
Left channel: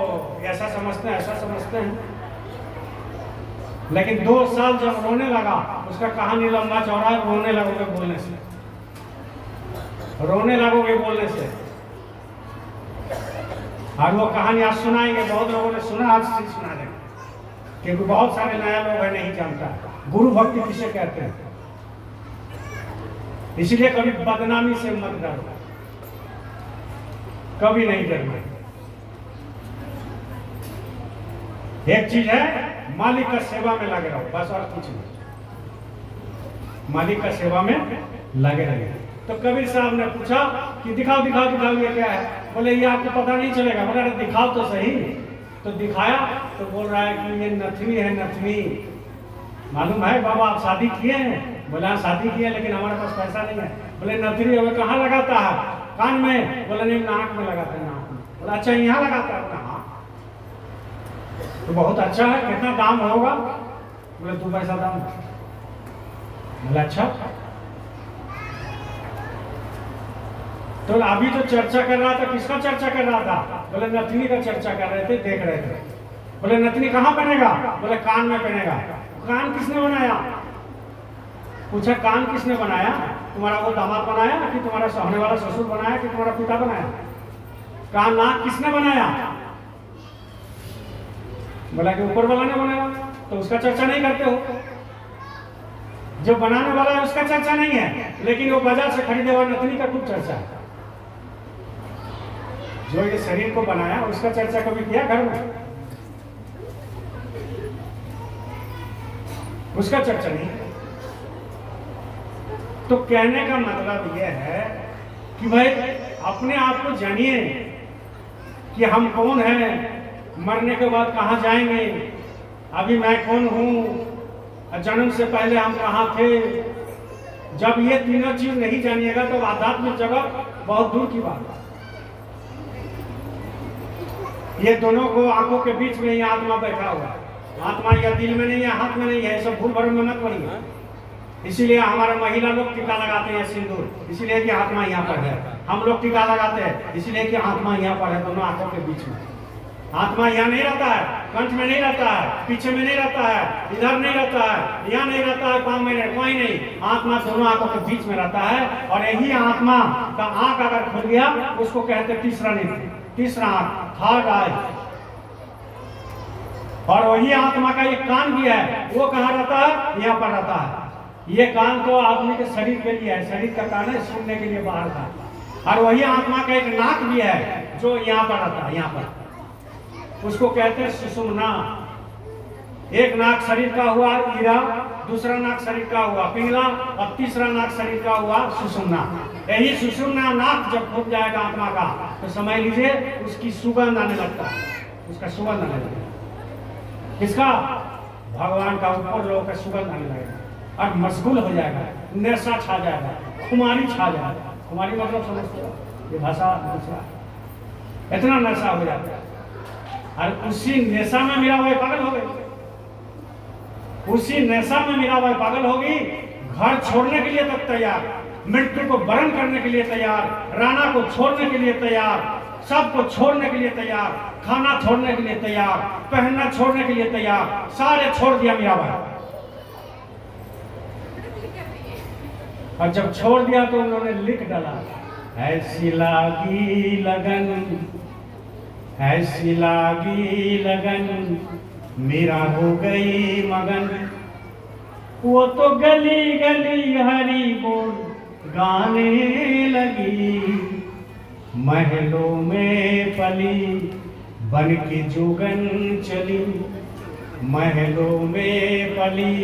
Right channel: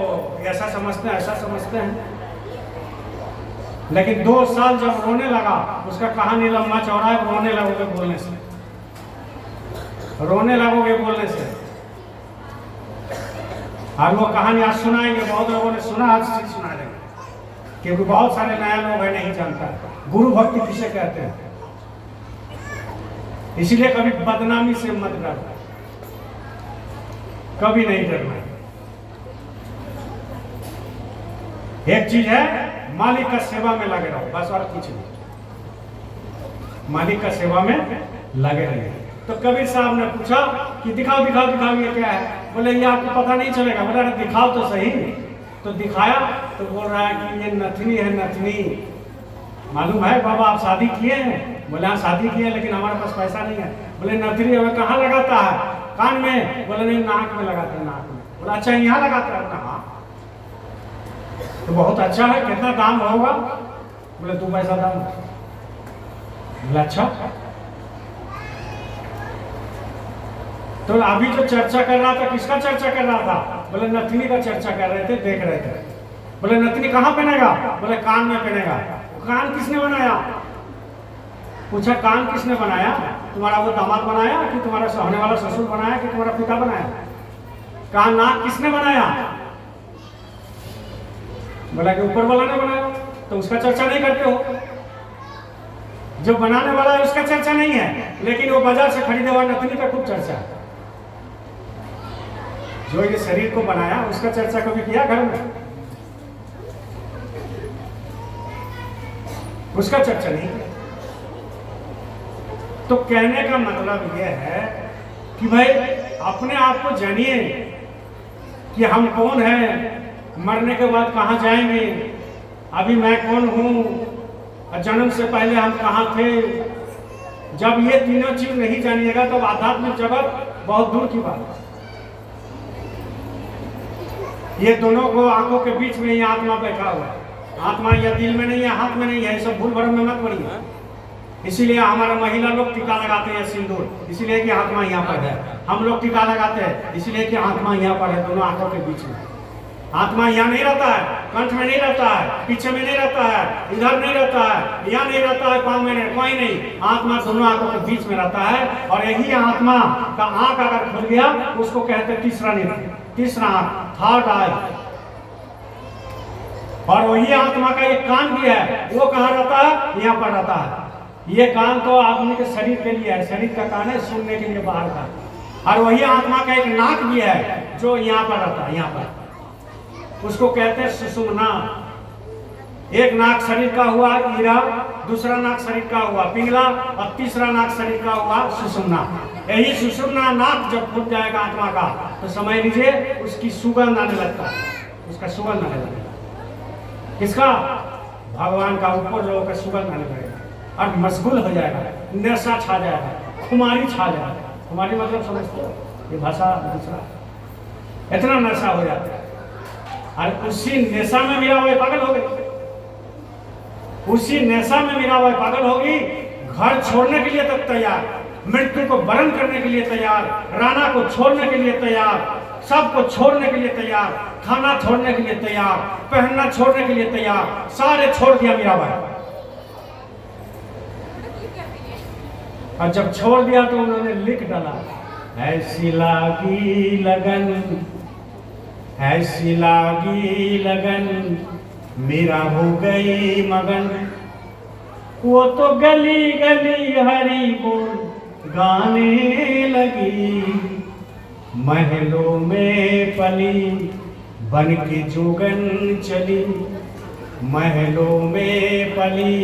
ऐसा समझते हैं, ऐसा समझते हैं। लेकिन 2 साल जब रोने लगा, उसका कहानी लंबा चौड़ा है, रोने लगोगे बोलने से, रोने लगोगे बोलने से। और वो कहानी आज सुनाएंगे, बहुत लोगों ने सुना, आज से सुना देंगे, क्योंकि बहुत सारे नया लोग है नहीं जानता गुरु भक्ति किसे कहते हैं। इसलिए कभी बदनामी से मत डरो, कभी नहीं डरना। एक चीज है, मालिक का सेवा में लगे रहो, बस और कुछ नहीं। मालिक का सेवा में लगे रहे। तो कबीर साहब ने पूछा कि दिखाओ दिखाओ दिखाओ, ये क्या है। बोले ये आपको पता नहीं चलेगा। बोले अरे दिखाओ तो सही। तो दिखाया तो बोल रहा है कि ये नथनी है, नथनी। मालूम है बाबा आप शादी किए हैं। बोले हाँ शादी किए, लेकिन हमारे पास पैसा नहीं है। बोले नथनी हमें कहाँ लगाता है। कान में। बोले नहीं नाक में लगाता है, नाक में। बोला अच्छा यहाँ लगाता है। कहाँ? तो बहुत अच्छा है, कितना दाम होगा। बोले 2 पैसा दाम। बोले अच्छा। तो अभी जो चर्चा कर रहा था, किसका चर्चा कर रहा था। बोले नथनी का चर्चा कर रहे थे, देख रहे थे। बोले नथनी कहाँ पहनेगा। बोले कान में पहनेगा। कान किसने बनाया। पूछा कान किसने बनाया। तुम्हारा वो दामाद बनाया कि तुम्हारा होने वाला ससुर बनाया कि तुम्हारा पिता बनाया। कान नाक किसने बनाया। बोला कि ऊपर वाला ने बनाया। तो उसका चर्चा नहीं करते हो। जो बनाने वाला है उसका चर्चा नहीं है, लेकिन वो बाजार से खरीदे हुए नथनी का खूब चर्चा है। जो ये शरीर को बनाया उसका चर्चा कभी किया घर में। उसका चर्चा नहीं। तो कहने का मतलब यह है कि भाई अपने आप को जानिए कि हम कौन हैं, मरने के बाद कहाँ जाएंगे, अभी मैं कौन हूँ, जन्म से पहले हम कहाँ थे, जब ये तीनों चीज नहीं जानिएगा तो आध्यात्मिक जगत बहुत दूर की बात है। ये दोनों को आंखों के बीच में ही आत्मा बैठा हुआ है। आत्मा या दिल में नहीं है, हाथ में नहीं है, सब भूल भरम में मत पड़िए। इसीलिए हमारा महिला लोग टीका लगाते हैं सिंदूर, इसीलिए कि आत्मा यहाँ पर है। हम लोग टीका लगाते हैं इसलिए कि आत्मा यहाँ पर है, दोनों आंखों के बीच में। आत्मा यहाँ नहीं रहता है, कंठ में नहीं रहता है, पीछे में नहीं रहता है, इधर नहीं रहता है, यहाँ नहीं रहता है, पाँव में नहीं, कोई नहीं। आत्मा दोनों आंखों के बीच में रहता है। और यही आत्मा का आंख अगर खुल गया उसको कहते हैं तीसरा नेत्र, तीसरा आंख, थर्ड आई। और वही आत्मा का एक कान भी है, वो कहाँ रहता है? यहाँ पर रहता है। ये कान तो आदमी के शरीर के लिए है, शरीर का कान है, सुनने के लिए बाहर का। और वही आत्मा का एक नाक भी है जो यहाँ पर रहता है, यहाँ पर, उसको कहते हैं सुषुम्ना। एक नाक शरीर का हुआ ईरा, दूसरा नाक शरीर का हुआ पिंगला, और तीसरा नाक शरीर का हुआ सुषुम्ना। यही सुषुम्ना नाक जब फूट जाएगा आत्मा का तो समझ लीजिए उसकी सुगंध आने लगता है, उसका सुगंध आने लगता है। किसका? भगवान का, ऊपर लोगों का सुगंध आने लगेगा और मशगूल हो जाएगा, नशा छा जाएगा, खुमारी छा जाएगा। खुमारी मतलब समझते हो? ये भाषा दूसरा, इतना नशा हो जाता है। और उसी नशा में मेरा हुआ पागल हो गई, उसी नशा में मेरा हुआ पागल होगी। घर छोड़ने के लिए तक तैयार, मृत्यु को वरण करने के लिए तैयार, राणा को छोड़ने के लिए तैयार, सबको छोड़ने के लिए तैयार, खाना छोड़ने के लिए तैयार, पहनना छोड़ने के लिए तैयार, सारे छोड़ दिया मेरा भाई। और जब छोड़ दिया तो उन्होंने लिख डाला, ऐसी लागी लगन, ऐसी लागी लगन, मेरा हो गई मगन। वो तो गली गली हरी बोल गाने लगी, महलों में पली बन के जोगन चली, महलों में पली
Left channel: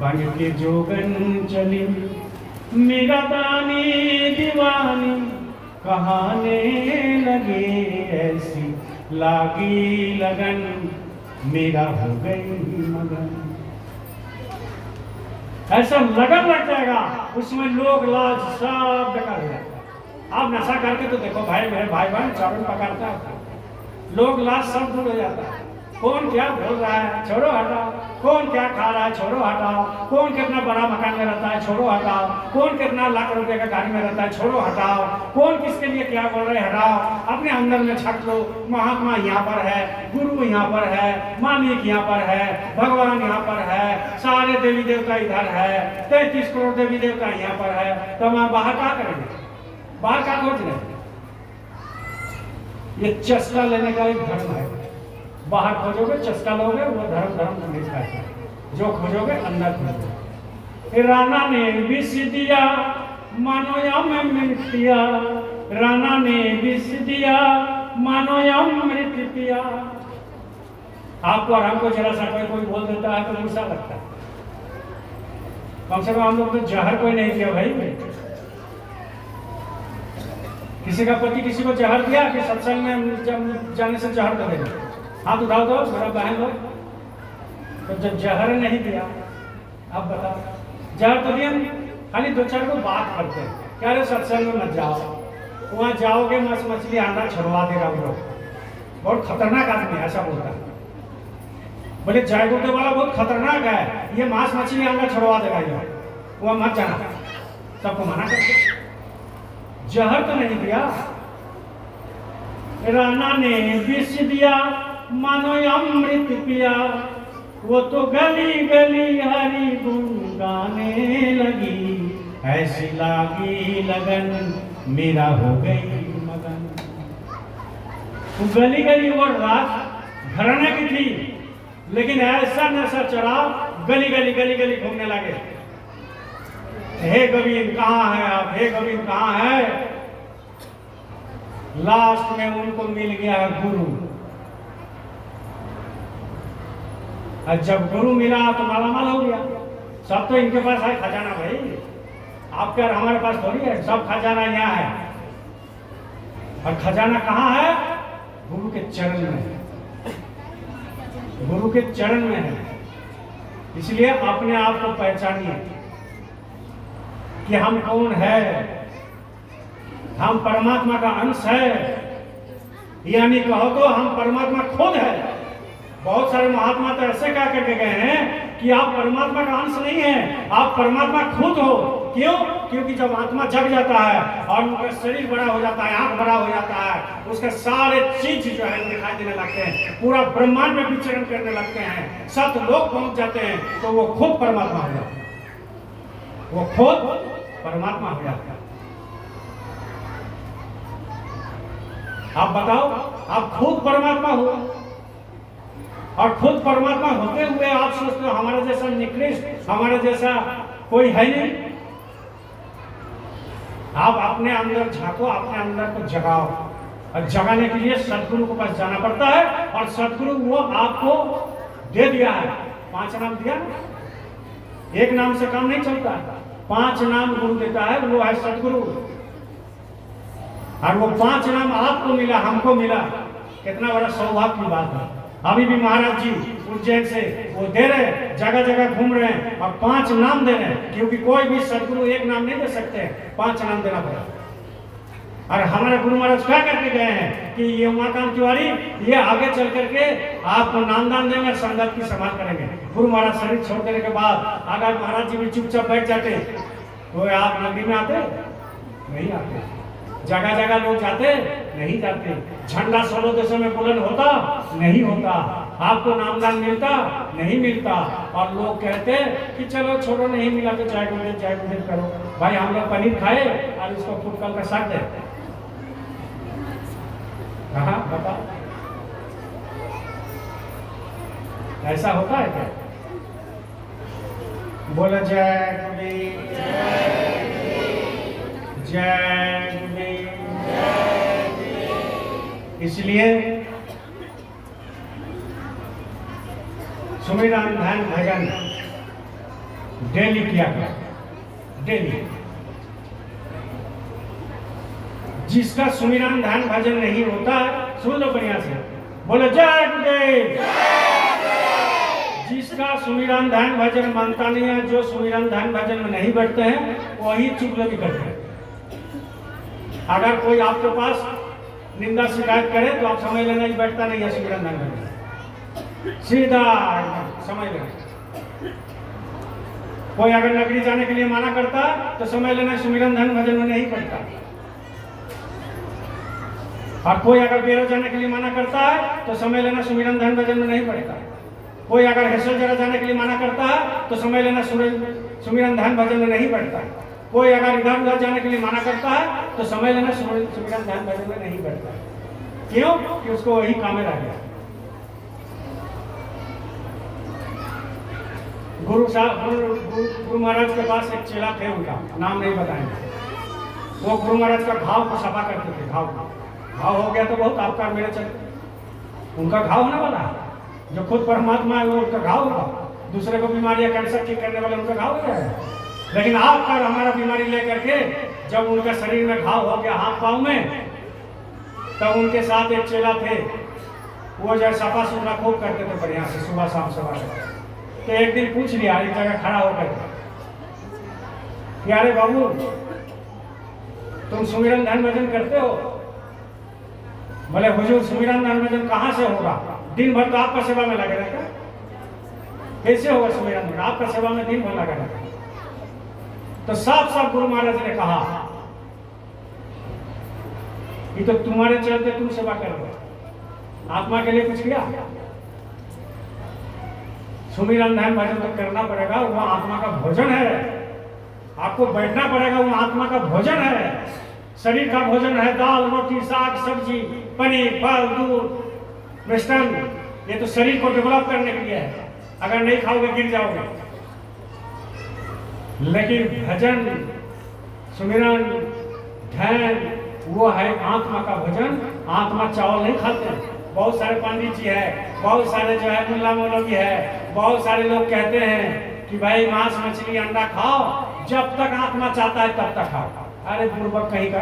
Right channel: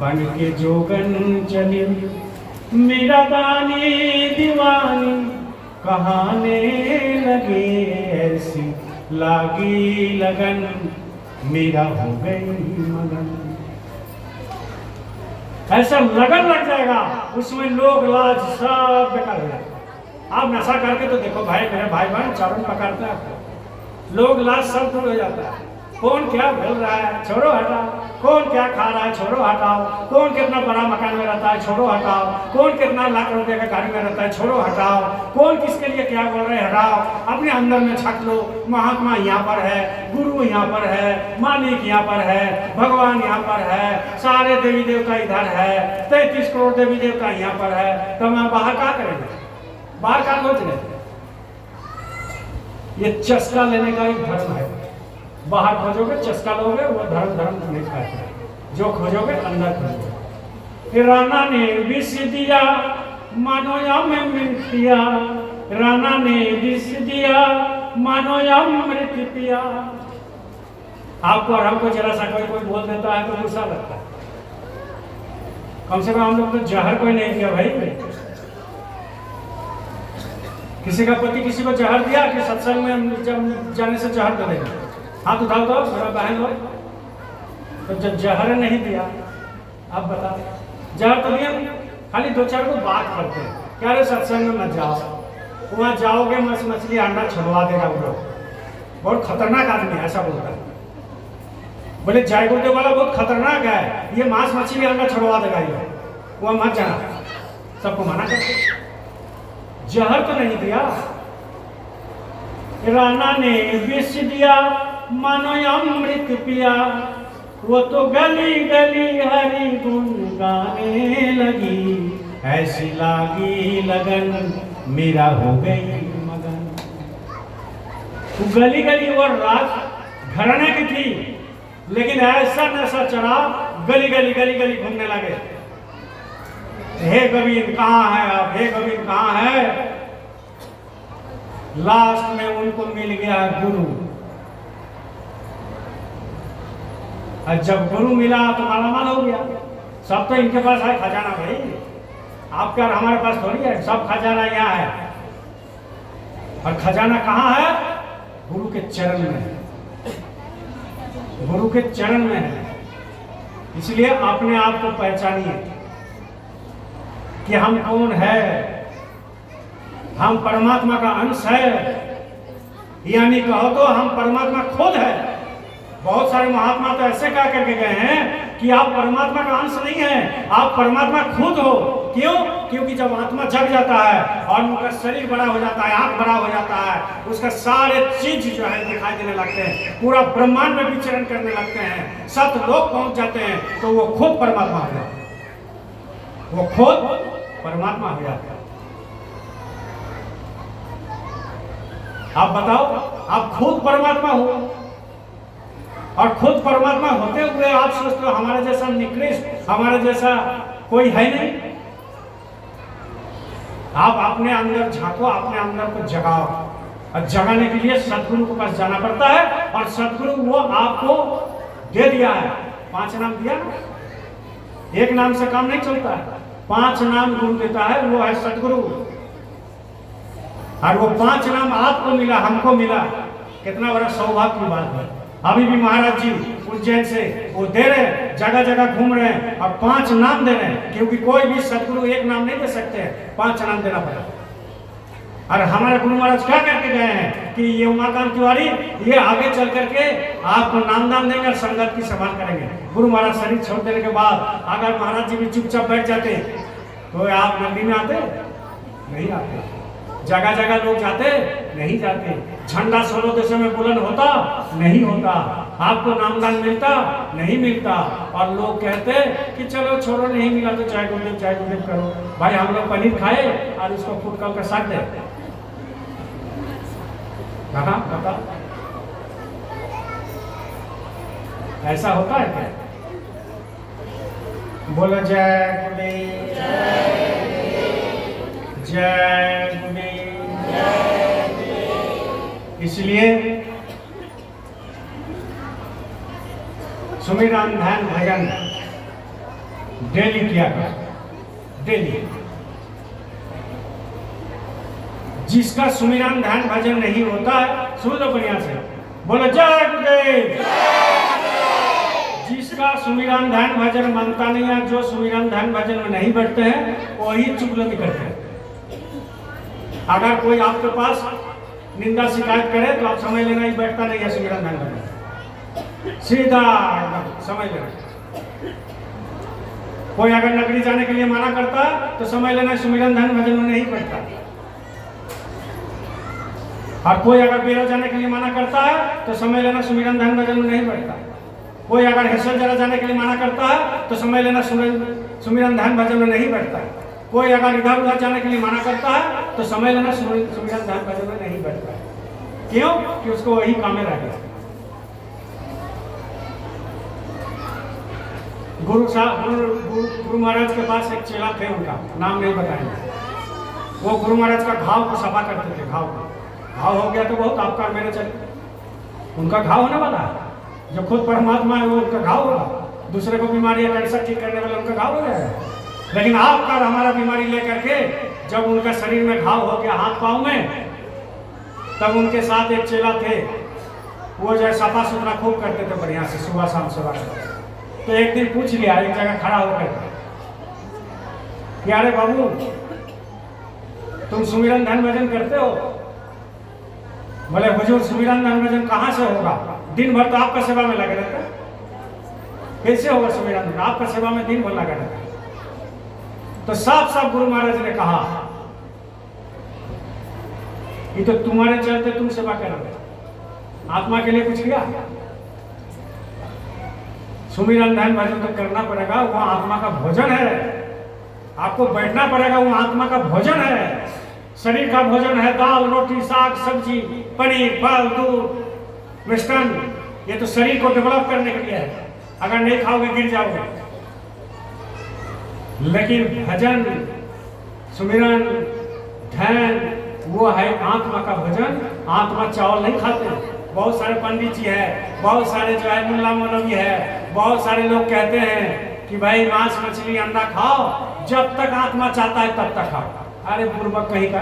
बन के जोगन चली। मेरा दानी दीवानी कहाने लगे, ऐसी लागी लगन, मेरा हो गई मगन। ऐसा लगन लग जाएगा उसमें, लोग लाज सब बेकार हो जाएगा। आप नशा करके तो देखो भाई, मेरे भाई बहन चारों पकड़ता है, लोग लाज सब दूर हो जाता है। कौन क्या बोल रहा है, छोड़ो हटाओ। कौन क्या खा रहा है, छोड़ो हटाओ। कौन कितना बड़ा मकान में रहता है, छोड़ो हटाओ। कौन कितना लाख रुपए का गाड़ी में रहता है, छोड़ो हटाओ। कौन किसके लिए क्या बोल रहे हैं, हटाओ। अपने अंदर में छक लो, महात्मा यहाँ पर है, गुरु यहाँ पर है, मालिक यहाँ पर है, भगवान यहाँ पर है, सारे देवी देवता इधर है, 33 करोड़ देवी देवता यहाँ पर है। तो मैं बाहर क्या करेंगे? बाहर क्या खोज रहे? ये चस्का लेने का एक धर्म है। बाहर खोजोगे चस्का लोगे, वो धर्म धर्म नहीं खाते। जो खोजोगे अंदर खोजोगे। राणा ने विष दिया मानो अमृत पिया, राणा ने विष दिया मानो अमृत पिया। आपको और हमको जरा सा कोई बोल देता है तो गुस्सा लगता है। कम से कम हम लोग तो जहर कोई नहीं किया भाई। किसी का पति किसी को जहर दिया कि सत्संग में जाने से जहर दे देगा? हाथ उठाओ तो मेरा बहन लोग। तो जब जहर नहीं दिया, अब बताओ, जहर तो दिया, खाली दो चार को बात करते हैं, कह रहे सत्संग में मत जाओ, वहां जाओगे मछली अंडा छुड़वा देगा वो लोग, बहुत खतरनाक आदमी है, ऐसा बोलता है। बोले जायगोटे वाला बहुत खतरनाक है, ये मांस मछली अंडा छुड़वा देगा, ये वहां मत जाना, सबको मना करते। जहर तो नहीं दिया। राणा ने विष दिया मानो अमृत पिया, वो तो गली गली हरी गुन गाने लगी, ऐसी लागी लगन, मेरा हो गई मगन। तो गली गली वो रात घराने की थी, लेकिन ऐसा नशा चढ़ा, गली गली गली गली घूमने लगे। हे गोविंद कहाँ है आप, हे गोविंद कहाँ है? लास्ट में उनको मिल गया गुरु। और जब गुरु मिला तो मालामाल हो गया। सब तो इनके पास है खजाना भाई, आपके और हमारे पास थोड़ी है, सब खजाना यहाँ है। और खजाना कहाँ है? गुरु के चरण में है, गुरु के चरण में है। इसलिए अपने आप को पहचानिए। कि हम कौन है, हम परमात्मा का अंश है, यानी कहो तो हम परमात्मा खुद है। बहुत सारे महात्मा तो ऐसे कह करके गए हैं कि आप परमात्मा का अंश नहीं है, आप परमात्मा खुद हो। क्यों? क्योंकि जब आत्मा जग जाता है और उनका शरीर बड़ा हो जाता है, आंख बड़ा हो जाता है, उसका सारे चीज जो है दिखाई देने लगते हैं, पूरा ब्रह्मांड में विचरण करने लगते हैं, सतलोक पहुंच जाते हैं, तो वो खुद परमात्मा हो जाता है, वो खुद परमात्मा हो जाता है। आप बताओ, आप खुद परमात्मा हो, और खुद परमात्मा होते हुए आप सोचते हो हमारे जैसा निकृष्ट, हमारे जैसा कोई है नहीं। आप अपने अंदर झांको, अपने अंदर को जगाओ, और जगाने के लिए सदगुरु के पास जाना पड़ता है, और सदगुरु वो आपको दे दिया है। 5 नाम दिया ना, एक नाम से काम नहीं चलता है, 5 नाम गुरु देता है, वो है सदगुरु। और वो 5 नाम आपको मिला, हमको मिला, कितना बड़ा सौभाग्य की बात है। अभी भी महाराज जी उज्जैन से वो दे रहे हैं, जगह जगह घूम रहे हैं और 5 नाम दे रहे हैं, क्योंकि कोई भी सदगुरु एक नाम नहीं दे सकते, 5 नाम देना पड़ेगा। और हमारे गुरु महाराज क्या करके गए हैं कि ये उमाकांत तिवारी ये आगे चल करके आपको नामदान देंगे और संगत की संभाल करेंगे। गुरु महाराज शरीर छोड़ देने के बाद अगर महाराज जी भी चुपचाप बैठ जाते तो आप नगरी में आते नहीं आते, जगह जगह लोग जाते नहीं जाते, झंडा 16 देशों में बुलंद होता नहीं होता, आपको नामदान मिलता नहीं मिलता, और लोग कहते कि चलो छोड़ो नहीं मिला तो चाय गुंडे करो। भाई हम लोग पनीर खाए और उसको फुटकल का साथ दे बता, ऐसा होता है क्या? बोलो जय गुरुदेव, जय गुरुदेव। इसलिए सुमिरन ध्यान भजन डेली किया कर, डेली। जिसका सुमिरन ध्यान भजन नहीं होता है, सुन लो बढ़िया से, बोलो जय गुरुदेव। जिसका सुमिरन ध्यान भजन मानता नहीं है, जो सुमिरन ध्यान भजन में नहीं बैठते हैं, वही चुगली करते हैं। अगर कोई आपके पास निंदा शिकायत करे तो आप समझ लेना ही बैठता नहीं है सुमिरन ध्यान भजन, सीधा समझ लेना। कोई अगर नगरी जाने के लिए मना करता तो समझ लेना सुमिरन ध्यान भजन में नहीं करता, और कोई अगर बेरो जाने के लिए मना करता है तो समझ लेना सुमिरन ध्यान भजन में नहीं पड़ता। कोई अगर हेसल जगह जाने के लिए मना करता है तो समझ लेना सुमिरन ध्यान भजन में नहीं बैठता। कोई अगर इधर उधर जाने के लिए मना करता है तो समझ लेना सुमिरन ध्यान भजन में नहीं बैठता। क्यों? कि उसको वही काम में रह गया। गुरु महाराज के पास एक चेला थे, उनका नाम नहीं बताएंगे। वो गुरु महाराज का घाव को सफा करते थे। घाव हो गया तो बहुत आपका मेरे चले, उनका घाव होने वाला, जो खुद परमात्मा है वो उनका घाव होगा। दूसरे को बीमारियां कैंसर ठीक करने वाला उनका घाव हो जाएगा। लेकिन आपका और हमारा बीमारी लेकर के जब उनका शरीर में घाव हो गया हाथ पांव में, तब उनके साथ एक चेला थे, वो जो सफा सुथरा खूब करते थे बढ़िया से, सुबह शाम सुबह। तो एक दिन पूछ लिया एक जगह खड़ा होकर कि अरे बाबू, तुम सुमिरन ध्यान भजन करते हो? बोले हुजूर सुमिरन ध्यान भजन कहाँ से होगा, दिन भर तो आपका सेवा में लगे रहते हैं, कैसे होगा सुमिरन ध्यान, आपका सेवा में दिन भर लगे रहते हैं। तो साफ साफ गुरु महाराज ने कहा कि तो तुम्हारे चलते तुम सेवा कर रहे हो, आत्मा के लिए कुछ किया? सुमिरन ध्यान भजन तो करना पड़ेगा, वो आत्मा का भोजन है, आपको बैठना पड़ेगा, वो आत्मा का भोजन है। शरीर का भोजन है दाल रोटी साग सब्जी पनीर फल दूध मिष्टान, ये तो शरीर को डेवलप करने के लिए है, अगर नहीं खाओगे गिर जाओगे। लेकिन भजन सुमिरन ध्यान वो है आत्मा का भोजन। आत्मा चावल नहीं खाते। बहुत सारे पंडित जी है, बहुत सारे जो है मुल्ला मौलवी है, बहुत सारे लोग कहते हैं कि भाई मांस मछली अंडा खाओ, जब तक आत्मा चाहता है तब तक खाओ। अरे बुर्बक कहीं का,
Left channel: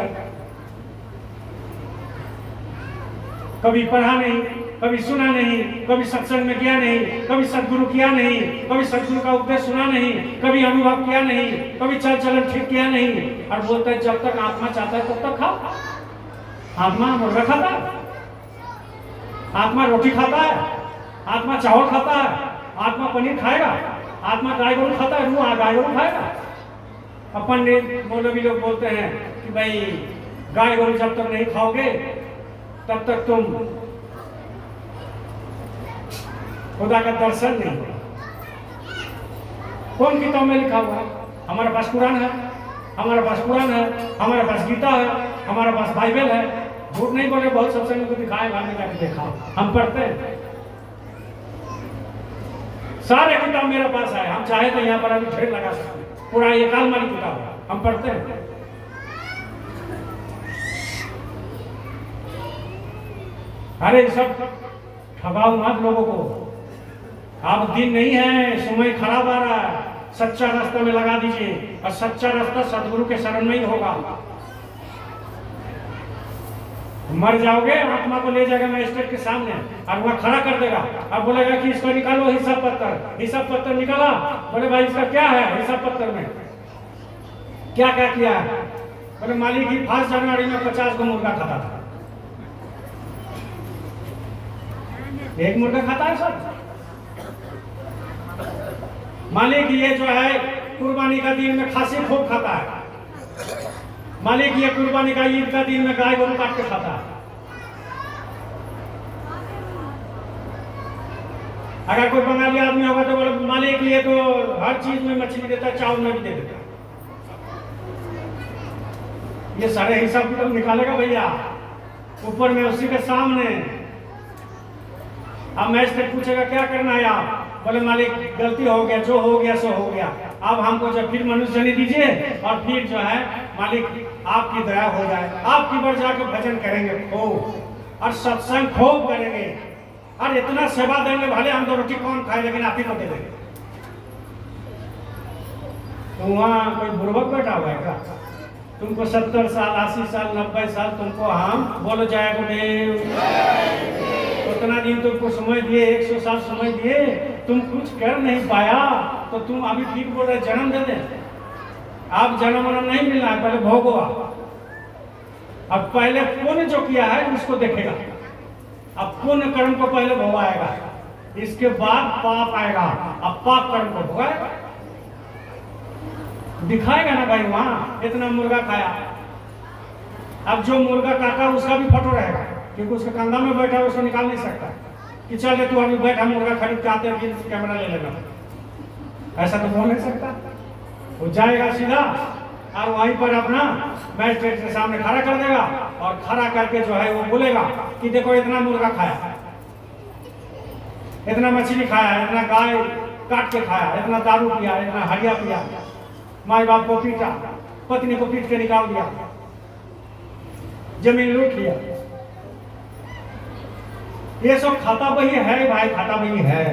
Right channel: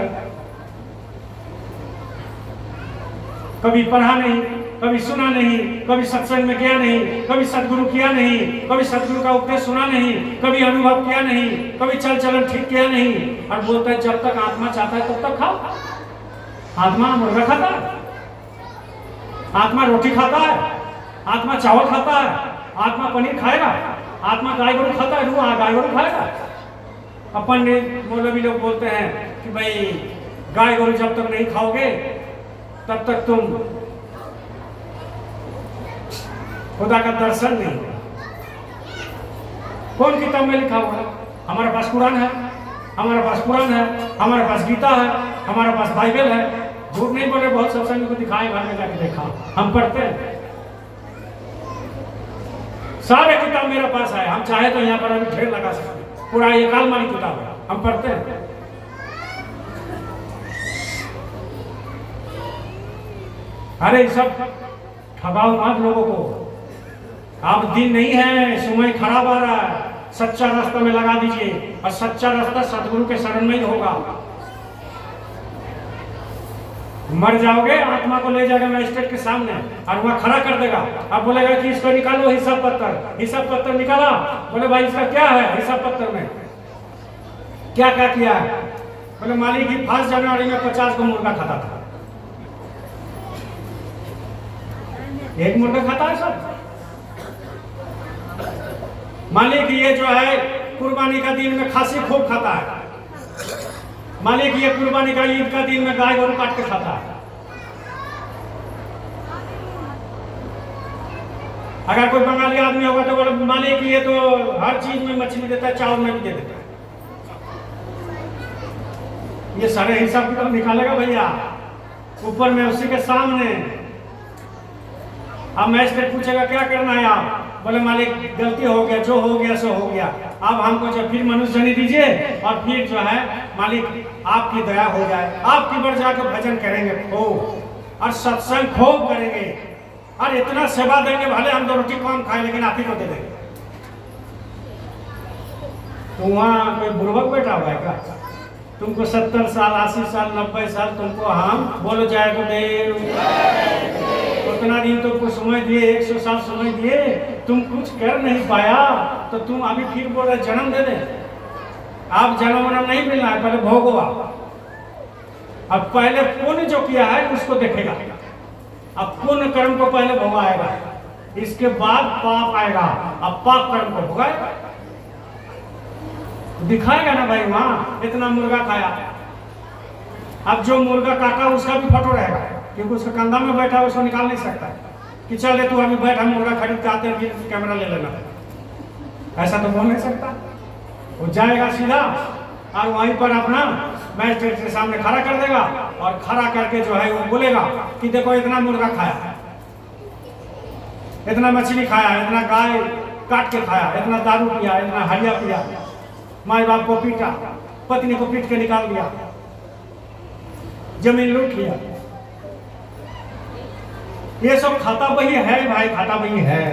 कभी पढ़ा नहीं, कभी सुना नहीं, कभी सत्संग में गया नहीं, कभी सदगुरु किया नहीं, कभी सदगुरु का उपदेश सुना नहीं, कभी अनुभव किया नहीं, कभी चल चलन ठीक किया नहीं, और बोलते हैं जब तक आत्मा चाहता है तब तक खाओ। आत्मा मुर्गा खाता है, आत्मा रोटी खाता है, आत्मा चावल खाता है, आत्मा पनीर खाएगा, आत्मा गाय गोरू खाता है, वो गाय गोरू खाएगा। अपन ने मौलवी लोग बोलते हैं कि भाई गाय गोरू जब तक नहीं खाओगे तब तक तुम खुदा का दर्शन नहीं होगा। कौन किताब में लिखा होगा? हमारे पास कुरान है, हमारे पास कुरान है, हमारे पास गीता है, हमारे पास बाइबल है। झूठ नहीं बोले, बहुत सत्संग को दिखाए, घर में जाके देखा, हम पढ़ते हैं, सारे किताब मेरे पास है। हम चाहे तो यहाँ पर अभी ढेर लगा सकते हैं, पूरा एक आलमारी किताब है, हम पढ़ते हैं। अरे सब ठगाओ मत लोगों को। अब दिन नहीं है, समय खराब आ रहा है, सच्चा रास्ता में लगा दीजिए, और सच्चा रास्ता सदगुरु के शरण में ही होगा। मर जाओगे, आत्मा को ले जाएगा मजिस्ट्रेट के सामने और वहां खड़ा कर देगा, अब बोलेगा कि इसको निकालो हिसाब पत्तर। हिसाब पत्तर निकाला, बोले भाई इसका क्या है हिसाब पत्तर में, क्या क्या किया है? बोले मालिक ही 5 जनवरी में 50 को मुर्गा खाता था। एक मुर्गा खाता है सब? मालिक ये जो है कुर्बानी का दिन में खासी खूब खाता है। मालिक ये कुर्बानी का ईद का दिन में गाय गोरू काट के खाता है। अगर कोई बंगाली आदमी होगा तो बोले मालिक ये तो हर चीज में मछली देता है, चावल में भी दे देता है। ये सारे हिसाब किताब निकालेगा भैया ऊपर में उसी के सामने। अब मैजिस्ट्रेट पूछेगा क्या करना है आप? बोले मालिक गलती हो गया, जो हो गया सो हो गया, अब हमको जब फिर मनुष्य जनी दीजिए और फिर जो है मालिक आपकी दया हो जाए, आपकी बढ़ जाकर भजन करेंगे खूब और सत्संग खूब करेंगे और इतना सेवा देंगे, भले हम तो रोटी कम खाए लेकिन आप ही को दे देंगे। तो वहाँ कोई बुर्बक बैठा हुआ है क्या? तुमको 70 साल 80 साल 90 साल तुमको हम बोलो जय गुरुदेव, उतना दिन तुमको समय दिए, 100 साल समय दिए, तुम कुछ कर नहीं पाया तो तुम अभी फिर बोल रहे जन्म दे दे। आप जन्म नहीं मिलना है, पहले भोगो आप। अब पहले पुण्य जो किया है उसको देखेगा, अब पुण्य कर्म को पहले भोगाएगा, इसके बाद पाप आएगा, अब पाप कर्म को भोगाएगा, दिखाएगा ना भाई। वहां इतना मुर्गा खाया, अब जो मुर्गा काटा उसका भी फोटो रहेगा क्योंकि उसका कंधा में बैठा उसको निकाल नहीं सकता कि चल तू अभी बैठा मुर्गा खरीद के आते हैं कैमरा ले लेना, ऐसा तो बोल नहीं सकता। वो जाएगा सीधा और वहीं पर अपना मैजिस्ट्रेट के सामने खड़ा कर देगा और खड़ा करके जो है वो बोलेगा कि देखो इतना मुर्गा खाया, इतना मछली खाया, इतना गाय काट के खाया, इतना दारू पिया, इतना हरिया पिया, माँ बाप को पीटा, पत्नी को पीट के निकाल दिया, जमीन लूट लिया। ये सब खाता वही है भाई, खाता वही है।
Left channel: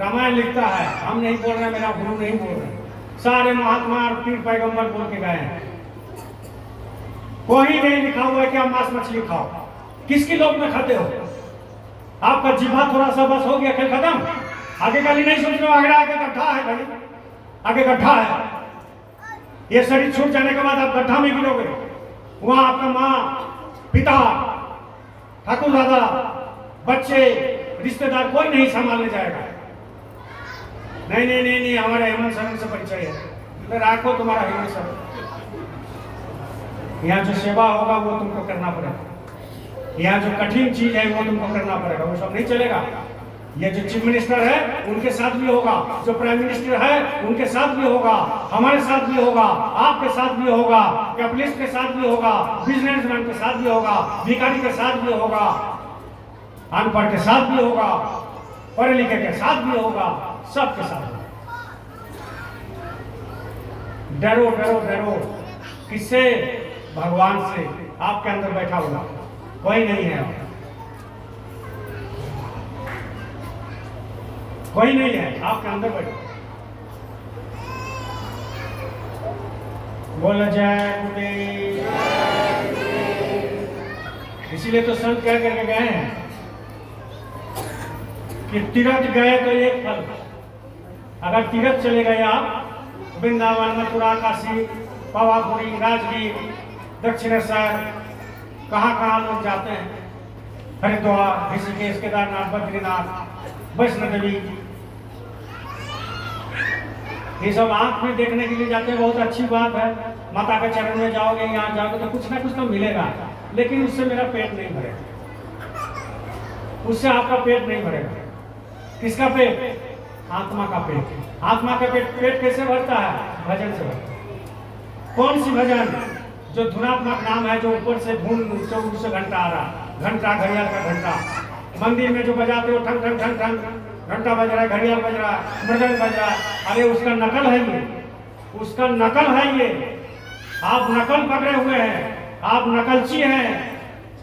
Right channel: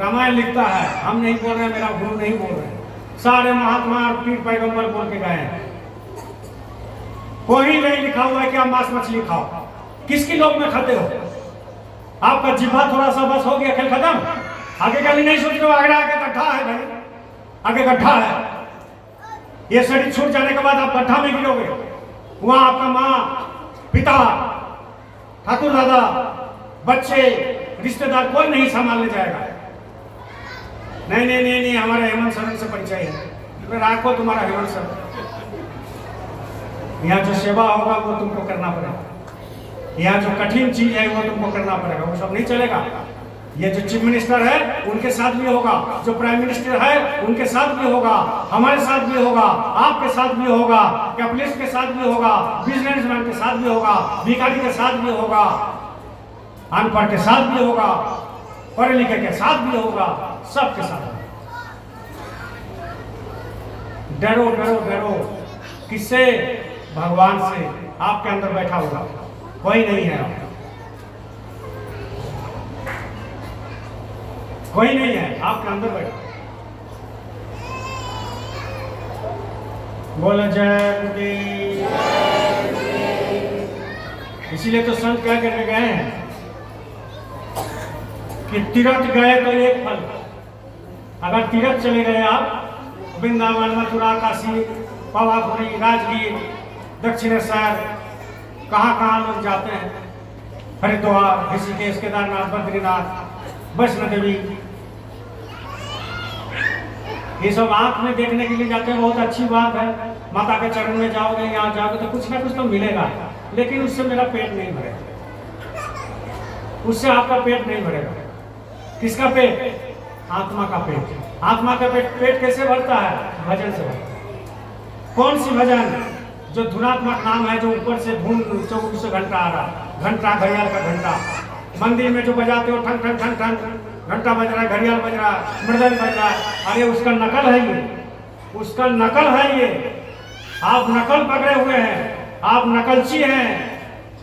रामायण लिखता है, हम नहीं बोल रहे, मेरा गुरु नहीं बोल रहे, सारे महात्मा और पीर पैगंबर बोल के गए हैं। कोई नहीं लिखा हुआ है कि आप मांस मछली खाओ। किसकी लोग में खाते हो? आपका जिह्वा थोड़ा सा बस हो गया, खेल खत्म। आगे का नहीं सोच रहे, आगे गड्ढा है भाई, आगे गड्ढा है। ये शरीर छूट जाने के बाद आप गड्ढा में गिरोगे, वहां आपका माँ पिता ठाकुर दादा बच्चे रिश्तेदार कोई नहीं संभालने जाएगा। नहीं नहीं नहीं नहीं, हमारे हेमंत सर से परिचय है, तो राखो तुम्हारा हेमंत सर। यहाँ जो सेवा होगा वो तुमको करना पड़ेगा, यहाँ जो कठिन चीज है वो तुमको करना पड़ेगा, वो सब नहीं चलेगा। ये जो चीफ मिनिस्टर है उनके साथ भी होगा, जो प्राइम मिनिस्टर है उनके साथ भी होगा, हमारे साथ भी होगा, आपके साथ भी होगा, कैपिटलिस्ट के साथ भी होगा, बिजनेसमैन के साथ भी होगा, भिखारी के साथ भी होगा, अनपढ़ के साथ भी होगा, पढ़े लिखे के साथ भी होगा, सबके साथ। डरो डरो डरो किससे? भगवान से। आपके अंदर बैठा हुआ कोई नहीं है, कोई नहीं है, आपके अंदर बैठा। बोले जय गुरुदेव। इसीलिए तो संत क्या करके गए हैं, कि तीर्थ गए तो एक फल। अगर तीर्थ चले गए आप वृंदावन, मथुरा, काशी, पावापुरी, राजगीर, दक्षिणेश्वर, कहाँ कहाँ लोग जाते हैं, हरिद्वार, ऋषिकेश, केदारनाथ, बद्रीनाथ, वैष्णो देवी, ये सब आंख में देखने के लिए जाते हैं। बहुत अच्छी बात है, माता के चरण में जाओगे, यहाँ जाओगे तो कुछ ना कुछ तो मिलेगा, लेकिन उससे मेरा पेट नहीं भरेगा, उससे आपका पेट नहीं भरेगा। किसका पेट? आत्मा का पेट। आत्मा का पेट कैसे भरता है? भजन से भरता है। कौन सी भजन? जो धुनात्मक नाम है, जो ऊपर से धुन 24 घंटा आ रहा है, घंटा, घड़ियाल का घंटा, मंदिर में जो बजाते हो ठन ठन ठन ठन, घंटा बज रहा है, घड़ियाल बज रहा है, मृदंग बज रहा है, अरे उसका नकल है ये, उसका नकल है ये। आप नकल पकड़े हुए हैं, आप नकलची हैं,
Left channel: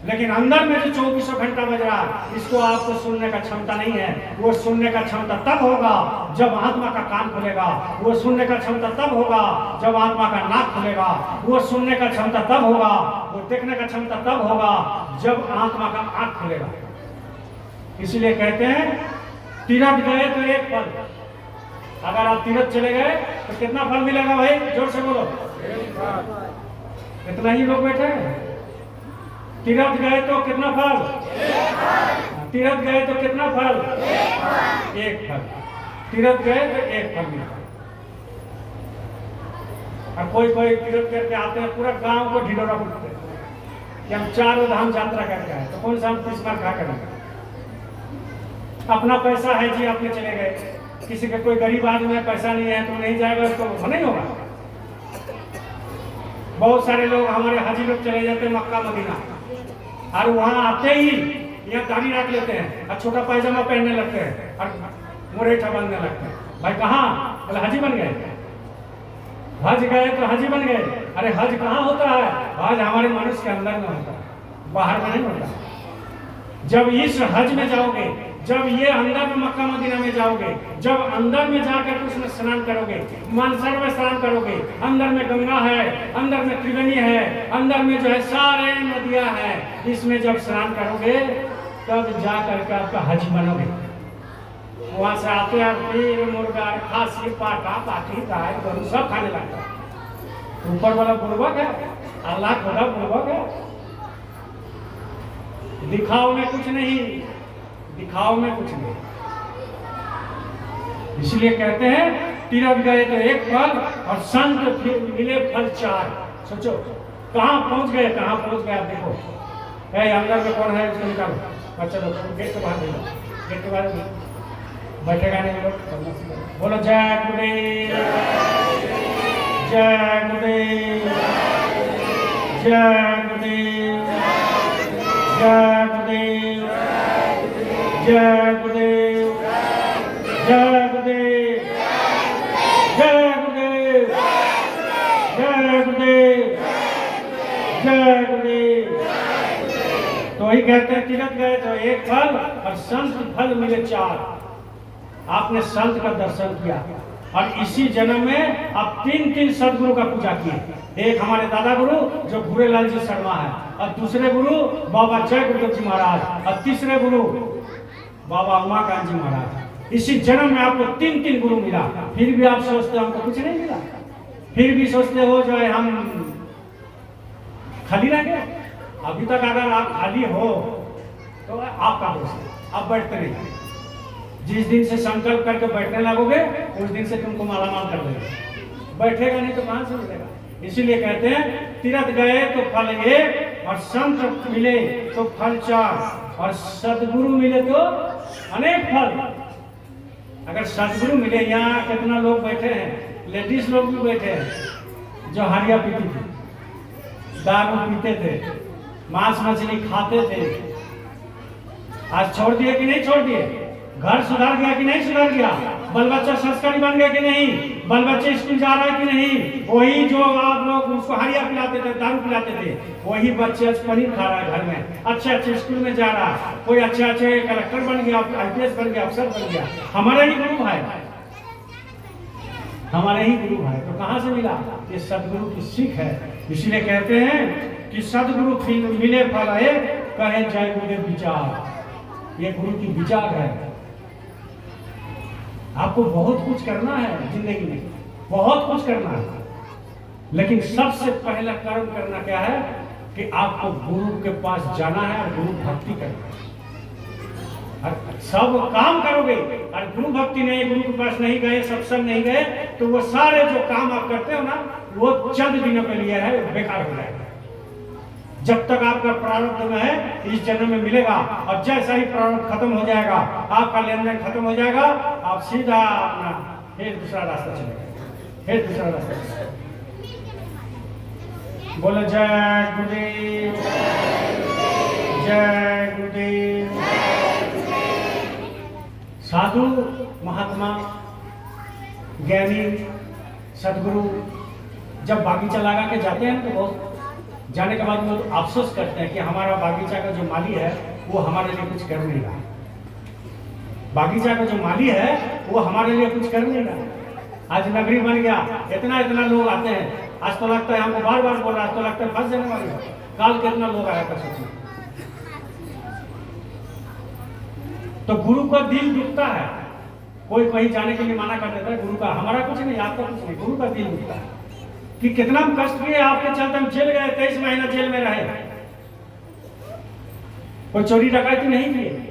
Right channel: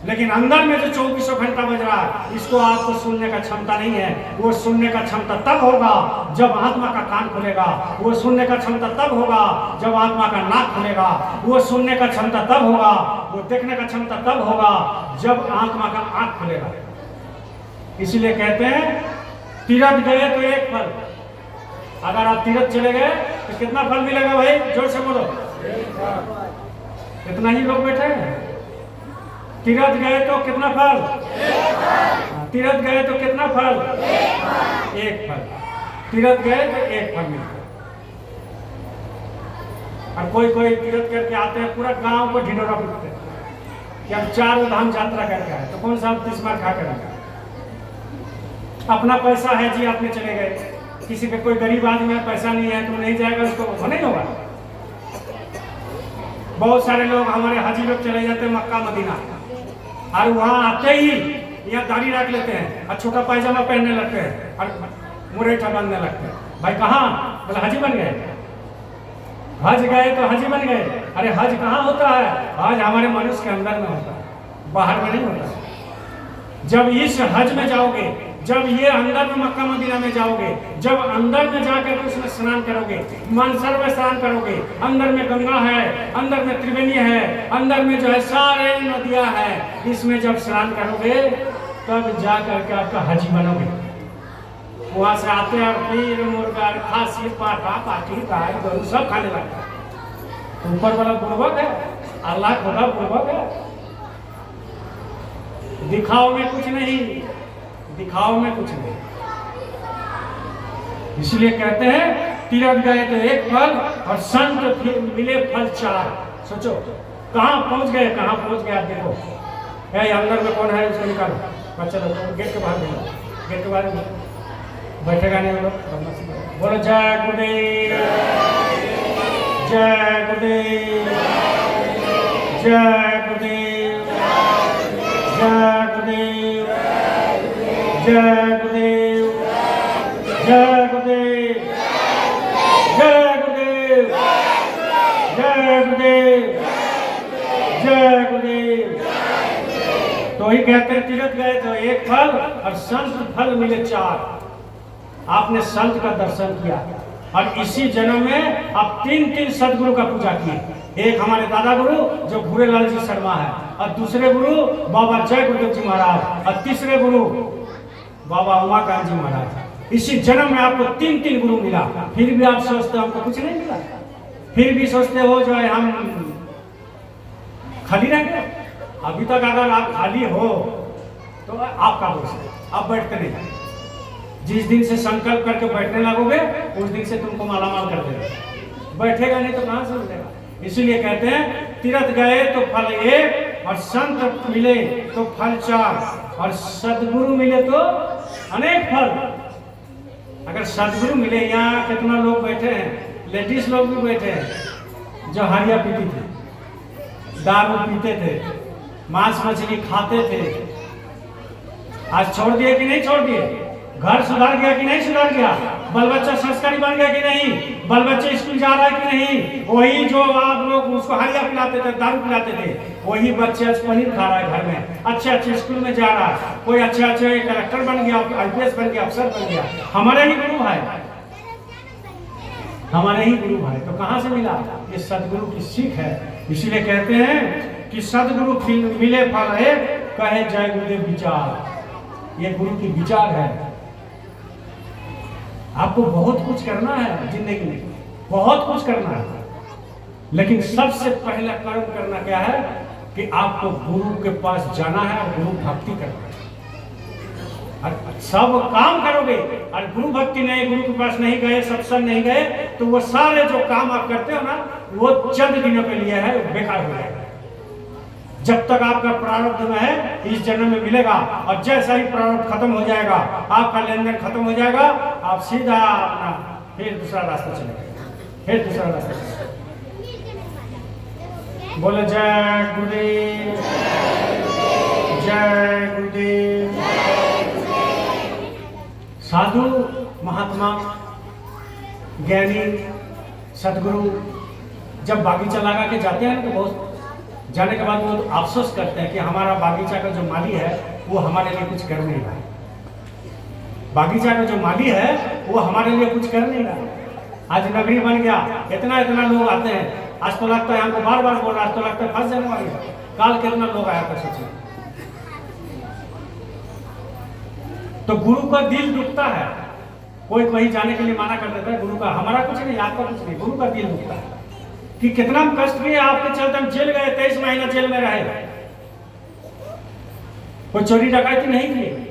लेकिन अंदर में जो 24 घंटा बज रहा है, इसको आपको सुनने का क्षमता नहीं है। वो सुनने का क्षमता तब होगा जब आत्मा का कान खुलेगा, वो सुनने का क्षमता तब होगा जब आत्मा का नाक खुलेगा, वो सुनने का क्षमता तब होगा, वो देखने का क्षमता तब होगा जब आत्मा का आंख खुलेगा। इसलिए कहते हैं तीर्थ गए तो एक फल। अगर आप तीर्थ चले गए तो कितना फल मिलेगा भाई? जोर से बोलो। इतना ही लोग बैठे हैं। तीर्थ गए तो कितना फल? तीर्थ गए तो कितना फल? एक फल। तीर्थ गए तो एक फल मिलता। और कोई कोई तीर्थ करके आते हैं, पूरा गांव को ढिढोरा पीटते हैं कि हम 4 धाम यात्रा करके आए, तो कौन सा हम 30 बार खा करेंगे? अपना पैसा है जी, आपने चले गए। किसी का कोई गरीब आदमी है, पैसा नहीं है तो नहीं जाएगा, उसको नहीं होगा। बहुत सारे लोग हमारे हाजी लोग चले जाते हैं मक्का मदीना, और वहां आते ही यहाँ दाढ़ी रख लेते हैं और छोटा पैजामा पहनने लगते हैं और मुरेठा बांधने लगते हैं। भाई कहाँ? बोले हाजी बन गए। हज गए तो हाजी बन गए। अरे हज कहाँ होता है? हज हमारे मनुष्य के अंदर में होता है, बाहर में नहीं होता। जब इस हज में जाओगे, जब ये अंदर में मक्का मदीना में जाओगे, जब अंदर में जाकर उसमें स्नान करोगे, मानसर में स्नान करोगे, अंदर में गंगा है, अंदर में त्रिवेणी है, अंदर में जो है सारे नदियां हैं, इसमें जब स्नान करोगे तब जा करके आपका हज बनोगे। वहां से आते हैं फिर मुर्गा, खांसी, पाठा, पाठी, गाय, गरु सब खाने लगते हैं। ऊपर वाला पूर्वक है, अल्लाह खुदा पूर्वक है। दिखाओ में कुछ नहीं, दिखाओ में कुछ नहीं। इसलिए कहते हैं तीर्थ गए तो एक फल और संत फिर मिले फल 4। सोचो कहाँ पहुंच गए, कहाँ पहुंच गए। आप देखो अंदर में कौन है, उसको निकालो। बच्चा लोग गेट के बाहर नहीं, गेट के बाहर बैठेगा नहीं। बोलो जय गुरुदेव, जय गुरुदेव, जय गुरुदेव, जय गुरुदेव, जय गुरुदेव, जय गुरुदेव, जय गुरुदेव, जय गुरुदेव, जय गुरुदेव। तो ही कहते हैं तीर्थ गए तो एक फल और संत फल मिले 4। आपने संत का दर्शन किया और इसी जन्म में आप 3 सदगुरु का पूजा किए। एक हमारे दादा गुरु जो भूरेलाल जी शर्मा है, और दूसरे गुरु बाबा जय गुरुदेव जी महाराज, और तीसरे गुरु बाबा उमाकांत जी महाराज। इसी जन्म में आपको 3 गुरु मिला। फिर भी आप सोचते हो हमको कुछ नहीं मिला, फिर भी सोचते हो जो है हम खाली रह गए। अभी तक अगर आप खाली हो तो आपका दोष है, आप बैठते नहीं। जिस दिन से संकल्प करके बैठने लगोगे उस दिन से तुमको मालामाल कर देगा। बैठेगा नहीं तो कहां से मिलेगा। इसीलिए कहते हैं तीर्थ गए तो फल 1 और संत मिले तो फल 4 और सदगुरु मिले तो अनेक फल। अगर सदगुरु मिले, यहाँ कितना लोग बैठे हैं, लेडीज लोग भी बैठे हैं जो हरिया पीती थी, दारू पीते थे, मांस मछली खाते थे, आज छोड़ दिए कि नहीं छोड़ दिए? घर सुधार गया कि नहीं सुधार गया? बाल बच्चा संस्कारी बन गया कि नहीं? बाल बच्चे स्कूल जा रहा है कि नहीं? वही जो आप लोग उसको हरिया पिलाते थे, दारू पिलाते थे, वही बच्चे आज पनीर खा रहा है घर में, अच्छे स्कूल में जा रहा है, कोई अच्छे कलेक्टर बन गया, IPS बन गया, अफसर बन गया। हमारे ही गुरु है, हमारे ही गुरु है। तो कहाँ से मिला? ये सदगुरु की सीख है। इसीलिए कहते हैं कि सदगुरु मिले फल 1, कहे जय गुरुदेव विचार। ये गुरु की विचार है। आपको बहुत कुछ करना है जिंदगी में, बहुत कुछ करना है, लेकिन सबसे पहला कर्म करना क्या है कि आपको गुरु के पास जाना है और गुरु भक्ति करना है। और सब काम करोगे और गुरु भक्ति नहीं, गुरु के पास नहीं गए, सत्संग नहीं गए, तो वो सारे जो काम आप करते हो ना, वो चंद दिनों के लिए है, बेकार हो जाएगा। जब तक आपका प्रारब्ध में है इस जन्म में मिलेगा, और जैसा ही प्रारब्ध खत्म हो जाएगा, आपका लेन देन खत्म हो जाएगा, आप सीधा अपना फिर दूसरा रास्ता चलेगा, फिर दूसरा रास्ता चलेगा। बोले जय गुरुदेव, जय गुरुदेव। साधु महात्मा ज्ञानी सदगुरु जब बागीचा लगा के जाते हैं तो बहुत जाने के बाद वो अफसोस करते हैं कि हमारा बागीचा का जो माली है वो हमारे लिए कुछ कर नहीं रहा। बागीचा का जो माली है वो हमारे लिए कुछ कर नहीं रहा। आज नगरी बन गया, इतना इतना लोग आते हैं, आज तो लगता है हमको बार बार बोल रहा है, आज तो लगता है फंस जाने वाली है। काल कितना लोग आया था सोचिए। तो गुरु का दिल दुखता है, कोई कहीं जाने के लिए मना कर देता है। गुरु का हमारा कुछ नहीं, आपका कुछ नहीं, गुरु का दिल दुखता है कि कितना कष्ट भी आपके चलते हम जेल गए, 23 महीना जेल में रहे, कोई चोरी डकैती नहीं की।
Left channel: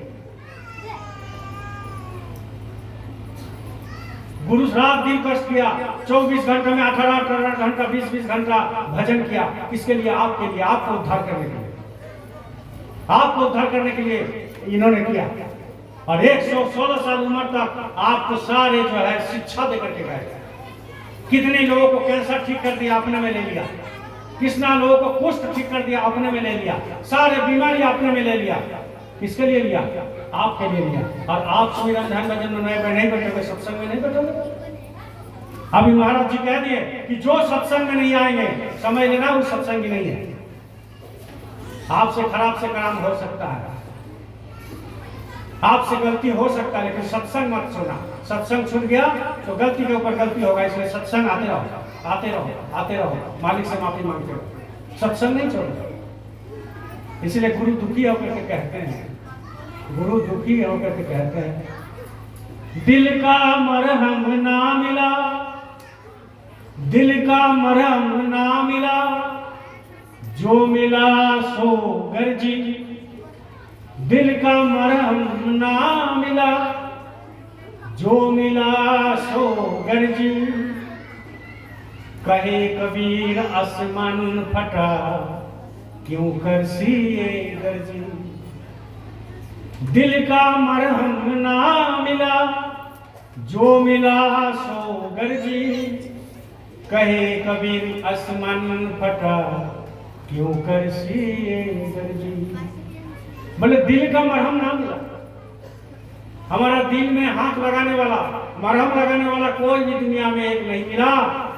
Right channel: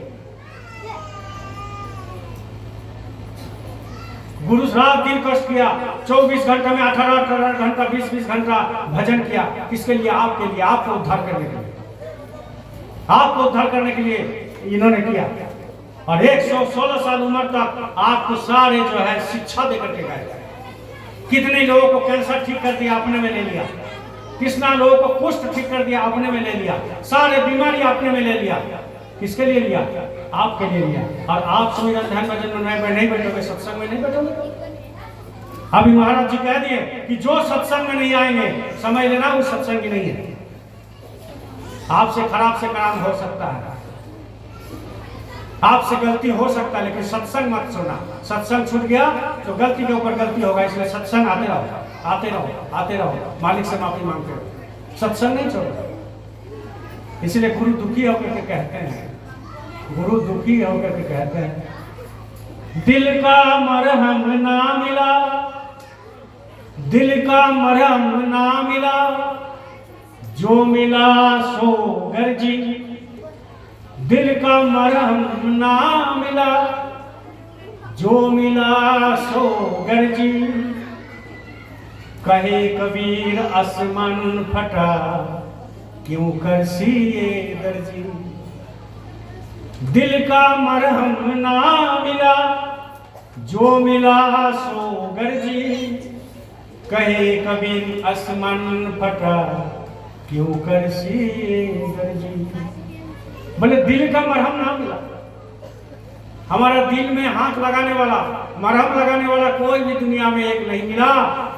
गुरु साहब दिन कष्ट किया, 24 घंटे में 18 घंटा 20 घंटा भजन किया। किसके लिए? आपके लिए, आपको उद्धार करने के लिए, आपको उद्धार करने के लिए इन्होंने किया। और 116 साल उम्र तक आपको सारे जो है शिक्षा देकर के गए। कितने लोगों को कैंसर ठीक कर दिया, अपने में ले लिया। कितना लोगों को कुष्ठ ठीक कर दिया, अपने में ले लिया। सारे बीमारी अपने में ले लिया। किसके लिए लिया? आपके लिए लिया। और आप सुमिरन ध्यान भजन में नहीं बैठोगे, सत्संग में नहीं बैठोगे। अभी महाराज जी कह दिए कि जो सत्संग में नहीं आएंगे समझ लेना वो सत्संग ही नहीं है। आपसे खराब से काम हो सकता है, आपसे गलती हो सकता है, लेकिन सत्संग मत छोड़ना। सत्संग छूट गया तो गलती के ऊपर गलती होगा, इसलिए सत्संग आते रहो, आते रहो, आते रहो, मालिक से माफी मांगते रहो, सत्संग नहीं छोड़ो। इसलिए गुरु दुखी होकर के कहते हैं, गुरु दुखी होकर के कहते हैं, दिल का मरहम ना मिला, दिल का मरहम ना मिला, जो मिला सो गर्जी। दिल का मरहम ना मिला, जो मिला सो गर्जी। कहे कबीर आसमान फटा, क्यों कर सिए दर्जी। दिल का मरहम ना मिला, जो मिला सो गर्जी। कहे कबीर आसमान फटा, क्यों कर सिए दर्जी। बोले दिल का मरहम ना मिला, हमारा दिल में हाथ लगाने वाला, मरहम लगाने वाला कोई भी दुनिया में एक नहीं मिला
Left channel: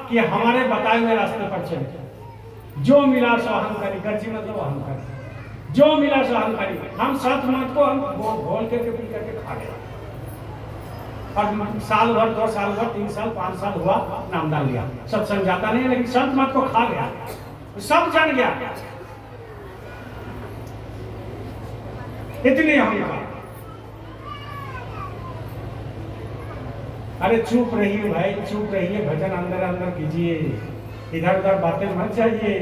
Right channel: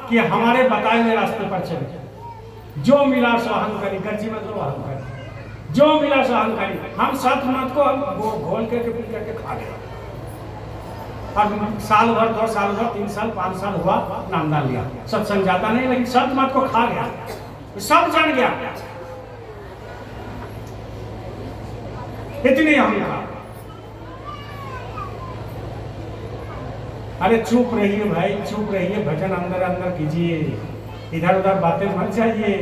कि हमारे बताए हुए रास्ते पर चले। जो मिला सो अहंकारी, गर्जी मतलब अहंकारी, जो मिला सो अहंकारी। हम सत मत को हम घोल करके पी करके खा गए, और साल भर 2 साल भर 3 साल 5 साल हुआ नाम डाल लिया, सत्संग जाता नहीं, लेकिन सत मत को खा गया, सब जान गया। इतनी हम खा। अरे चुप रहिए भाई, चुप रहिए, भजन अंदर अंदर कीजिए, इधर उधर बातें मत जाइए,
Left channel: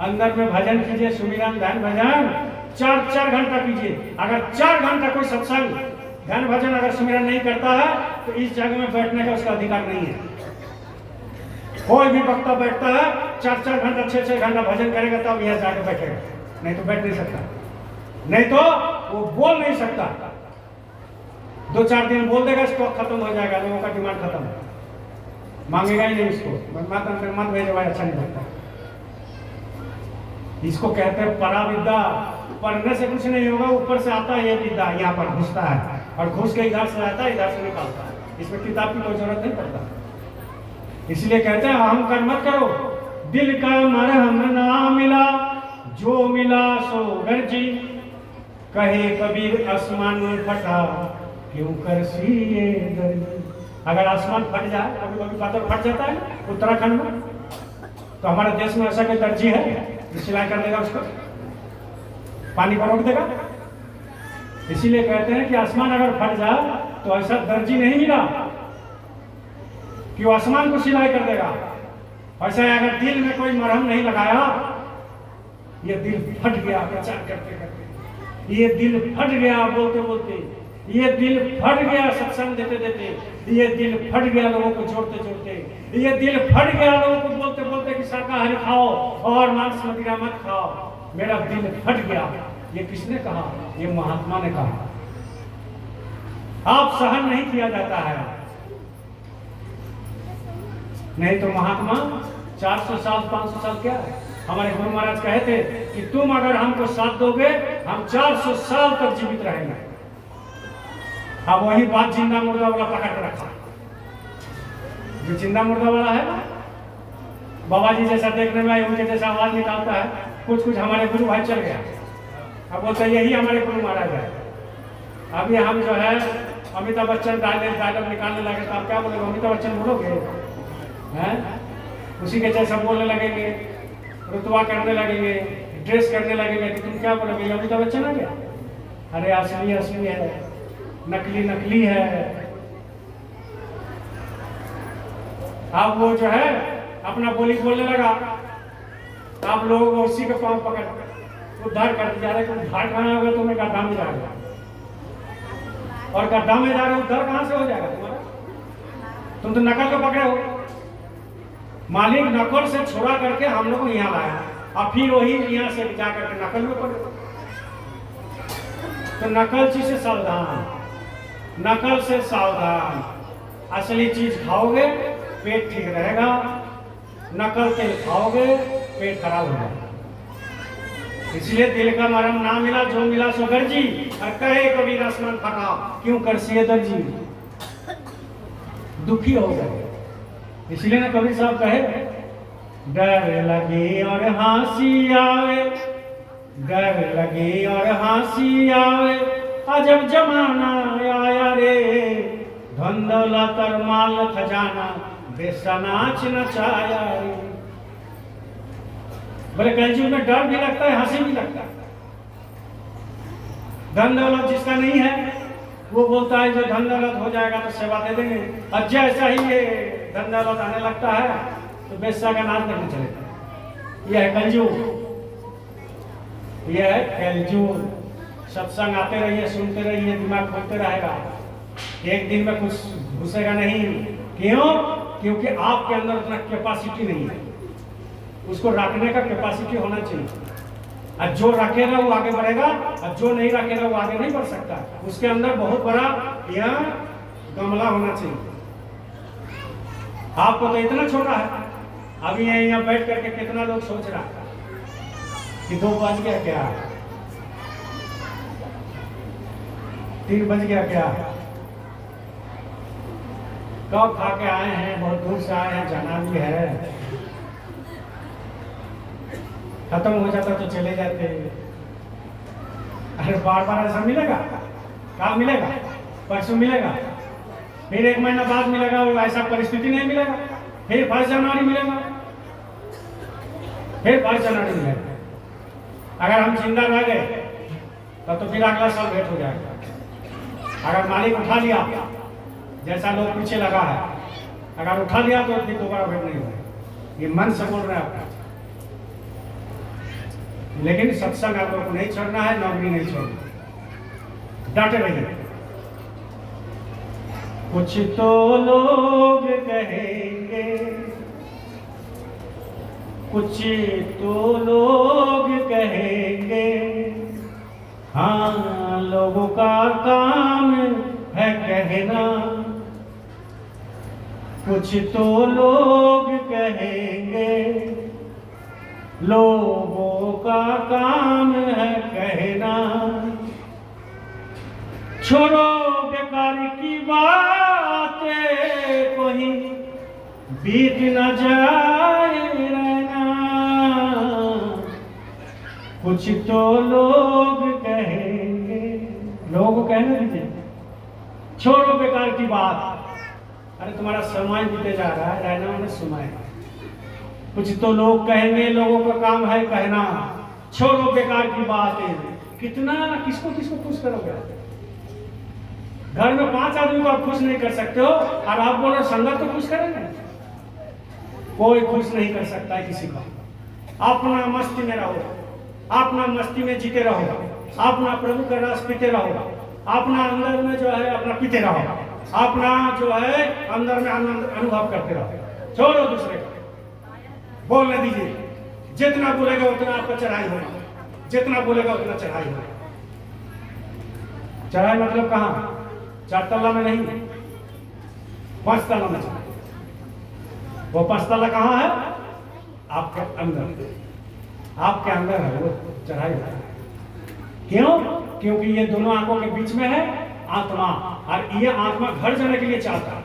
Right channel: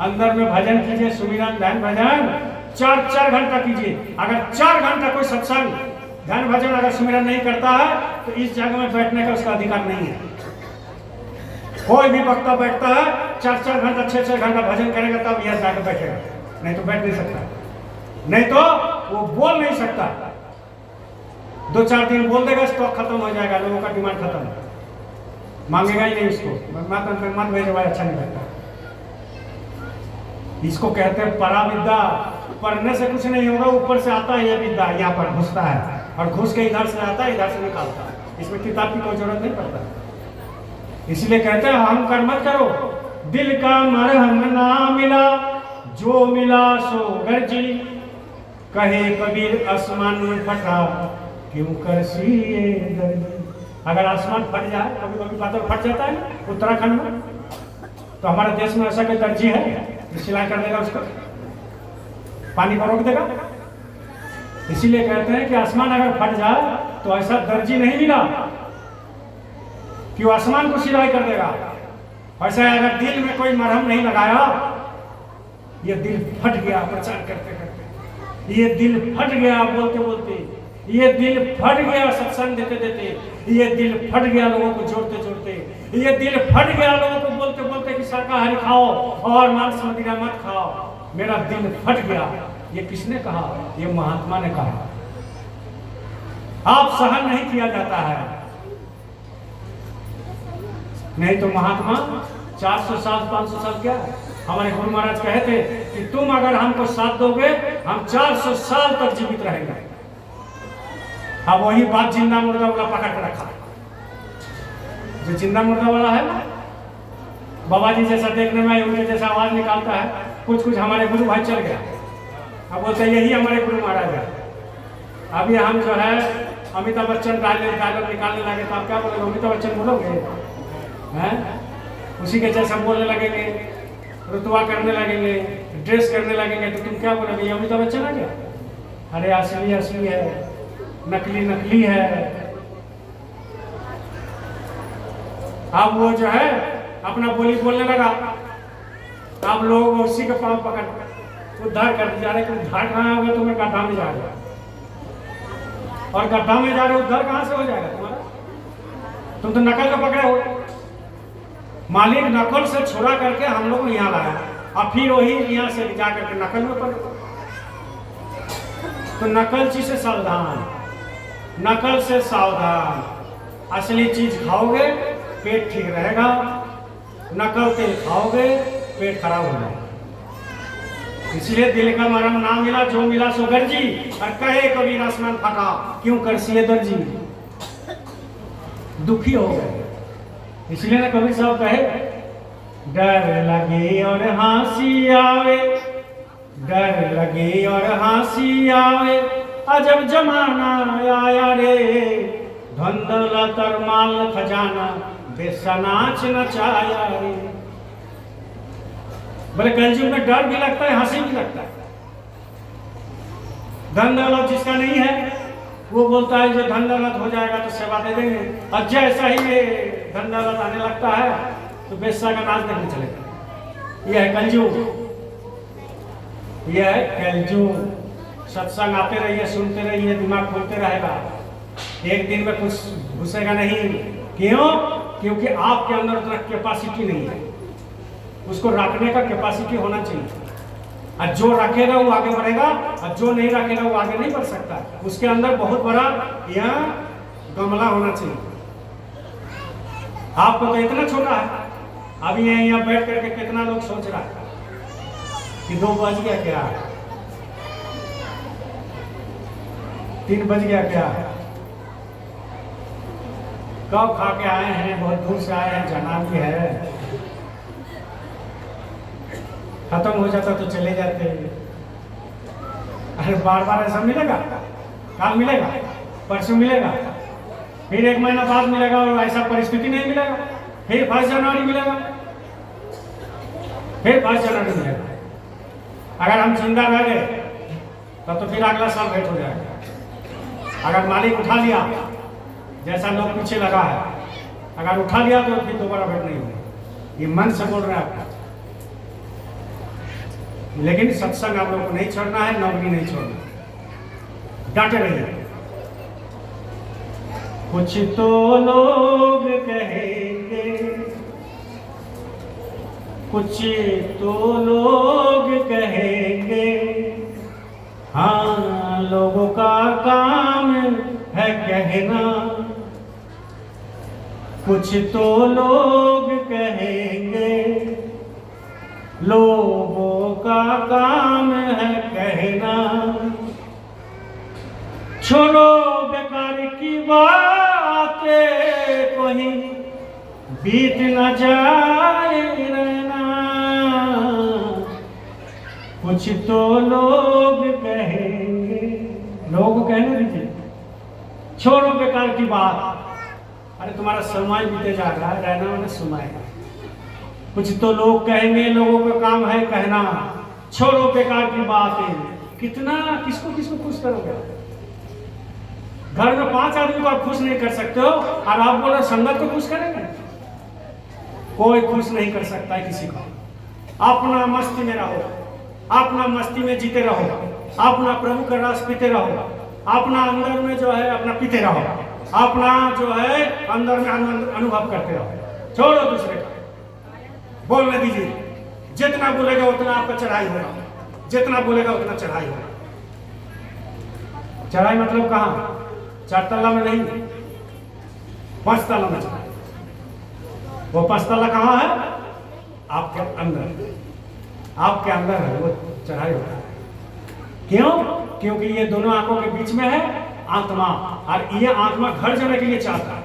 अंदर में भजन कीजिए, सुमिरन ध्यान भजन 4 घंटा कीजिए। अगर 4 घंटा कोई सत्संग ध्यान भजन अगर सुमिरन नहीं करता है तो इस जगह में बैठने का उसका अधिकार नहीं है। कोई भी वक्ता बैठता है 4 घंटा 6 घंटा भजन करेगा तब यह जाकर बैठेगा, नहीं तो बैठ नहीं सकता, नहीं तो वो बोल नहीं सकता। 2-4 दिन बोल देगा, स्टॉक खत्म हो जाएगा, लोगों का डिमांड खत्म, मांगेगा ही नहीं उसको। मन भेजे भाई अच्छा नहीं लगता। इसको कहते हैं पराविद्या। पढ़ने से कुछ नहीं होगा, ऊपर से आता है ये विद्या, यहाँ पर घुसता है और घुस के इधर से आता है, इधर से निकालता है। इसमें किताब की कोई जरूरत नहीं पड़ता। इसलिए कहते हैं हम कर्म मत करो। दिल का मरहम ना मिला, जो मिला सो गर्जी। कहे कबीर आसमान फटा, क्यों कर सिए दर्जी। अगर आसमान फट जाए, कभी कभी बादल फट जाता है उत्तराखंड में, तो हमारे देश में ऐसा कोई दर्जी है सिलाई कर देगा, उसको पानी पर रोक देगा। इसीलिए कहते हैं कि आसमान अगर फट जाए तो ऐसा दर्जी नहीं मिला कि वो आसमान को सिलाई कर देगा। वैसे अगर दिल में कोई मरहम नहीं लगाया, ये दिल फट गया प्रचार करते करते, ये दिल फट गया बोलते बोलते, ये दिल फट गया सत्संग देते देते, ये दिल फट गया लोगों को जोड़ते जोड़ते, ये दिल फट गया लोगों को बोलते बोलते कि शाकाहारी खाओ और मांस मदिरा मत खाओ। मेरा दिल फट गया। ये किसने कहा? ये महात्मा ने कहा। आप सहन नहीं किया जाता है। नहीं तो महात्मा 400 साल 500 साल क्या है? हमारे गुरु महाराज कहे थे कि तुम अगर हमको साथ दोगे हम 400 साल तक जीवित रहेंगे। अब वही बात जिंदा मुर्दा वाला पकड़ के रखा है। जो जिंदा मुर्दा वाला है बाबा जी जैसा देखने में उनके जैसा आवाज निकालता है, कुछ कुछ हमारे गुरु भाई चल गया। अब बोलते यही हमारे गुरु महाराज है। अभी हम जो है अमिताभ बच्चन डायलॉग निकालने लगे तो आप क्या बोलोगे? अमिताभ बच्चन बोलोगे हैं? उसी के जैसा बोलने लगेंगे, रुतबा करने लगेंगे, ड्रेस करने लगेंगे तो तुम क्या बोलोगे? अमिताभ बच्चन आ गया? अरे असली असली है, नकली नकली है। अब वो जो है अपना बोली बोलने लगा, आप लोगों को उसी के पांव पकड़ उद्धार कर दिया। अरे उद्धार कहाँ होगा? तुम्हें गड्ढा में जा रहे और गड्ढा में जा रहे उद्धार कहाँ से हो जाएगा तुम्हारा? तुम तो नकल को पकड़े हो। मालिक नकल से छोड़ा करके हम लोग यहाँ लाया, और फिर वही यहाँ से जा करके नकल में पड़े। तो नकलची से सावधान, नकल से सावधान। असली चीज खाओगे पेट ठीक रहेगा, नकल तेल खाओगे पेट खराब हो जाएगा। इसलिए दिल का मरहम ना मिला जो मिला सो गर्जी, और कहे कभी आसमान फटा क्यों करसिए दर्जी। दुखी हो गए। इसलिए ना कबीर साहब कहे डर लगे और हंसी आवे, डर लगे और हंसी आवे, अजब जमाना आया रे, धंधला तर माल खजाना, बेसा नाच नचाया रे। बोले कलयुग में डर भी लगता है, हंसी भी लगता है। धन दौलत जिसका नहीं है वो बोलता है जो धन दौलत हो जाएगा तो सेवा दे देंगे, और जैसा ही ये धन दौलत आने लगता है तो बेस्सा का नाच देखने चलेगा। यह है कलयुग, यह है कलयुग। सत्संग आते रहिए, सुनते रहिए, दिमाग खोलते रहेगा, एक दिन में कुछ घुसेगा नहीं। क्यों? क्योंकि आपके अंदर उतना कैपेसिटी नहीं है, उसको रखने का कैपेसिटी होना चाहिए। और जो रखेगा वो आगे बढ़ेगा, और जो नहीं रखेगा वो आगे नहीं बढ़ सकता। उसके अंदर बहुत बड़ा यह गमला होना चाहिए। आपको तो इतना छोटा है, अभी यहाँ बैठ करके कितना लोग सोच रहा है कि 2 बज गया क्या, 3 बज गया क्या, कब खा के आए हैं, बहुत दूर से आए हैं, जाना भी है। खत्म हो जाता तो चले जाते। अरे बार बार ऐसा मिलेगा? कल मिलेगा, परसों मिलेगा, फिर 1 महीना बाद मिलेगा, और ऐसा परिस्थिति नहीं मिलेगा। फिर 1 जनवरी मिलेगा, फिर 5 जनवरी मिलेगा। अगर हम जिंदा रह गए तो फिर अगला साल भेंट हो जाएगा। अगर मालिक उठा लिया, जैसा लोग पीछे लगा है, अगर उठा लिया तो फिर दोबारा भेंट नहीं होगी। ये मन से बोल रहे हैं आपका। लेकिन सत्संग आप लोग को नहीं छोड़ना है, नौकरी नहीं छोड़ना, डटे रहिए। कुछ तो लोग कहेंगे, कुछ तो लोग कहेंगे, हाँ लोगों का काम है कहना। कुछ तो लोग कहेंगे, लोगों का काम है कहना। छोड़ो बेकार की बातें, कहीं बीत न जाए रहना। कुछ तो लोग कहेंगे, लोगों को कहना दीजिए, छोड़ो बेकार की बात। अरे तुम्हारा समय बीते जा रहा है, रहना मैंने सुना है। कुछ तो लोग कहेंगे, लोगों का काम है कहना, छोड़ो बेकार की बातें। कितना किसको किसको खुश करोगे? घर में 5 आदमी को आप खुश नहीं कर सकते हो, और आप बोलो संगत को खुश करेंगे? कोई खुश नहीं कर सकता है किसी को। अपना मस्ती में रहो, अपना मस्ती में जीते रहो, अपना प्रभु का रस पीते रहो, अपना अंदर में जो है अपना पीते रहो, अपना जो है अंदर में आनंद अनुभव करते रहो। छोड़ो दूसरे को, बोलने दीजिए। जितना बोलेगा उतना आपका चढ़ाई होगा, जितना बोलेगा उतना चढ़ाई होगा। चढ़ाई मतलब कहाँ? 4 तल्ला में नहीं, 5 तल्ला में चढ़ाई। वो 5 तल्ला कहाँ है? आपके अंदर, आपके अंदर है वो चढ़ाई होता है। क्यों? क्योंकि ये दोनों आंखों के बीच में है आत्मा, और ये आत्मा घर जाने के लिए चाहता है।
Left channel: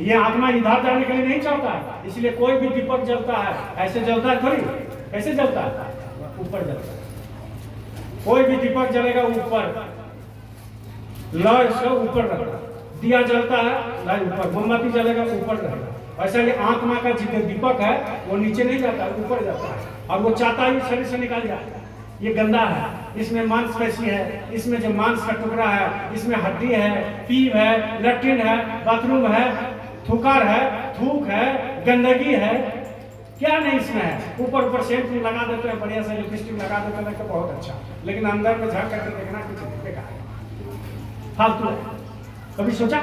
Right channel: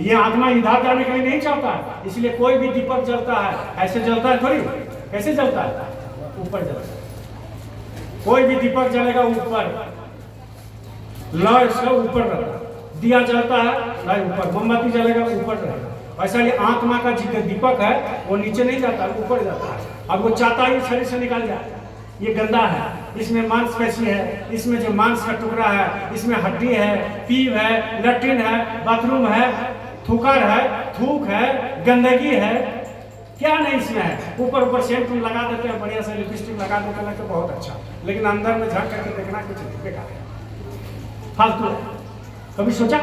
ये आत्मा इधर जाने के लिए नहीं चाहता। इसलिए कोई भी दीपक जलता है, ऐसे जलता है थोड़ी, कैसे जलता है? ऊपर जलता है। कोई भी दीपक जलेगा ऊपर, लौ से ऊपर रहता है। दिया जलता है नहीं ऊपर, मोमबत्ती जलेगा ऊपर रहेगा। ऐसा ये आत्मा का जितना दीपक है वो नीचे नहीं जाता, ऊपर जाता है। अब वो चाहता है शरीर से निकल जाए। ये गंदा है, इसमें मांसपेशी है, इसमें जो मांस का टुकड़ा है, इसमें हड्डी है, पीव है, लैट्रिन है, बाथरूम है, थूकर है, थूक है, गंदगी है, क्या नहीं इसमें है। ऊपर ऊपर सेंट लगा देते हैं, बढ़िया से लिपस्टिक लगा देते हैं तो बहुत अच्छा, लेकिन अंदर में झांक करके देखना कुछ दिखेगा फालतू है। कभी सोचा?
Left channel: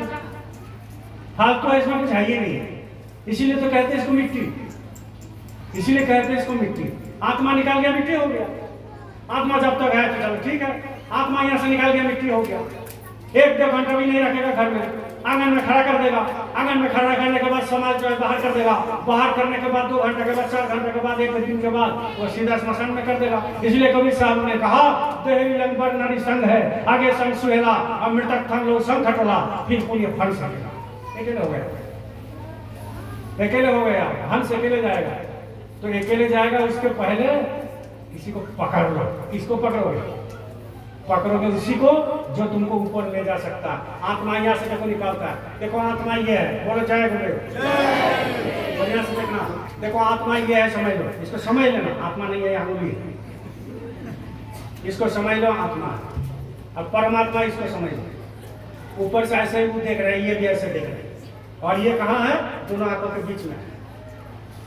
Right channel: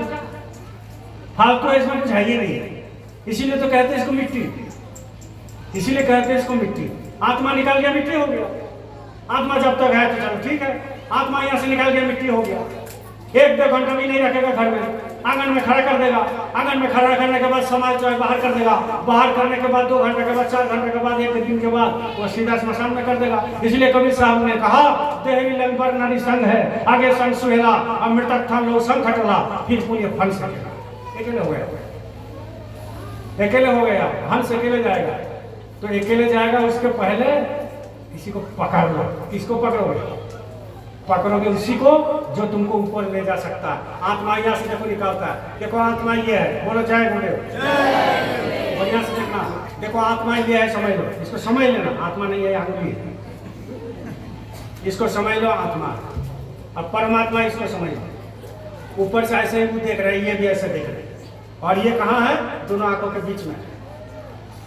फालतू है, इसमें कुछ है ही नहीं है। इसीलिए तो कहते हैं इसको मिट्टी, इसीलिए कहते हैं इसको मिट्टी। आत्मा निकाल गया मिट्टी हो गया। आत्मा जब तक है तो चलो ठीक है, आत्मा यहाँ से निकाल गया मिट्टी हो गया। 1-2 घंटा भी नहीं रखेगा घर में, आंगन में खड़ा कर देगा। आंगन में खड़ा करने के बाद समाज जो है बाहर कर देगा। बाहर करने के बाद 2 घंटे के बाद, 4 घंटे के बाद, 1 दिन के बाद वो सीधा स्मशान में कर देगा। इसलिए कबीर साहब ने कहा, देही लंबर नारी संग है, आगे संग सुहेला, अमृतक था लो संग खटला, फिर पूरी फल सकेगा। अकेले हो गया, अकेले हो गया, हंस अकेले जाएगा। तो अकेले जाएगा, उसके पहले किसी को पकड़ लो। किसको पकड़ोगे? पकड़ोगे उसी को जो तुमको ऊपर ले जा सकता है। आत्मा यहाँ से देखो निकालता है। देखो आत्मा ये है, बोलो जय गुरुदेव। और यहाँ से देखना, देखो आत्मा ये है, समझ लो, इसको समझ लेना। आत्मा नहीं है, यहाँ इसको समझ लो आत्मा। अब परमात्मा इसको समझ लो। ऊपर से ऐसे ही वो देख रहे हैं, ये भी ऐसे देख रहे हैं, और ये कहाँ है? दोनों आंखों के बीच में,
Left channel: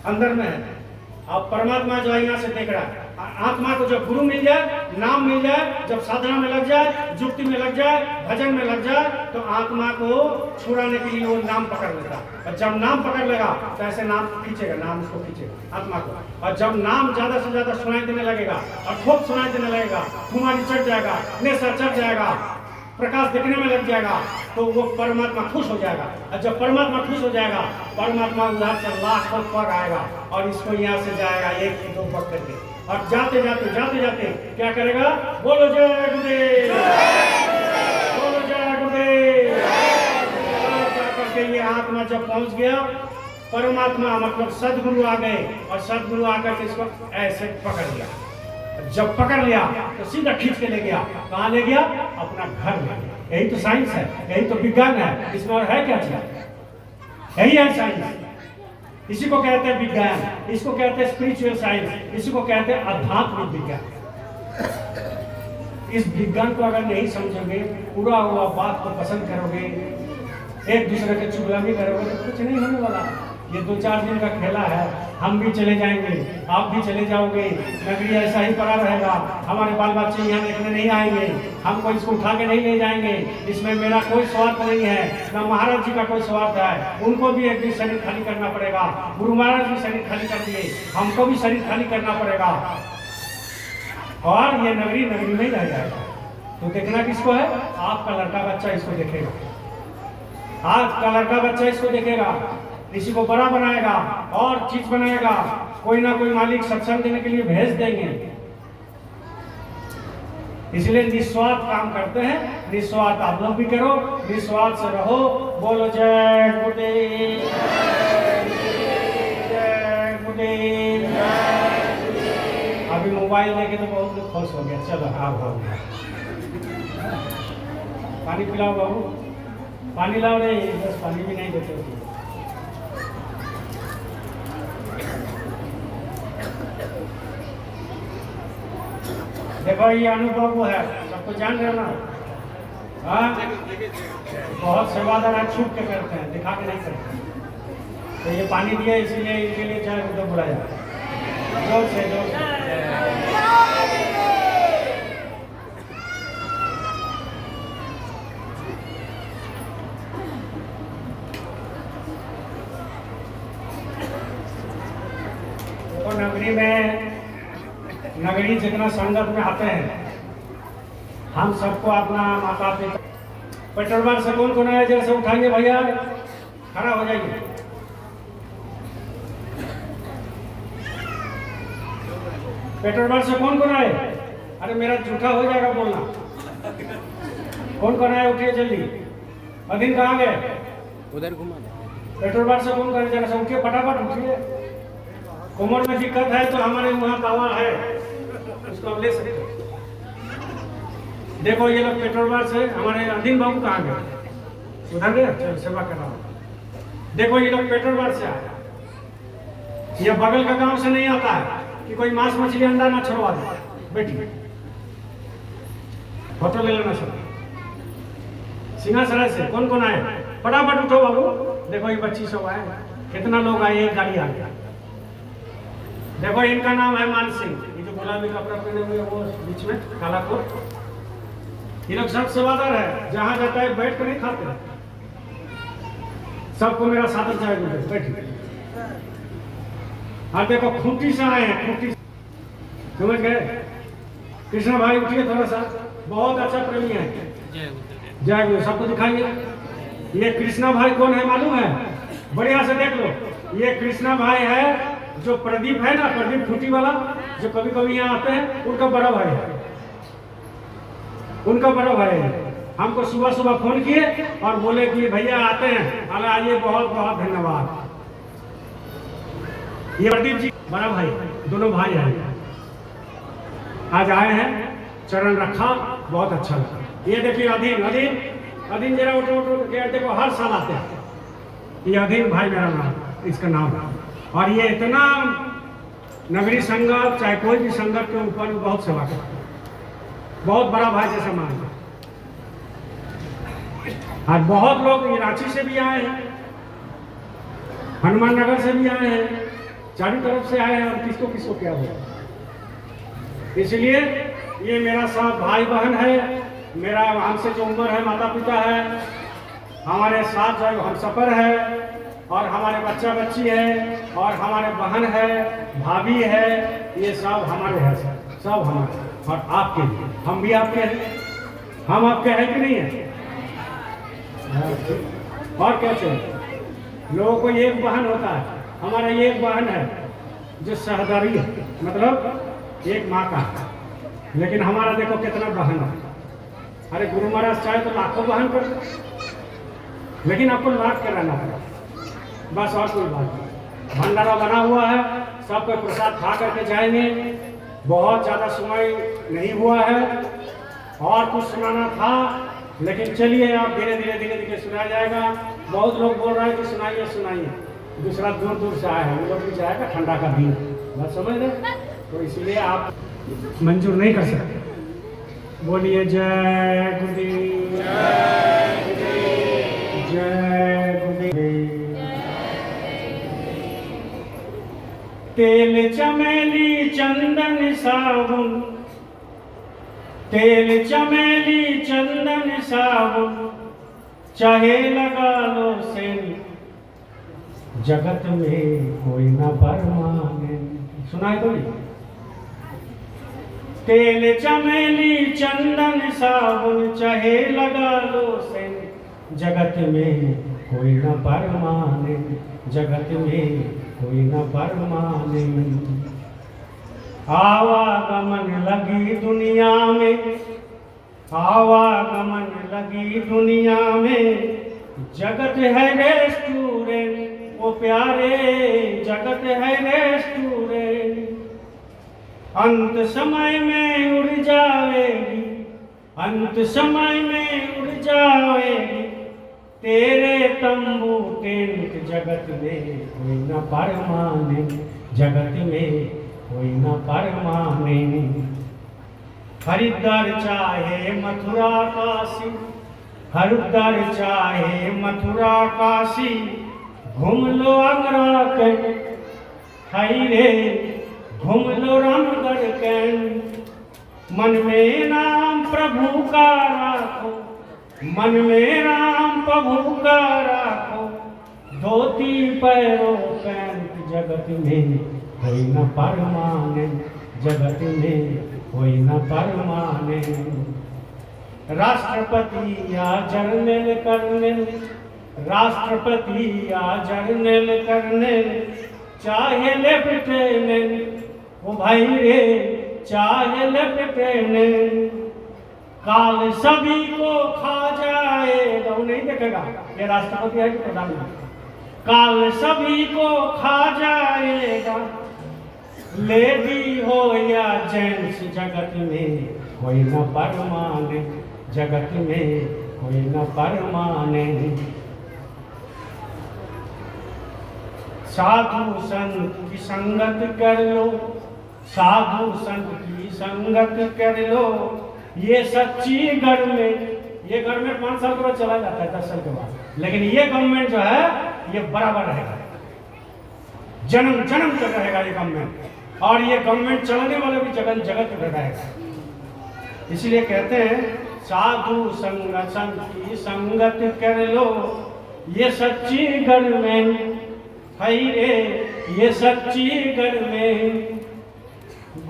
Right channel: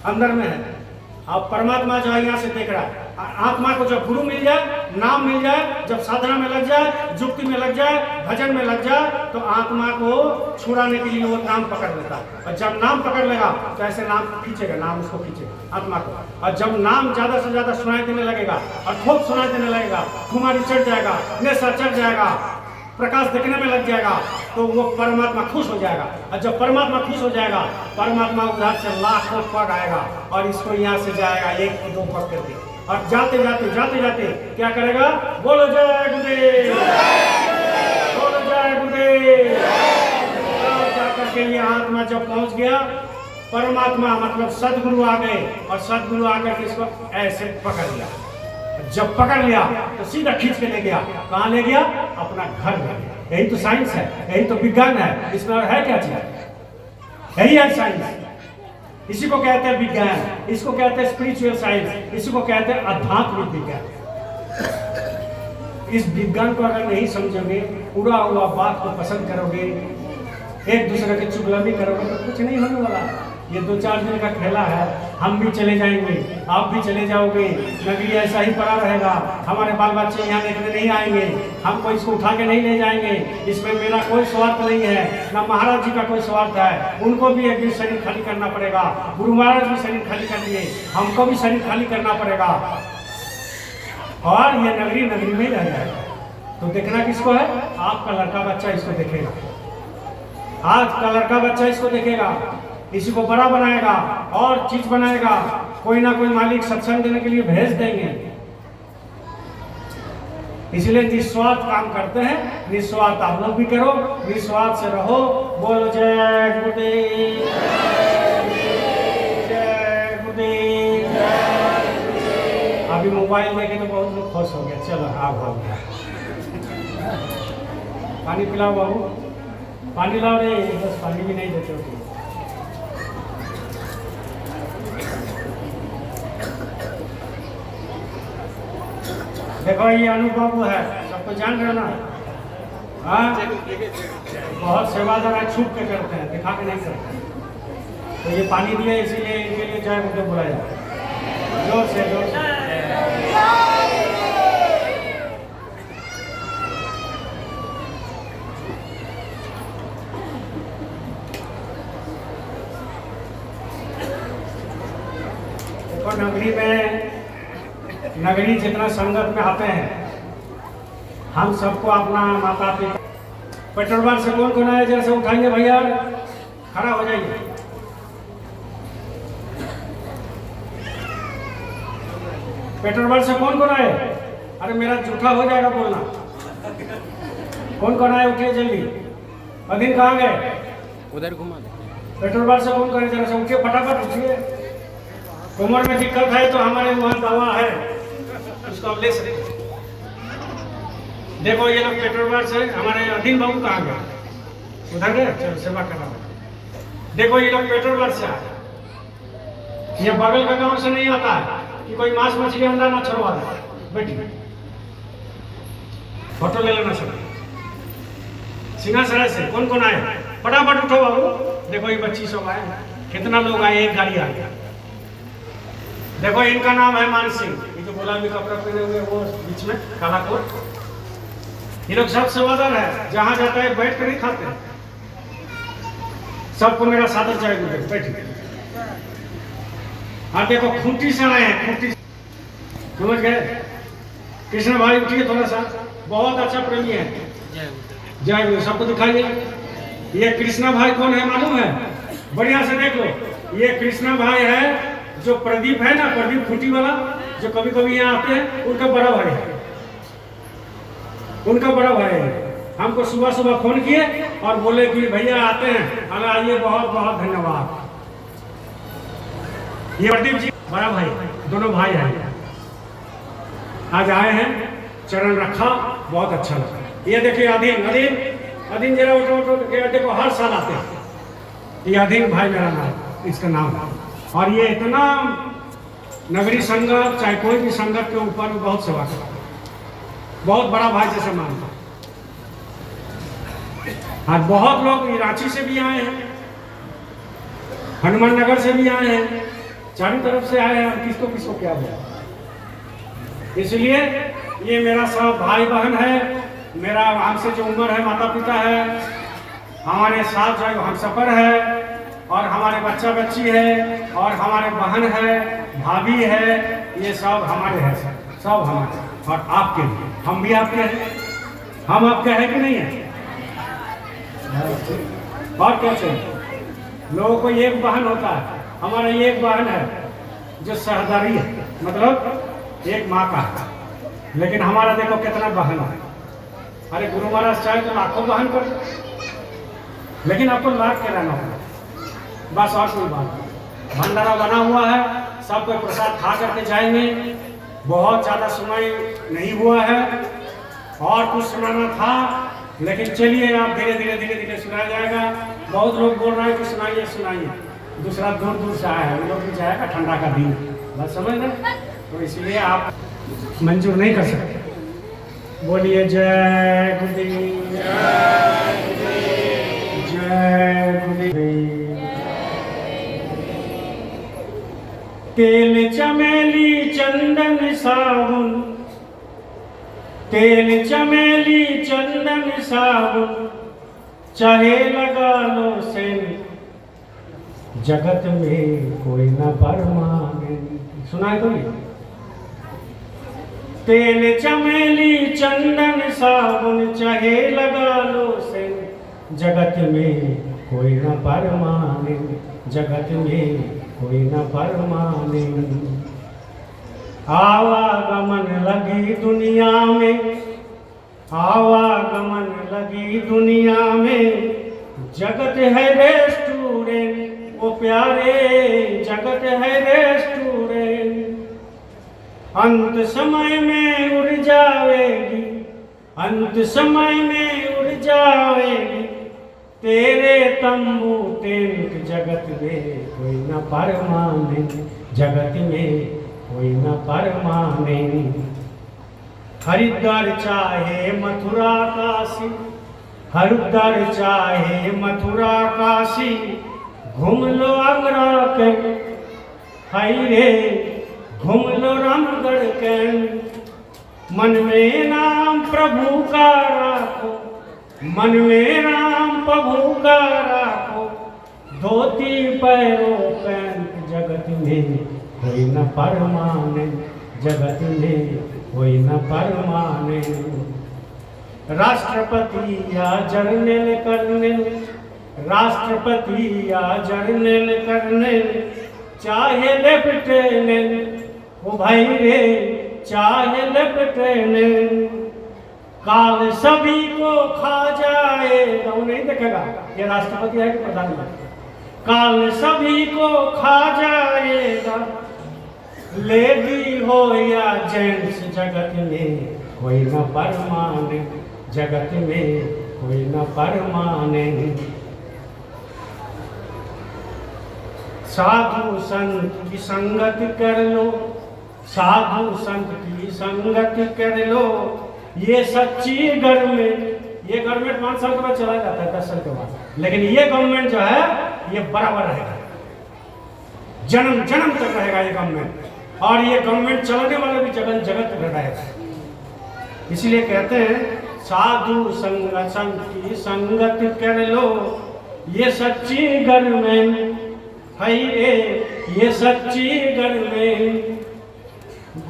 अंदर में है। अब परमात्मा जो है यहाँ से देख रहा है। आत्मा को जब गुरु मिल जाए, नाम मिल जाए, जब साधना में लग जाए, जुक्ति में लग जाए, भजन में लग जाए, तो आत्मा को छुड़ाने के लिए वो नाम पकड़ लेता है। और जब नाम पकड़ लेगा तो ऐसे नाम खींचेगा, नाम उसको खींचेगा आत्मा को। और जब नाम ज्यादा से ज्यादा सुनाई देने लगेगा और खूब सुनाई देने लगेगा, खुमारी चढ़ जाएगा, नेशा चढ़ जाएगा, प्रकाश देखने में लग जाएगा, तो वो परमात्मा खुश हो जाएगा। और जब परमात्मा खुश हो जाएगा, परमात्मा उधर से लाखों पग आएगा और इसको यहाँ से जाएगा 1-2 पग करके। और जाते जाते जाते जाते क्या करेगा? बोलो जय गुरुदेव, बोलो जय गुरुदेव। जाकर के ये आत्मा जब पहुंच गया, परमात्मा मतलब सदगुरु आ गए, और सदगुरु आकर के इसको ऐसे पकड़ लिया। जब पकड़ लिया तो सीधा खींच के ले गया। कहाँ ले गया? अपना घर में। यही तो साइंस है, यही तो विज्ञान है। इसमें और है क्या चीज? यही है साइंस। इसी को कहते हैं विज्ञान, इसको कहते हैं स्पिरिचुअल साइंस, इसी को कहते हैं आध्यात्मिक विज्ञान। इस विज्ञान को अगर नहीं समझोगे, पूरा हुआ बात को पसंद करोगे, एक दूसरे के चुगली करोगे, तो कुछ नहीं होने वाला। ये 2-4 दिन का खेला है। हम भी चले जाएंगे, आप भी चले जाओगे, नगरी ऐसा ही पड़ा रहेगा। हमारे बाल बच्चे यहाँ देखने नहीं आएंगे, हमको इसको उठा के नहीं ले जाएंगे। इसमें मेरा कोई स्वार्थ नहीं है, ना महाराज जी का कोई स्वार्थ है। उनको भी एक दिन शरीर खाली करना पड़ेगा। गुरु महाराज भी शरीर खाली कर दिए, हमको भी शरीर खाली करना पड़ेगा, और ये नगरी नगरी में रह जाएगा। तो देखना किसको है? आपका लड़का बच्चा इसको देखेगा, आज का लड़का बच्चा इसको देखेगा, इसी को बड़ा बनाएगा और चीज बनाएगा। कोई ना कोई मालिक सत्संग देने के लिए भेज देंगे। इसलिए निस्वार्थ काम करते हैं, निस्वार्थ आप लोग भी करो, निस्वार्थ से रहो। बोलो जय गुरुदेव, जय गुरुदेव। अभी मोबाइल देखे तो बहुत लोग खुश हो गए। चलो आप हो गया, पानी पिलाओ बाबू, पानी लाओ रे। बस पानी भी नहीं देते हो। देखो ये अनुभव है, सबको जान रहे ना? हाँ, बहुत सेवादार छुप के करते हैं, दिखा के नहीं करते। तो ये पानी दिए, इसलिए इनके लिए जय गुरुदेव बुलाया जाए। जोर से जोर से। तो नगरी जितना संगत में आते हैं, हम सबको अपना माता पिता पेट्रोल से कौन कौन आया, जैसे उठाइए भैया, खड़ा हो जाइए। पेट्रोल से कौन कौन आए? अरे मेरा झूठा हो जाएगा बोलना। कौन कौन आए, उठिए जल्दी। अधीन कहाँ गए? उधर घुमा दे। पेट्रोल से कौन करे, जरा से उठिए, फटाफट उठिए। उम्र में दिक्कत है तो हमारे वहाँ दवा है, उसको आप ले सकते। देखो ये लोग पेट्रोल से, हमारे अधीन बाबू कहाँ गए? उधर गए, चलो सेवा करा। देखो ये लोग पेट्रोल से आए, ये बगल का गांव से नहीं आता है कि कोई मांस मछली अंडा ना छुड़वा दे। बैठिए, फोटो ले लेना सब। सिंहासराय से कौन कौन आए? फटाफट उठो बाबू। देखो ये 25 आए, कितना लोग आए, एक गाड़ी आ गया। देखो इनका नाम है मान सिंह, ये जो गुलाबी कपड़ा पहने हुए वो बीच में काला कोट। ये लोग सब सेवादार है, जहां जाता है बैठ कर नहीं खाते। सबको मेरा सादर चाहिए, बैठिए। हाँ देखो खूंटी से आए हैं, खूंटी समझ गए? कृष्ण भाई उठिए थोड़ा सा, बहुत अच्छा प्रेमी है। जय गुरु, सबको दिखाइए। ये कृष्णा भाई कौन है मालूम है? बढ़िया से देख लो, ये कृष्णा भाई है जो प्रदीप है ना, प्रदीप खूंटी वाला, जो कभी कभी यहाँ आते हैं, उनका बड़ा भाई है। उनका बड़ा भाई है। हमको सुबह सुबह फोन किए और बोले कि भैया आते हैं, हमें आइए, बहुत बहुत धन्यवाद। ये प्रदीप जी बड़ा भाई, दोनों भाई हैं, आज आए हैं, चरण रखा, बहुत अच्छा लगा। ये देखिए अधीन, अधीन अधीन जरा उठो उठो, देखो हर साल आते हैं। ये अधीन भाई मेरा नाम, इसका नाम। और ये इतना नगरी संगत, चाहे कोई भी संगत के ऊपर बहुत सेवा करता है, बहुत बड़ा भाई जैसे मानता। और बहुत लोग रांची से भी आए हैं, हनुमान नगर से भी आए हैं, चारों तरफ से आए हैं, और किसको किसको क्या हुआ। इसलिए ये मेरा सब भाई बहन है, मेरा हमसे जो उम्र है, माता पिता है, हमारे साथ जो हम सफर है, और हमारे बच्चा बच्ची है, और हमारे बहन है, भाभी है, ये सब हमारे हैं, सब हमारे। और आपके लिए, हम भी आपके हैं, हम आपके हैं कि नहीं है? और क्या चाहिए? लोगों को एक बहन होता है, हमारा एक बहन है जो सहदारी है, मतलब एक माँ का है। लेकिन हमारा देखो कितना बहन है। अरे गुरु महाराज चाहे तो लाखों बहन कर, लेकिन आपको लाख के रहना होगा, बस, और कोई बात नहीं। भंडारा बना हुआ है, सब कोई प्रसाद खा करके जाएंगे। बहुत ज़्यादा सुनाई नहीं हुआ है, और कुछ सुनाना था, लेकिन चलिए आप धीरे धीरे धीरे धीरे सुनाया जाएगा। बहुत लोग बोल रहे हैं कि सुनाइए सुनाइए, दूसरा दूर दूर से आया है, वो लोग भी जाएगा, ठंडा का दिन, बस समझ रहे, तो इसलिए आप मंजूर नहीं कर सकते। बोलिए जय गुरुदेव, जय गुरुदेव। तेल चमेली चंदन साबुन, तेल चमेली चंदन साबुन, चाहे लगा लो सेन, जगत में कोई न परमाने। सुना है कोई? तेल चमेली चंदन साबुन, चाहे लगा लो सेन, जगत में कोई न परमाने, जगत में कोई न परमाने। आवागमन लगी दुनिया में, आवागमन लगी दुनिया में, जगत है रेस्टोरेंट, वो प्यारे जगत है रेस्टोरेंट। अंत समय में उड़ जाएगी, अंत समय में उड़ जाएगी, तेरे तंबू टेंट, जगत में कोई न परमाने, जगत में कोई न परमाने। हरिद्वार चाहे मथुरा काशी, हरिद्वार चाहे मथुरा काशी, घूम लो आगरा के, हाय रे घूम लो रामगढ़ के, मन में नाम प्रभु का राखो, मन में राम प्रभु का राखो, धोती पैरों पैंट जगत में कोई न परमाने, जगत में कोई न परमाने। राष्ट्रपति या जर्नल कर्नल, राष्ट्रपति या जर्नल कर्नल, चाहे लेफ्टिनेंट ओ भाई रे, चाहे लेफ्टिनेंट, काल सभी को खा जाएगा। वो नहीं देखेगा ये राष्ट्रपति है कि प्रधानमंत्री, काल सभी को खा जाएगा, लेडी हो या जेंट्स जगत में कोई न परमाने, जगत में कोई न परमाने। साधु संत की संगत कर लो, साधु संत की संगत कर लो, ये सच्ची गवर्नमेंट, ये गवर्नमेंट 5 साल के बाद चला जाता है 10 साल के बाद, लेकिन ये गवर्नमेंट जो है ये बराबर रहेगा, जन्म जन्म तक रहेगा ये गवर्नमेंट, और ये गवर्नमेंट चलाने वाला भी जगत जगत रहेगा। इसलिए कहते हैं साधु संत की संगत कर लो, ये सच्ची गवर्नमेंट है रे, ये सच्ची गवर्नमेंट।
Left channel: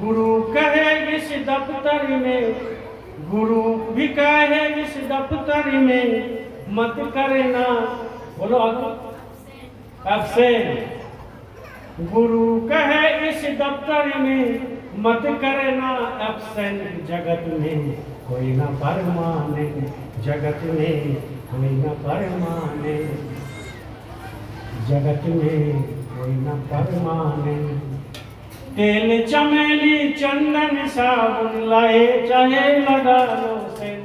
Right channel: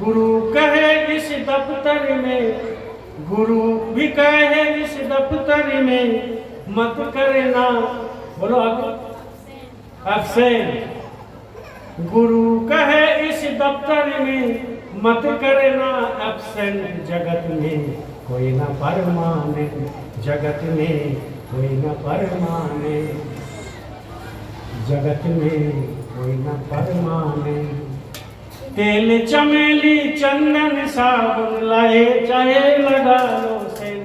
गुरु कहे इस दफ्तर में, गुरु भी कहे इस दफ्तर में, मत करना बोलो अब्सेंट, गुरु कहे इस दफ्तर में मत करना एब्सेंट, जगत में कोई न परमाने, जगत में कोई न परमाने, जगत में कोई न परमाने। तेल चमेली चंदन साबुन लाए चाहे लगा लो सेन,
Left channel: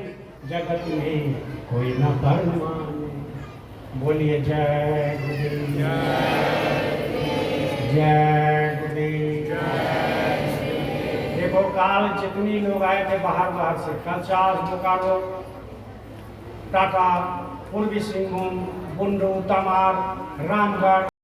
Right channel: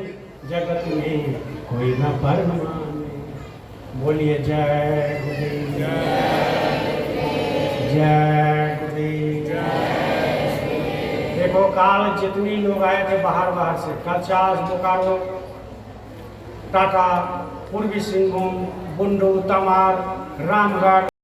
जगत में कोई न परमाने। बोलिए जय गुरुदेव, जय गुरुदेव। देखो काल जितनी लोग आए थे बाहर से, कचास, बोकारो, टाटा, पूर्वी सिंहभूम, बुंडू, तमार, रामगढ़,